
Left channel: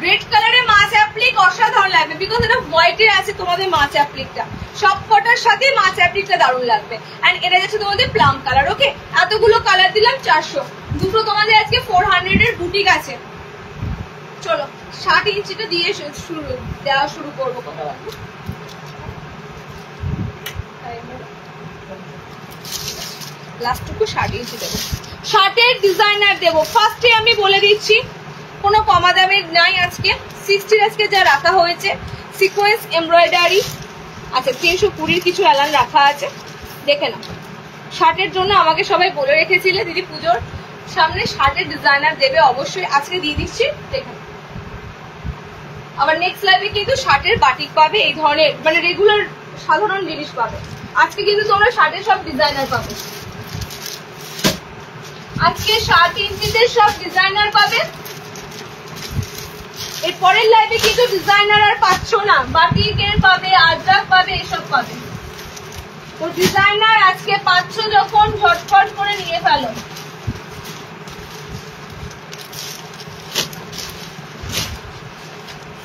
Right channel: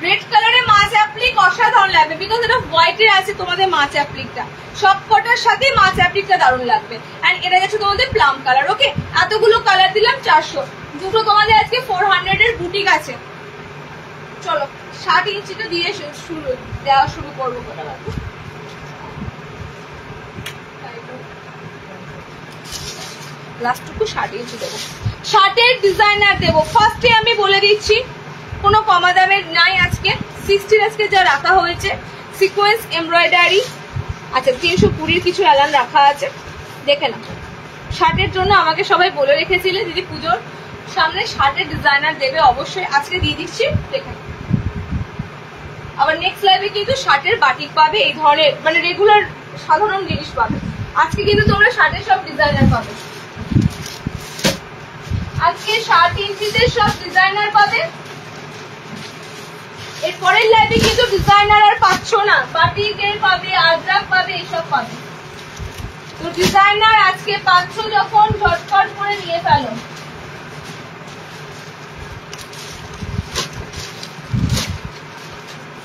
রেড কালারের মাছ অ্যাপ্লিক অসাধারণ লাগবে, বিকজ এটা হোয়াইটের আছে তোমাদের মাছ অ্যাপ্লিকটা, সব কটার সাথে মাছ অ্যাপ্লিকটা দারুণ লাগবে। এন্ড এটা যাচ্ছে তোমাদের প্লাম কালার। ওকে এতগুলো কালার দিলাম 400, দুটো তোমাদের আজকে 400 এর বুটিক আছে। চলো 60 ইঞ্চিটা দিয়ে দেওয়া শুরু করবো। কথা রাখবো লাস্টটুকু 60 ইঞ্চি দেবো। 60-এর ডিজাইনার দেবো। ফার্স্টে আমি বলে দিচ্ছি কোনো কমা দামের নাই আজকে। 60 আজকে যা রাখা হয়েছে সিকোয়েন্স এমব্রয়ডারি। আচ্ছা 320 কিছু অ্যালান রাখা আছে, দেখে না। 60-এর জন্য আমাকে সবাই বলে রেখেছিলে দিদি পুজোর সামনে 60-এর ডিজাইনার দেবে, অবশ্যই আজকে দিয়ে দিচ্ছি, দেখে। আবার নেক্সট লাইভে কিন্তু 60-এর বাটিক পাবে, এই ধরনের মানে রেগুলার সাধারণ জিনিস পাবে। আজকে কিন্তু তোমরা 60-এর সব ডিজাইনার পাবে, আজকে 60 ইঞ্চিতে সব ডিজাইনার পাবে। এর পরের লাইভে কিন্তু ডিজাইনার আর পাচ্ছ না, বাটিকের পাবে, আজরাক পাবে, এসব পাবে। তো ডিজাইনার আজকে পাচ্ছ যখন ঝটপট করে নিয়ে ফেলো।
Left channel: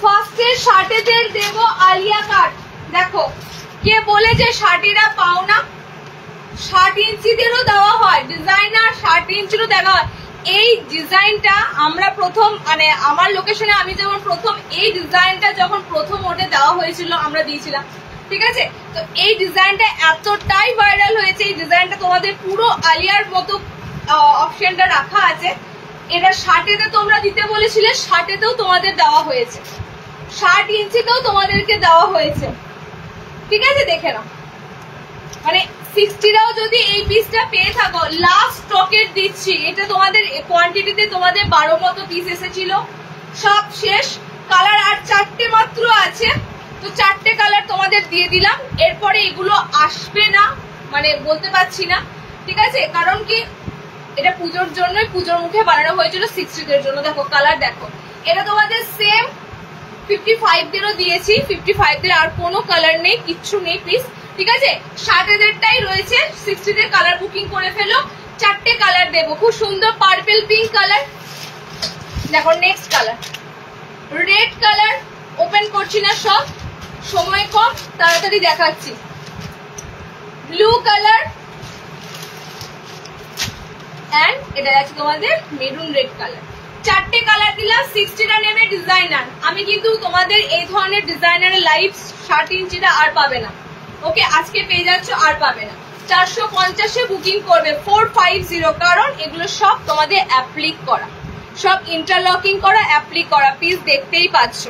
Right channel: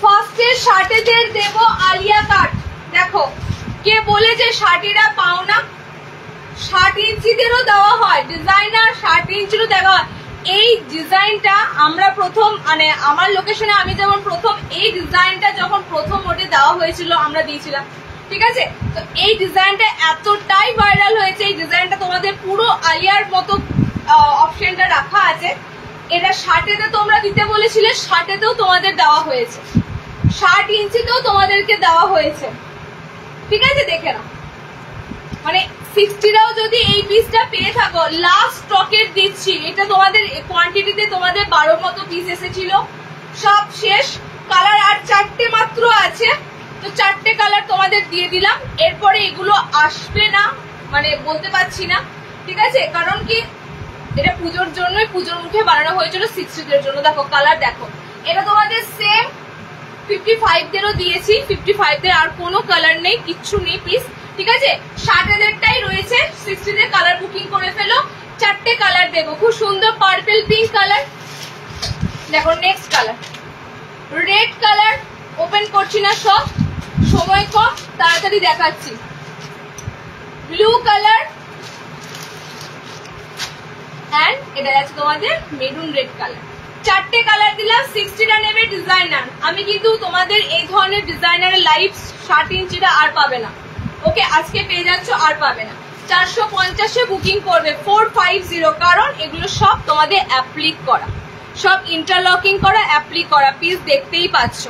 ফার্স্টে 60-দের দেব আলিয়া কাট। দেখো কে বলে যে 60-এরা পাও না, 60 ইঞ্চিদেরও দেওয়া হয় ডিজাইনার, 60 ইঞ্চিরও দেওয়া হয়। এই ডিজাইনটা আমরা প্রথম মানে আমার লোকেশনে আমি যেমন প্রথম এই ডিজাইনটা যখন প্রথম ওটে দেওয়া হয়েছিল আমরা দিয়েছিলাম, ঠিক আছে। তো এই ডিজাইনটা এতটাই ভাইরাল হয়েছে, এই ডিজাইনটা তোমাদের পুরো আলিয়ার মতো অপশনটা রাখা আছে। এটা 60-এতে তোমরা দিতে বলেছিলে, 60-এতেও তোমাদের দেওয়া হয়েছে, 60 ইঞ্চিতেও তোমাদেরকে দেওয়া হয়েছে, ঠিক আছে। দেখে নাও, মানে 60-রাও যদি এই পিসটা পেয়ে থাকো, লাস্ট স্টকের দিচ্ছি। এটা তোমাদের কোয়ান্টিটিতে তোমাদের 12 মতো পিস এসেছিল, সব শেষ। কালার আর 4টে মাত্র আছে, তো 4টে কালার তোমাদের দিয়ে দিলাম। এরপরে এগুলো আসবে না মানে বলতে পারছি না, ঠিক আছে, কারণ কি এটা পুজোর জন্যই, পুজোর মুখে বানানো হয়েছিল 60-দের জন্য। দেখো কালার দেখো, এটা তোমাদের সেম 55-দেরও দিয়েছি, 55-দের আর কোনো কালার নেই, কিচ্ছু নেই পিস, ঠিক আছে। 60-দেরটাই রয়েছে, 60-দের কালার বুকিং করে ফেলো। 4টে কালার দেবো, খুব সুন্দর পার্পল পিঙ্ক কালার। দেখো next colour red colour, open করছি না, সব সময় কম, তাড়াতাড়ি দেখাচ্ছি। ব্লু কালার এন্ড এটা আছে তোমাদের মেরুন রেড কালার। 4টে কালার দিলাম। 60টা নেবে ডিজাইনার। আমি কিন্তু তোমাদের এই ধরনের ডিজাইনারের লাইভ 60 ইঞ্চিটা আর পাবে না, ওকে, আজকে পেয়ে যাচ্ছ, আর পাবে না। 450-এ বুকিং করবে 450, কারণ এগুলো সব তোমাদের অ্যাপ্লিক করা, সব ইন্টারলকিং করা, অ্যাপ্লিক করা পিস, দেখতেই পাচ্ছ।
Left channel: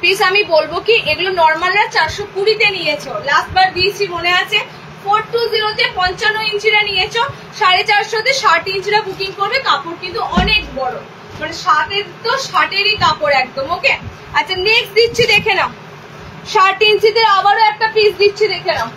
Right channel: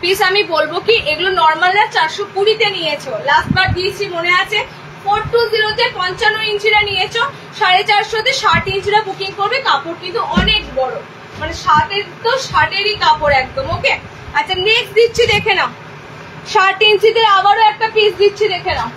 পিস আমি বলবো কি এগুলো নর্মালরা 420-তে নিয়েছো, লাস্ট বার দিয়েছি মনে আছে। 420-তে 55 ইঞ্চিরা নিয়েছো, 450-তে 60 ইঞ্চিরা বুকিং করবে। কাপড় কিন্তু অনেক বড়, মানে 60-এর তো 60-এরই কাপড় একদম, ওকে। আচ্ছা নেক্সট দিচ্ছি, দেখে নাও। 60 ইঞ্চিতে আবারও একটা পিস দিচ্ছি, দেখে নাও।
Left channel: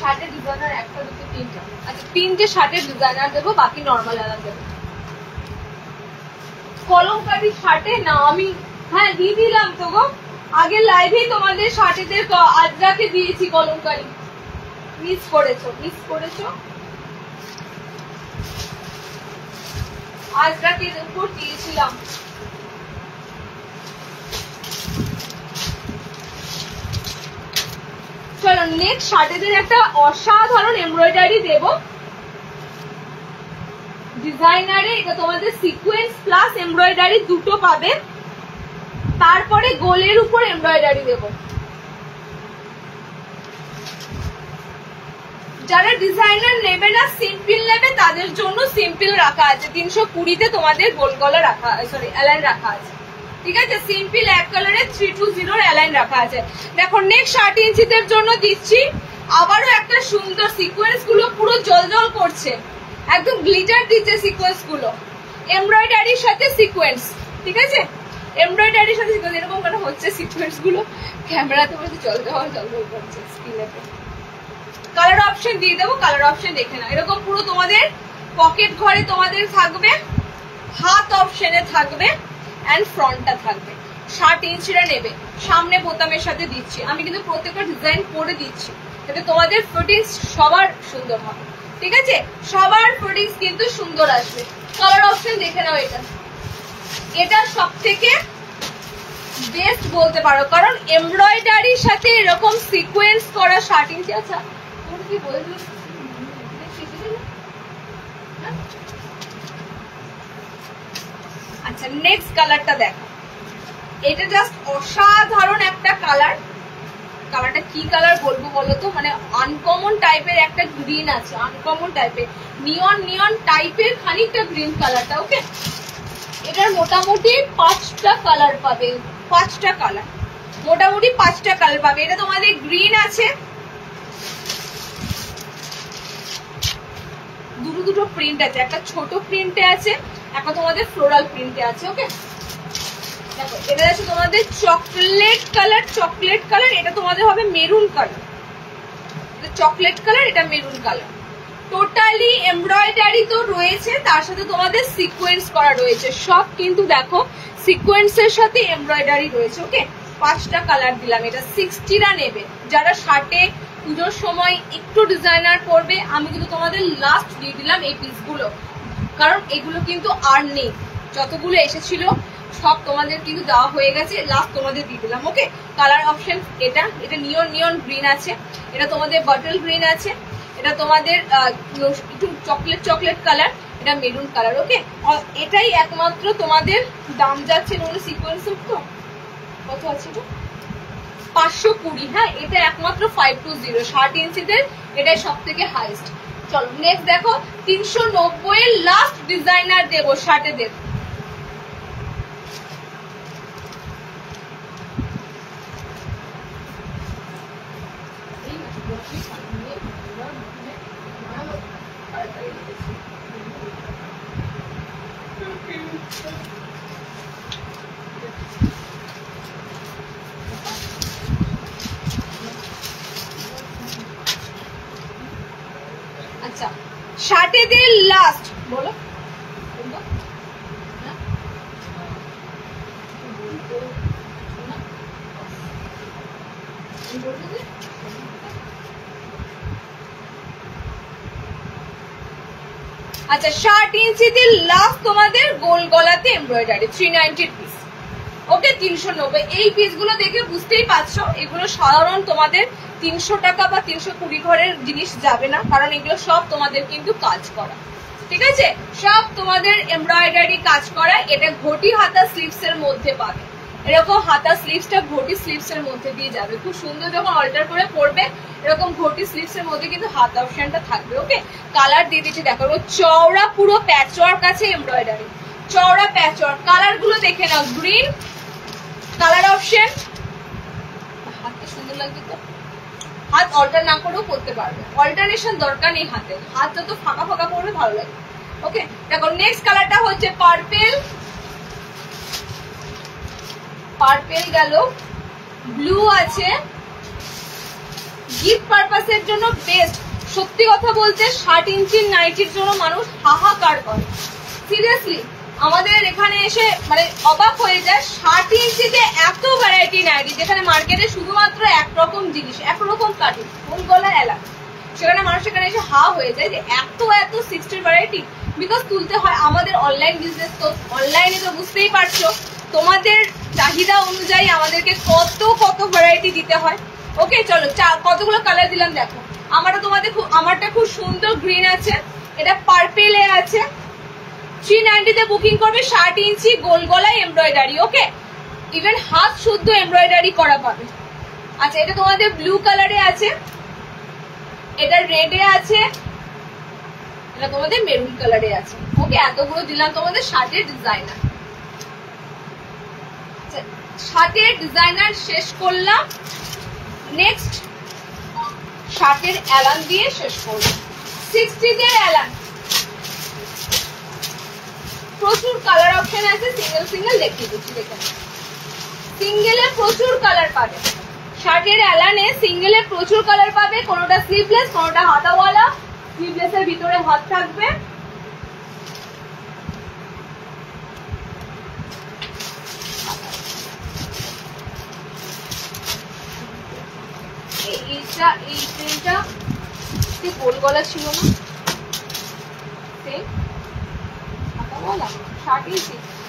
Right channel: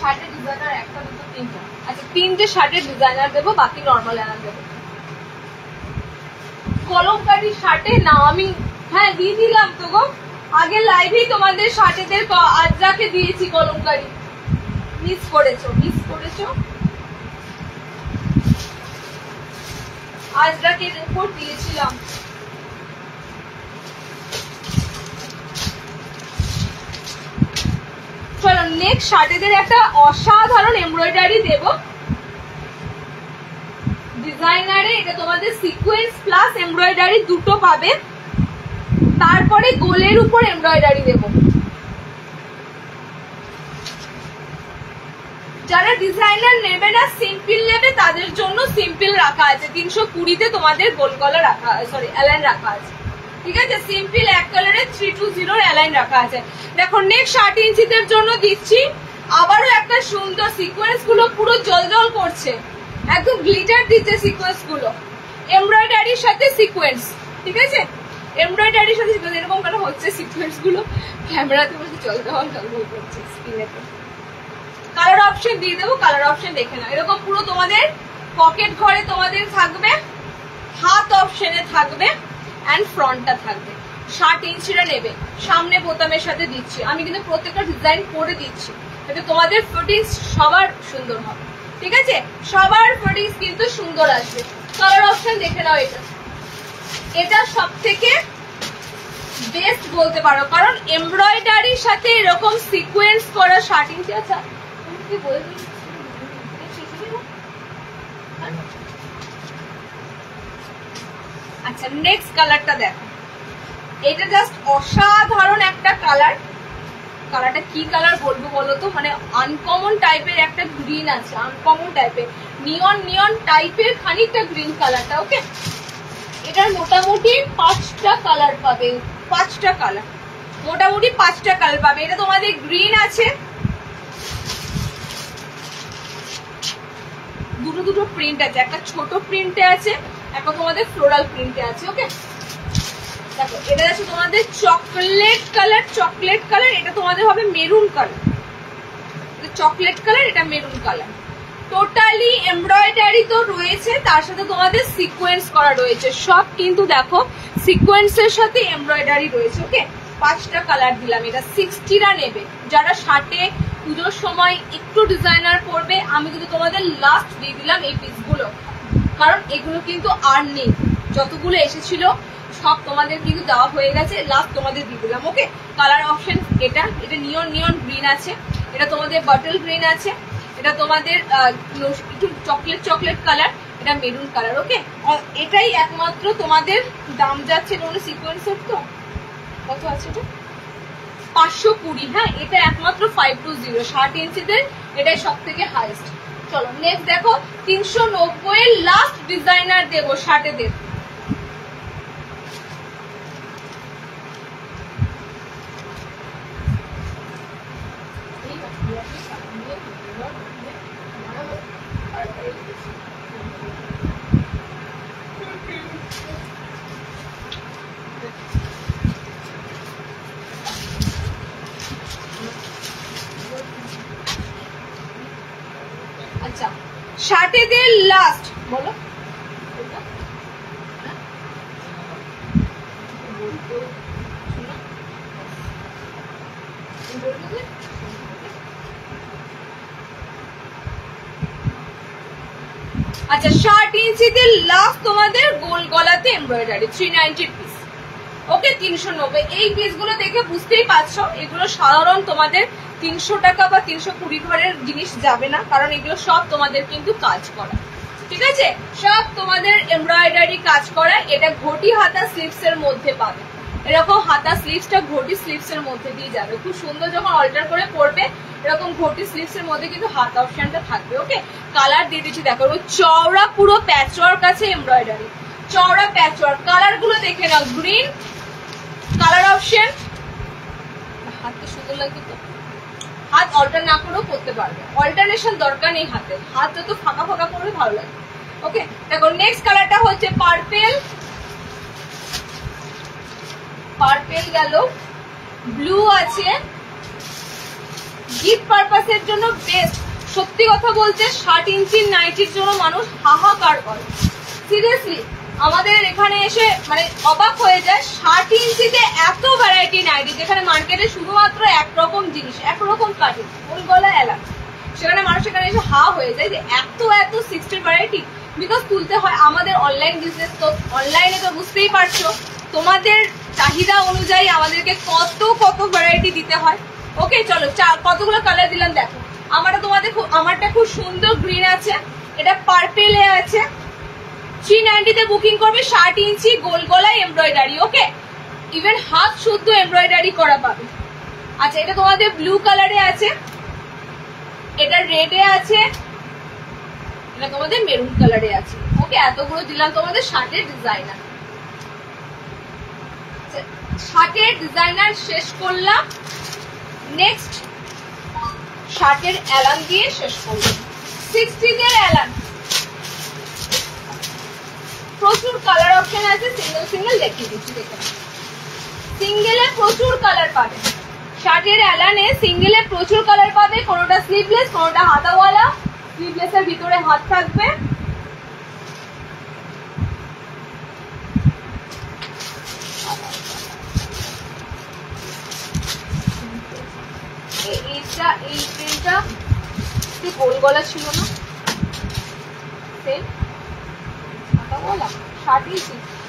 শার্টের ডিজাইনার একটা, দুটো, তিনটা। আচ্ছা 3টে শার্টের ডিজাইনার দেবো, বাকি নর্মাল এলাকা দেবো। কলমকারি শার্টে নাও, আমি হ্যাঁ দিয়ে দিলাম তো গো, আগে লাইভেই তোমাদের শার্টেদের আজরাকে দিয়েছি কলমকারি, মিস করেছো, আজরাকের উপর দিয়েছিলাম। চলো নেক্সট শার্টেদের একটা অসাধারণ এমব্রয়ডারি দেব ডিজাইনারে। এটা তোমাদের সিকোয়েন্স প্লাস এমব্রয়ডারি দুটো পাবে, তারপরে গোলের উপর এমব্রয়ডারি দেব। যারা ডিজাইনার নেবে না, সিম্পল নেবে, তাদের জন্য সিম্পল রাখা আছে। 320-তে তোমাদের গোল গলা রাখা, সরি অ্যালাইন রাখা আছে, ঠিক আছে। সিম্পল এক কালারে 320 অ্যালাইন রাখা আছে। দেখো নেক্সট 60 ইঞ্চিদের জন্য দিচ্ছি আবারও একটা সুন্দর, সিকোয়েন্স গুলো পুরো জলজল করছে, একদম গ্লিটার দিচ্ছে সিকোয়েন্স গুলো, এমব্রয়ডারির সাথে সিকোয়েন্স, ঠিক আছে। এমব্রয়ডারির সাথে এরকম কেন হচ্ছে সিকোয়েন্স গুলো, ক্যামেরাতে বলছে জলজল করছে স্ক্রিনেতে। কালার অপশন দিয়ে দেবো, কালার অপশন দেখে নাও। এরকম পুরো তোমাদের পকেট ঘরে তোমাদের থাকবে, হাত অপশনে থাকবে এন্ড ফ্রন্টটা থাকবে। 60 ইঞ্চিরা নেবে, সামনে বোতামের সাথে দিচ্ছি আমি, কিন্তু প্রত্যেকটা ডিজাইন করে দিচ্ছি যাতে তোমাদের ফিটিংস সবার সুন্দর হবে। ঠিক আছে, সবার ফিটিংস কিন্তু সুন্দর আসবে। কালার অপশন দেখে নাও। এটা সব থেকে বেস্ট বলতে পারো, কারণ এমব্রয়ডারির সাথে এরকম সিকোয়েন্স করা 60 ইঞ্চি। আচ্ছা তুমি কি বলবি? আচ্ছা নেক্সট কালারটা দেখো, এটা জাস্ট অসাধারণ একটা কালার। কালারটা কি কালার বলবো বলো তো, মানে আনকমন টাইপের একটা গ্রিন আছে, আনকমন টাইপের নিয়ন টাইপের খানিকটা গ্রিন কালারটা। ওকে, এটার মোটামুটি 5টা কালার পাবে, 5টা কালার, মোটামুটি 5টা কালার পাবে। এটা তোমাদের গ্রিন আছে, দুটো প্রিন্ট আছে, একটা ছোট প্রিন্টে আছে, একটা তোমাদের ফ্লোরাল প্রিন্টে আছে। ওকে দেখো, এটা আছে তোমাদের চকলেট কালার, এটা তোমাদের হবে মেরুন কালার, এটা চকলেট কালার, এটা মেরুন কালার। টোটালি এমব্রয়ডারি তো রয়েছে, তার সাথে তোমাদের সিকোয়েন্স করা রয়েছে, সব কিন্তু দেখো সিকোয়েন্সের সাথে এমব্রয়ডারি রয়েছে। ওকে, 5টা কালার দিলাম। এটা 60টা নেবে যারা 60-এ পুজোর সময় একটু ডিজাইনার করবে। আমি কিন্তু তোমাদের লাস্ট দিয়ে দিলাম এই পিসগুলো, কারণ এগুলো কিন্তু আর নেই, যতগুলো এসেছিল সব তোমাদের কিন্তু দেওয়া হয়ে গেছে, লাস্ট তোমাদের দিয়ে দিলাম। ওকে, কালার অপশন এটা নিয়ন গ্রিন আছে, এটা তোমাদের বটল গ্রিন আছে, এটা তোমাদের একটু চকলেট কালার, এটা মেরুন কালার। ওকে, এটাই একমাত্র তোমাদের দাম যাচ্ছে সিকোয়েন্সের। তো কত আছে এটা? 520। হ্যাঁ, এটা একমাত্র 520 60 ইঞ্চিদের, এটাই সব থেকে হাইয়েস্ট। চলো নেক্সট দেখো, 390 এর লাস্ট ডিজাইনার দেবো, 60-এ দেব। আচ্ছা 60-এ লাস্ট বলো, আচ্ছা 60 ইঞ্চিতে লাস্ট তোমাদের গোল গলাতে এমব্রয়ডারি 390 পিস। ওকে, 390। এই পিসগুলো দেখে বুঝতেই পারছো এগুলো সাধারণ তোমাদের 300 টাকা বা 320 ঘরের জিনিস যাবে না, কারণ এগুলো সব তোমাদের কিন্তু কাজ করা। ঠিক আছে, সব তোমাদের এমব্রয়ডারি কাজ করা। এটা ঘটি হাতা স্লিভস এর মধ্যে পাবে, এরকম হাতা স্লিভসটা ঘটি স্লিভস এর মধ্যে দিয়ে যাবে, খুব সুন্দর। যখন অল্টার করে পরবে এরকম ঘটি স্লিভস এর মধ্যে কিন্তু হাত অপশনটা থাকবে। ওকে, কালার দিয়ে দিচ্ছি দেখো, চওড়া পুরো প্যাচওয়ার্ক আছে এমব্রয়ডারি, চওড়া প্যাচওয়ার্ক। কালার গুলো দেখে নাও, গ্রিন কালার অপশন, হাতটা সুন্দর লাগছে তো, হাত অল্টার না করেও করতে পারবে, অল্টারনেশন দরকার নেই হাতের, হাত যত ফাঁকা ফাঁকা করবে ভালো লাগে। ওকে দেখো, নেক্সট কালারটা হচ্ছে পার্পেল গেল, ব্লু আছে, গিফট পারপাসের জন্য বেস্ট। সত্যি কথা বলতে 60 ইঞ্চির নাইটির জন্য মানুষ হাহাকার করে, সিরিয়াসলি আমাদের এখানে এসে মানে অবাক হয়ে যায়। 60 ইঞ্চিতে এত ভ্যারাইটি নাইটি, যেখানে মার্কেটে শুধুমাত্র একরকম জিনিস, একরকম কাটিং, ফুল গলা এলাকা, সেখানে মানুষ এখানে এসে হা হয়ে যায় যে এত 60 ভ্যারাইটি। বিকজ তুলতে হয়, আমাদের অনলাইন বিজনেস, তো অনলাইনে তো বুঝতেই পারছো তোমাদের চাহিদা অনুযায়ী আমাদেরকে কত ভ্যারাইটি দিতে হয়। ওকে চলো, কতগুলো কালার দিলাম দেখো। আমারটা খুব সুন্দর গ্রিন আছে, এটা পার্পেলে আছে, 390-তে বুকিং করবে। 60 ইঞ্চি গোল গলায় এমব্রয়ডারি। ওকে, ইভেন হাত শুদ্ধ এমব্রয়ডারি করা পাবে। আচ্ছা, এটা তোমাদের ব্লু কালারে আছে, এটা রেডে আছে, এটা তোমাদের মেরুন কালারে আছে। ওকে, এতগুলো দিলাম তোমাদের 60-এর ডিজাইনার। 60-এর ডিজাইনার শেষ করলাম, নেক্সট 60-এর অ্যালান দিয়ে শেষ করলাম। 60-দের অ্যালান প্রচুর কালার অপশন আছে, সিঙ্গেল দেখিয়ে দিচ্ছি। দেখেন, সিঙ্গেলে প্রচুর কালার পাবে, শার্টের অ্যালানে সিঙ্গেলে প্রচুর কালার পাবে, কোনোটা স্লিভলেস কোনোটা হাতাওয়ালা। স্লিভলেসের ভিতরে হাত থাকবে। এইটা এই প্রিন্টটা গোল গলা ছিল না, সেম হাতাওয়ালা শার্টই।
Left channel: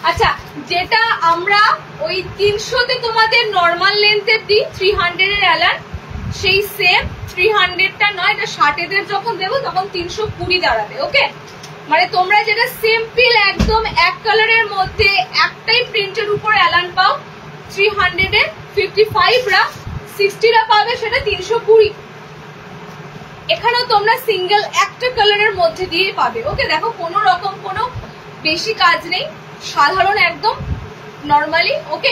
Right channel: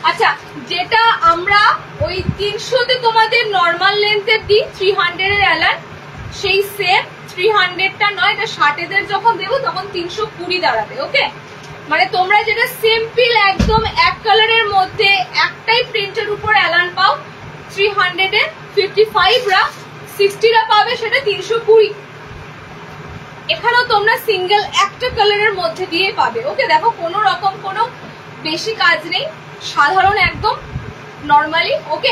আচ্ছা, যেটা আমরা ওই 300-তে তোমাদের নর্মাল লেন্থের দিই 300 এর অ্যালান, সেই সেম 300টা নয়, এটা শার্টেদের যখন দেবো তখন 320 দাঁড়াবে। ওকে, মানে তোমরা যেটা সিম্পল একদম এক কালারের মধ্যে একটাই প্রিন্টের উপর অ্যালান পাও 300 এর, 55রা 60রা পাবে সেটা 320। এখানেও তোমরা সিঙ্গেল একটা কালারের মধ্যে দিয়ে পাবে। ওকে, দেখো কোনো রকম কোনো বেশি কাজ নেই, সাধারণ একদম নর্মালি। ওকে,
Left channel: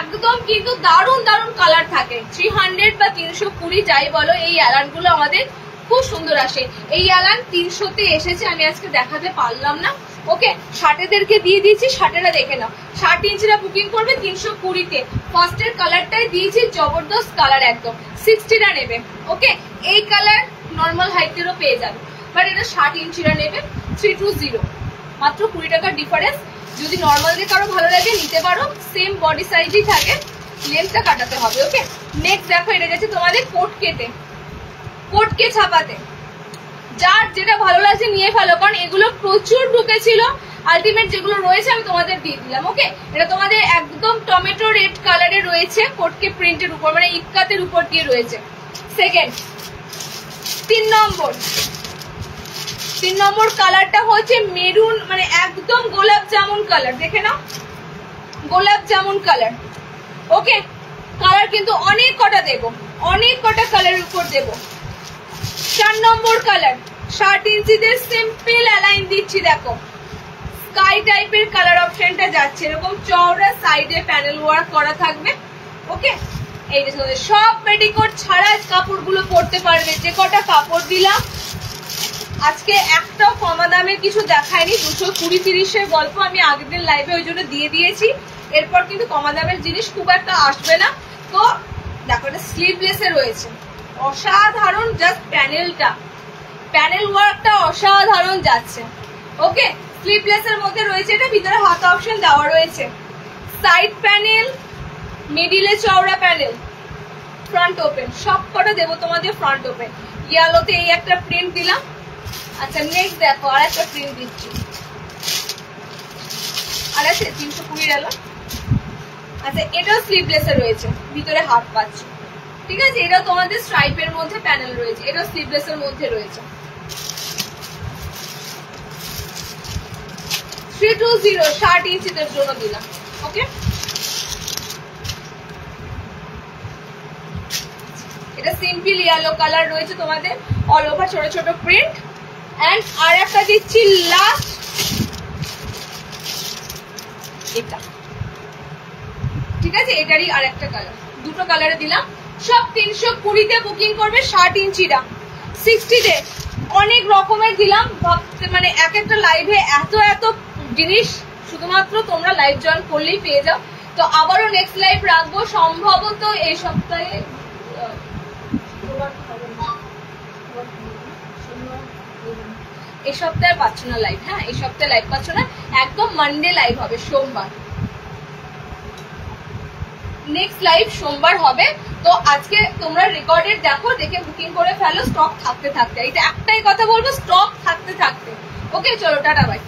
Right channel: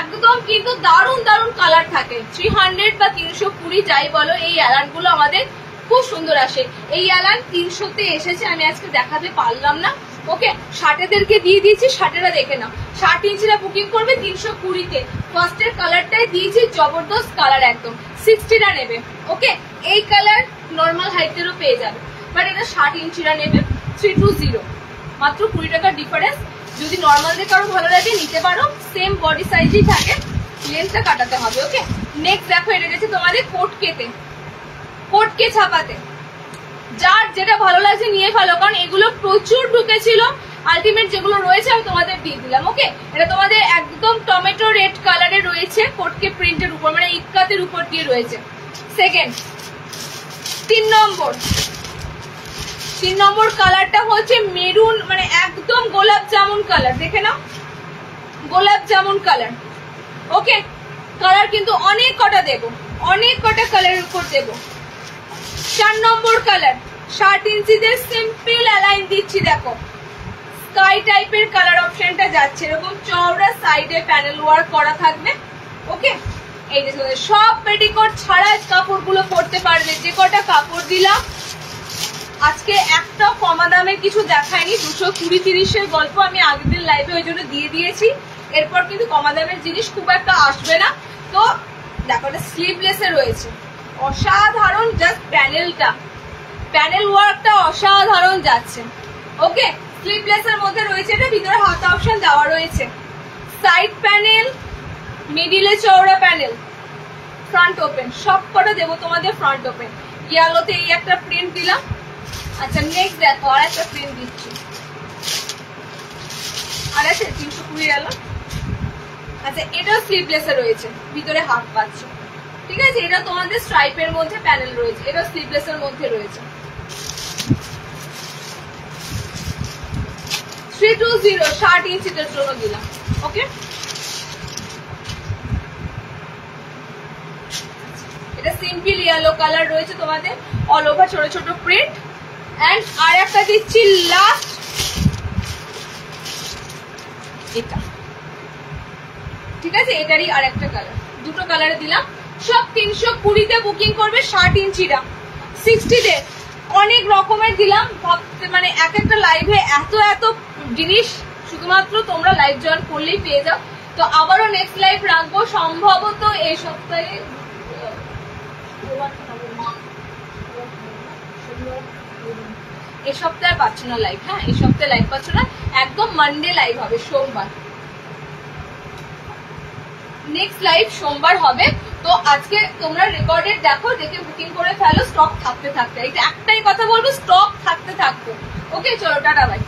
একদম কিন্তু দারুণ দারুণ কালার থাকে। 300 বা 320 যাই বলো, এই অ্যালান গুলো আমাদের খুব সুন্দর আসে। এই অ্যালান 300-তে এসেছে, আমি আজকে দেখাতে পারলাম না। ওকে, শার্টেদেরকে দিয়ে দিয়েছি, শার্টেরা দেখে নাও। 60 ইঞ্চিরা বুকিং করবে 320-তে। ফার্স্টের কালারটাই দিয়েছি, জবরদস্ত কালার একদম। 60রা নেবে। ওকে, এই কালার নর্মাল হাইটেরও পেয়ে যাবে, বাট এটা 60 ইঞ্চিরা নেবে 320, মাত্র 20 টাকার ডিফারেন্স। যদি নর্মাল দিয়ে কারো ভালো লাগে নিতে পারো, সেম বডি সাইজই থাকে, লেন্থটা কাটাতে হবে। ওকে, নেক্সট দেখো, এটা গেছে তোমাদের কোটকে ছাপাতে। যার যেটা ভালো লাগছে নিয়ে ফেলো, কারণ এগুলো প্রচুর ঢুকেছিল। আলটিমেট যেগুলো রয়েছে আমি তোমাদের দিয়ে দিলাম। ওকে, এটা তোমাদের একদম টমেটো রেড কালারে রয়েছে, কোটকে প্রিন্টের উপর, মানে ইটকাতের উপর দিয়ে রয়েছে। সেকেন্ড 3 নম্বর কালারটা হচ্ছে মেরুন, মানে একদম গোলাপ জামুন কালার, দেখে নাও, গোলাপ জামুন কালার। ওকে, কালার কিন্তু অনেক কটা দেবো, অনেক কটা কালারের উপর দেবো। 4 নম্বর কালার 60 ইঞ্চিদের সিম্পল অ্যালাইন দিচ্ছি, দেখো স্কাই টাইপের কালার অপশনটা যাচ্ছে, এরকম চওড়া সাইডে প্যানেল ওয়ার্ক করা থাকবে। ওকে, এই যে সব পেটিকোট ছাড়া কাপড়গুলো পরতে পারবে। যে কটা কাপড় দিলাম আজকে একটাও কমা দামের কিছু দেখায়নি, 220-30-এর গল্প আমি আগের দিন লাইভে ওই জন্য দিয়ে দিয়েছি। এরপর কিন্তু কমা দামের জিনিস খুব একটা আসবে না। তো দেখো, এটা স্লিভলেসে রয়েছে, অসাধারণ, জাস্ট প্যানেল ওয়ার্কটা অসাধারণ যাচ্ছে। ওকে, স্লিভলেসের মধ্যে রয়েছে, এটা ভিতরে হাতা অপশন দেওয়া রয়েছে, সাইড প্যানেল, মিডিলে চওড়া প্যানেল, ফ্রন্ট ওপেন, সব কটা দেবো তোমাদের ফ্রন্ট ওপেন। ইয়েলোতে এই একটা প্রিন্ট দিলাম। আচ্ছা, নেক্সট দেখো আর একটা প্রিন্ট দিচ্ছি, আর আছে 320 গেল। আচ্ছা, এটাও স্লিভলেসে রয়েছে, ভিতরে হাফ পাচ্ছ, ঠিক আছে। এটা তোমাদের স্ট্রাইপের মধ্যে প্যানেল রয়েছে, এটা স্লিভলেসের মধ্যে রয়েছে। 320 60 ইঞ্চিদের জন্য দিলাম। ওকে, এটা সিম্পল ইয়েলো কালার রয়েছে তোমাদের, অল ওভার ছোট ছোট প্রিন্ট। এন্ড আর একটা দিচ্ছি লাস্ট, এটা ঠিক আছে, এটারই আর একটা কালার, দুটো কালারে দিলাম। সব 320-তে বুকিং করবে 60 ইঞ্চিটা। 60-তে অনেক রকমের দিলাম, ভাবতে মানে এক একটা লাইভে এত এত জিনিস শুধুমাত্র তোমরা লাইভ জয়েন করলেই পেয়ে যাও। তো আবারও নেক্সট লাইভ রাখবো সম্ভবত এই সপ্তাহে, এই সপ্তাহে পাচ্ছ না লাইভ, হ্যাঁ এই সপ্তাহে লাইভ পাচ্ছ না, একদম মানডে লাইভ হবে, সোমবার নেক্সট লাইভ সোমবার হবে। তো আজকে তোমরা রেকর্ডেড দেখো, দেখে বুকিং করে ফেলো, স্টক থাকতে থাকতে। এটা একটাই কথা বলবো, স্টক থাকতে থাকতে। ওকে, চলো টাটা বাই।